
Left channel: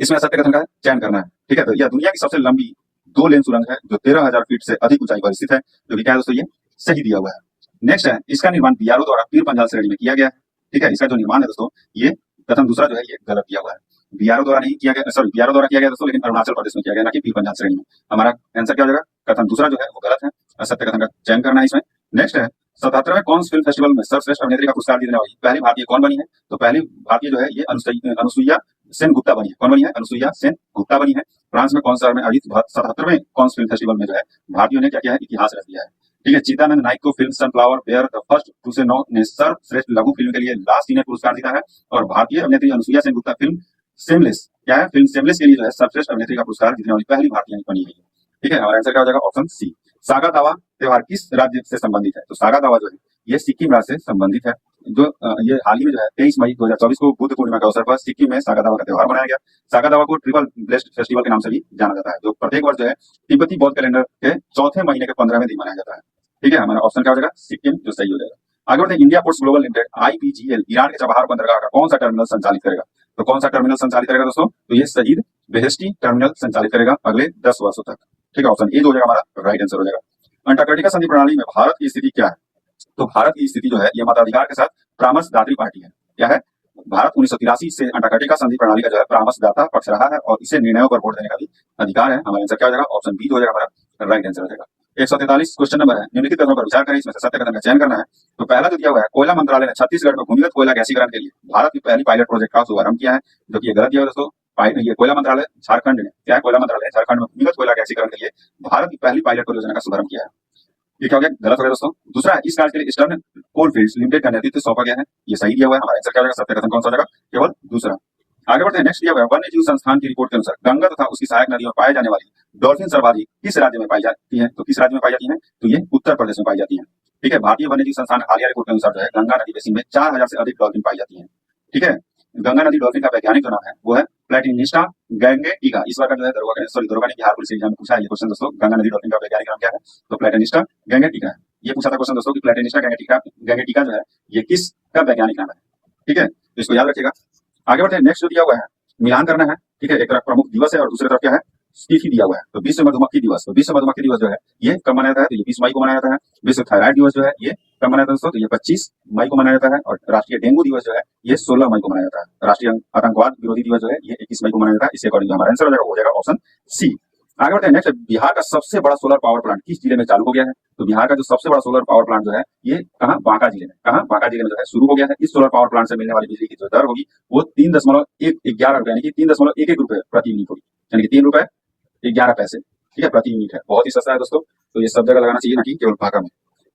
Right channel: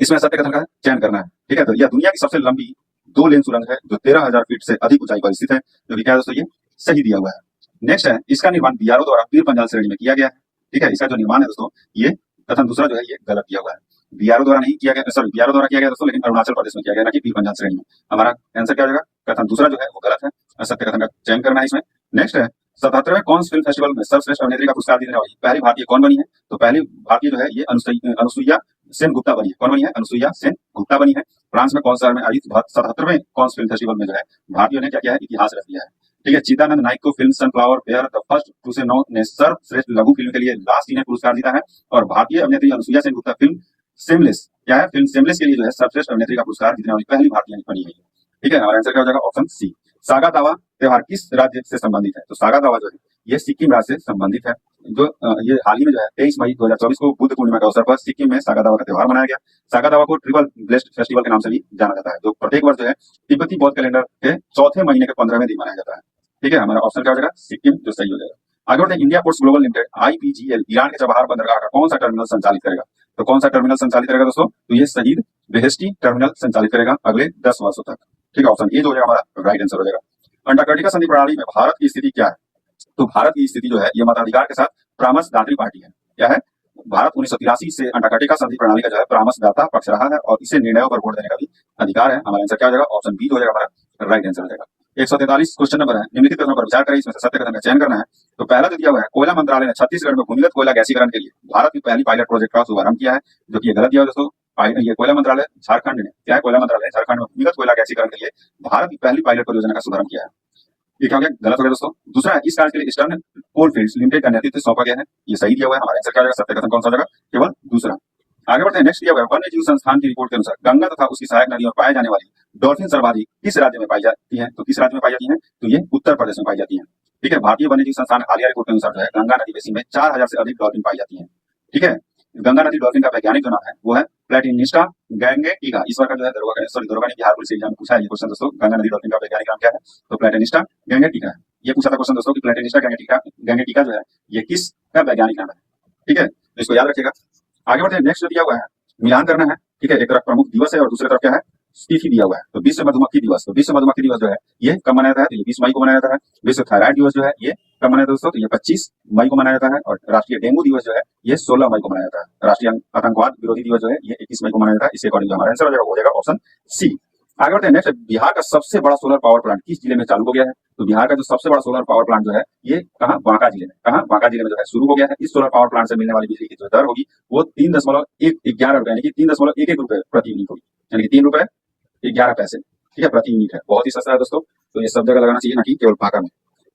इसमें सत्य कथन का चयन करना है। ठीक है, तो यह दुनिया की सबसे लंबी 2 लेन सुरंग है जो 13,000 फीट से अधिक ऊंचाई पर स्थित है, जो कि क्या है दोस्तों? ये सही दिया हुआ है। नेक्स्ट है, इसका निर्माण बीआरओ द्वारा पीर पंजाल श्रेणी में किया गया है। ठीक है, इसका जो निर्माण है दोस्तों ये कथन दूसरा जो है ये गलत दिया हुआ है। बीआरओ द्वारा नहीं किया गया, सॉरी बीआरओ द्वारा किया गया दोस्तों, लेकिन अरुणाचल प्रदेश में किया गया, ना कि पीर पंजाब श्रेणी में। हमारा आंसर क्या हो जाएगा, कथन दूसरा जो है वो गलत है, सत्य कथन का चयन करना है इसमें। नेक्स्ट है 77वें कॉन्स फिल्म फेस्टिवल में सर्वश्रेष्ठ अभिनेत्री का पुरस्कार जीतने वाली पहली भारतीय कौन बनी है? तो पहली भारतीय जो है ये अनुसुईया सेन गुप्ता बनी है। कौन बनी है? अनुसुईया सेन गुप्ता बनी है। फ्रांस में कौन सा में आयोजित 77वें कॉन्स फिल्म फेस्टिवल में जो है भारतीयों ने क्या किया है, इतिहास रच दिया है। ठीक है, चिदानंद नाइक को film sunflower were the first to से नो ने सर्वश्रेष्ठ लघु फिल्म के लिए लास्ट ईयर पुरस्कार जीता है। और भारतीय अभिनेत्री अनुसुईया सेन गुप्ता फिल्म सेमलेस क्या है, फिल्म सेमलेस के लिए जो है सर्वश्रेष्ठ अभिनेत्री का पुरस्कार जीतने वाली पहली भारतीय बनी है। ठीक है, हमारा आंसर क्या हो जाएगा, ऑप्शन सी। सागा दावा त्योहार किस राज्य से संबंधित है? तो सागा दावा जो है ये सिक्किम राज्य से संबंधित है। जो ये हाल ही में जो है 23 मई 2024 को बुद्ध पूर्णिमा के अवसर पर सिक्किम में सागा दावा का त्योहार मनाया गया। सागा दावा को ट्रिपल ब्लेस्ड फेस्टिवल के नाम से भी जाना जाता है, जो प्रत्येक वर्ष जो है तिब्बती बौद्ध कैलेंडर के चौथे महीने के 15वें दिन मनाया जाता है। ठीक है, हमारा ऑप्शन क्या हो जाएगा, सिक्किम, जो सही हो जाएगा। आगे बढ़ते हैं, India ports global limited IPGL Iran के चबहार बंदरगाह का कौन सा टर्मिनल संचालित करेगा? तो कौन सा टर्मिनल संचालित करेगा दोस्तों? तो ये शहीद बेहेश्ती टर्मिनल संचालित करेगा अगले 10 वर्षों तक। ठीक है, ऑप्शन ए जो हो जाएगा हमारा राइट आंसर हो जाएगा। अंटार्कटिका संधि प्रणाली में भारत की स्थिति क्या है? तो भारत की स्थिति जो है ये मताधिकार के साथ परामर्शदात्री पार्टी है। क्या है? भारत 1983 से अंटार्कटिका संधि प्रणाली का जो है परामर्शदाता पक्ष रहा है और इसे निर्णयों पर वोट देने का भी अधिकार है। हमारा आंसर क्या हो जाएगा, ऑप्शन बी हो जाएगा हमारा राइट आंसर हो जाएगा। 143 क्वेश्चन नंबर है, निम्नलिखित कथनों पर विचार करें, इसमें से सत्य कथन का चयन करना है। तो पहला जो दिया हुआ है, कोयला मंत्रालय ने छत्तीसगढ़ में भूमिगत कोयला गैसीकरण के लिए भारत की पहली पायलट प्रोजेक्ट का शुभारंभ किया है, जो कि ये गलत दिया है दोस्तों। ये कोयला मंत्रालय झारखंड ने क्या है, कोयला मंत्रालय झारखंड में भूमिगत कोयला गैसीकरण के लिए भारत की पहली पायलट परियोजना का शुभारंभ किया है। ये क्या हो गया, गलत हो गया दोस्तों। दूसरा है, इस कार्य के लिए ईस्टर्न कोलफील्ड्स लिमिटेड का नेतृत्व सौंपा गया है, ये सही दिया हुआ है। हमारा आंसर क्या हो जाएगा, सत्य कथन कौन सा हो जाएगा, केवल दूसरा। आगे बढ़ते हैं, नेक्स्ट दिया हुआ है, वन्य जीव संस्थान की रिपोर्ट के अनुसार गंगा तथा उसकी सहायक नदियों में पाए जाने वाली डॉल्फिन सर्वाधिक किस राज्य में पाई जाती है? तो किस राज्य में पाई जाती है? तो ये उत्तर प्रदेश में पाई जाती है। ठीक है, भारतीय वन्य जीव संस्थान हालिया रिपोर्ट के अनुसार जो है गंगा नदी बेसिन में 4000 से अधिक डॉल्फिन पाई जाती है। ठीक है, गंगा नदी डॉल्फिन का वैज्ञानिक जो नाम है वो है प्लेटिनिस्टा गैंगेटिका। इस बार का जो है दरोगा ने बिहार पुलिस एग्जाम में पूछा है ये क्वेश्चन दोस्तों, गंगा नदी डॉल्फिन का वैज्ञानिक नाम क्या है? तो प्लेटिनिस्टा गैंगेटिका है। ये पूछा था क्वेश्चन दोस्तों कि प्लेटिनिस्टा गैंगेटिका जो है ये किसका वैज्ञानिक नाम है? ठीक है, तो इसको याद रखिएगा। आगे बढ़ते हैं, नेक्स्ट जो दिया हुआ है मिलान करना है। ठीक है, एक तरफ प्रमुख दिवस है और दूसरी तरफ क्या है, तिथि दिया हुआ है। तो विश्व मधुमक्खी दिवस, तो विश्व मधुमक्खी दिवस जो है ये कब मनाया जाता है? तो ये 20 मई को मनाया जाता है। विश्व थायराइड दिवस जो है ये कब मनाया जाता है दोस्तों? तो ये 25 मई को मनाया जाता है। और राष्ट्रीय डेंगू दिवस जो है ये 16 मई को मनाया जाता है। राष्ट्रीय आतंकवाद विरोधी दिवस जो है ये 21 मई को मनाया जाता है। इसके अकॉर्डिंग हमारा आंसर हो जाएगा ऑप्शन सी। आगे बढ़ते हैं, नेक्स्ट बिहार का सबसे बड़ा सोलर पावर प्लांट किस जिले में चालू हो गया है? तो बिहार का जो सबसे बड़ा सोलर पावर प्लांट जो है ये कहाँ, बांका जिले में, कहाँ, बांका जिले में जो है शुरू हो गया है। इस सोलर पावर प्लांट से मिलने वाली बिजली की जो दर होगी वो 3.11 रुपए यानी कि 3.11 रुपए प्रति यूनिट होगी, यानी कि 3 रुपए 11 पैसे। ठीक है, प्रति यूनिट है, बहुत ही सस्ता है दोस्तों। तो ये सब जगह लगाना चाहिए, ना कि केवल बांका में।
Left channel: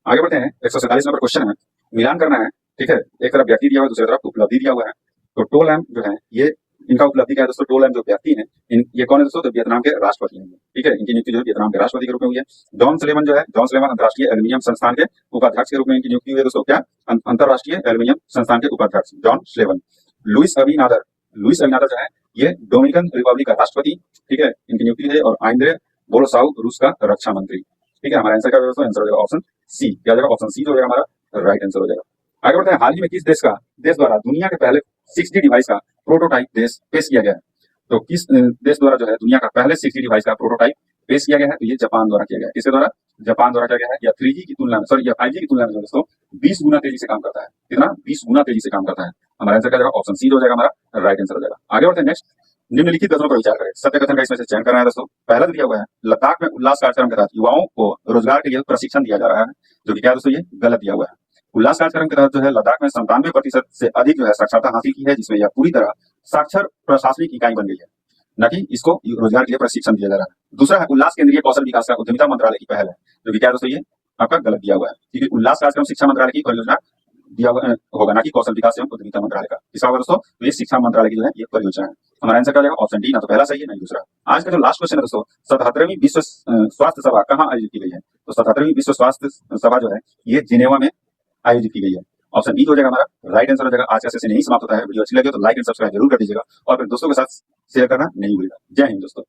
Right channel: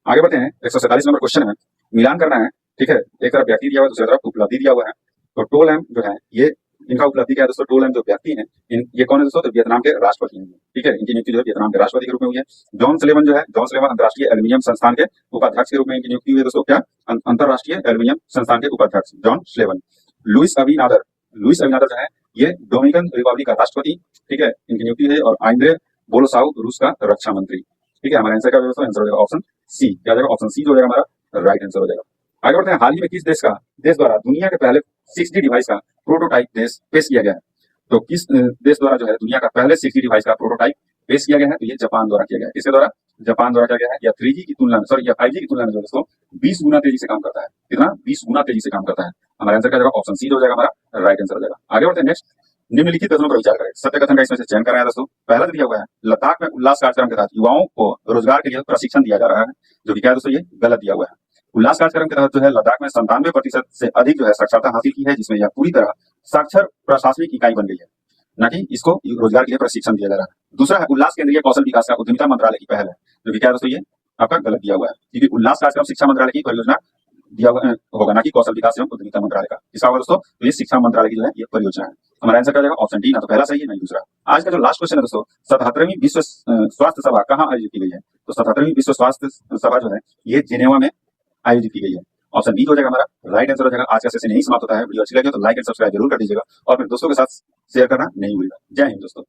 आगे बढ़ते हैं, 147 नंबर क्वेश्चन है, मिलान करना है। ठीक है, एक तरफ व्यक्ति दिया हुआ है, दूसरी तरफ उपलब्धि दिया हुआ है। तो टो लैम जो है ये इनका उपलब्धि क्या है दोस्तों? टो लैम जो व्यक्ति है ये कौन है दोस्तों? तो वियतनाम के राष्ट्रपति हैं। ठीक है, इनकी नियुक्ति जो है वियतनाम के राष्ट्रपति के रूप में हुई है। जॉन स्लेवन जो है, जॉन स्लेवन अंतर्राष्ट्रीय एल्यूमिनियम संस्थान के उपाध्यक्ष के रूप में इनकी नियुक्ति हुई है दोस्तों। क्या, अंतर्राष्ट्रीय एल्यूमिनियम संस्थान के उपाध्यक्ष जॉन स्लेवन। लुइस अबिनादर जो है ये डोमिनिकन रिपब्लिक का राष्ट्रपति। ठीक है, इनकी नियुक्ति है। और आंद्रे बोलोसाउ रूस का रक्षा मंत्री। ठीक है, हमारा आंसर क्या हो जाएगा? आंसर हो जाएगा ऑप्शन सी। क्या हो जाएगा? ऑप्शन सी जो हो जाएगा हमारा राइट आंसर हो जाएगा। आगे बढ़ते हैं, हाल ही में किस देश द्वारा दुनिया के पहले 6G डिवाइस का प्रोटोटाइप पेश किया गया है? तो किस देश द्वारा जो है दुनिया का पहले 6G डिवाइस का प्रोटोटाइप पेश किया गया है? तो ये जापान द्वारा किया गया है। किसके द्वारा? जापान द्वारा किया गया है। या 3G की तुलना में, सॉरी या 5G की तुलना में जो दोस्तों 20 गुना तेजी से काम करता है। कितना? 20 गुना तेजी से काम करता है। हमारा आंसर क्या हो जाएगा? ऑप्शन सी हो जाएगा हमारा राइट आंसर हो जाएगा। आगे बढ़ते हैं, नेक्स्ट निम्नलिखित कथनों पर विचार करें, सत्य कथन का इसमें से चयन करना है दोस्तों। पहला दिया हुआ है, लद्दाख में उल्लास कार्यक्रम के तहत युवाओं को रोजगार के लिए प्रशिक्षण दिया जा रहा है, जो कि क्या है दोस्तों? ये गलत दिया हुआ है। उल्लास कार्यक्रम के तहत जो है लद्दाख में 97% से अधिक जो है साक्षरता हासिल की है, जिसमें यह पूरी तरह साक्षर प्रशासनिक इकाई बन गई है, न कि इसको रोजगार के लिए प्रशिक्षण दिया जा रहा है। दूसरा है, उल्लास केंद्रीय कौशल विकास का उद्यमिता मंत्रालय की पहल है, जो कि क्या है दोस्तों? ये आपका गलत दिया हुआ है, क्योंकि उल्लास कार्यक्रम शिक्षा मंत्रालय की परियोजना दिया हुआ होगा, ना कि कौशल विकास एवं उद्यमिता मंत्रालय का। इसका दोस्तों तो ये शिक्षा मंत्रालय की जो है ये परियोजना है। हमारा आंसर क्या हो जाएगा? ऑप्शन डी, ना तो पहला सही है ना दूसरा। आज का जो लास्ट क्वेश्चन है दोस्तों, 77वीं विश्व स्वास्थ्य सभा कहाँ आयोजित की गई है? तो 77वीं विश्व स्वास्थ्य सभा जो है ये जिनेवा में आयोजित की गई है। ऑप्शन बी हो जाएगा हमारा राइट आंसर हो जाएगा। आज का सेशन यही समाप्त होता है। वीडियो अच्छी लगे तो लाइक एंड सब्सक्राइब जरूर कर दीजिएगा और फिर दोस्तों के साथ शेयर करना नहीं भूलिएगा। जय हिंद दोस्तों।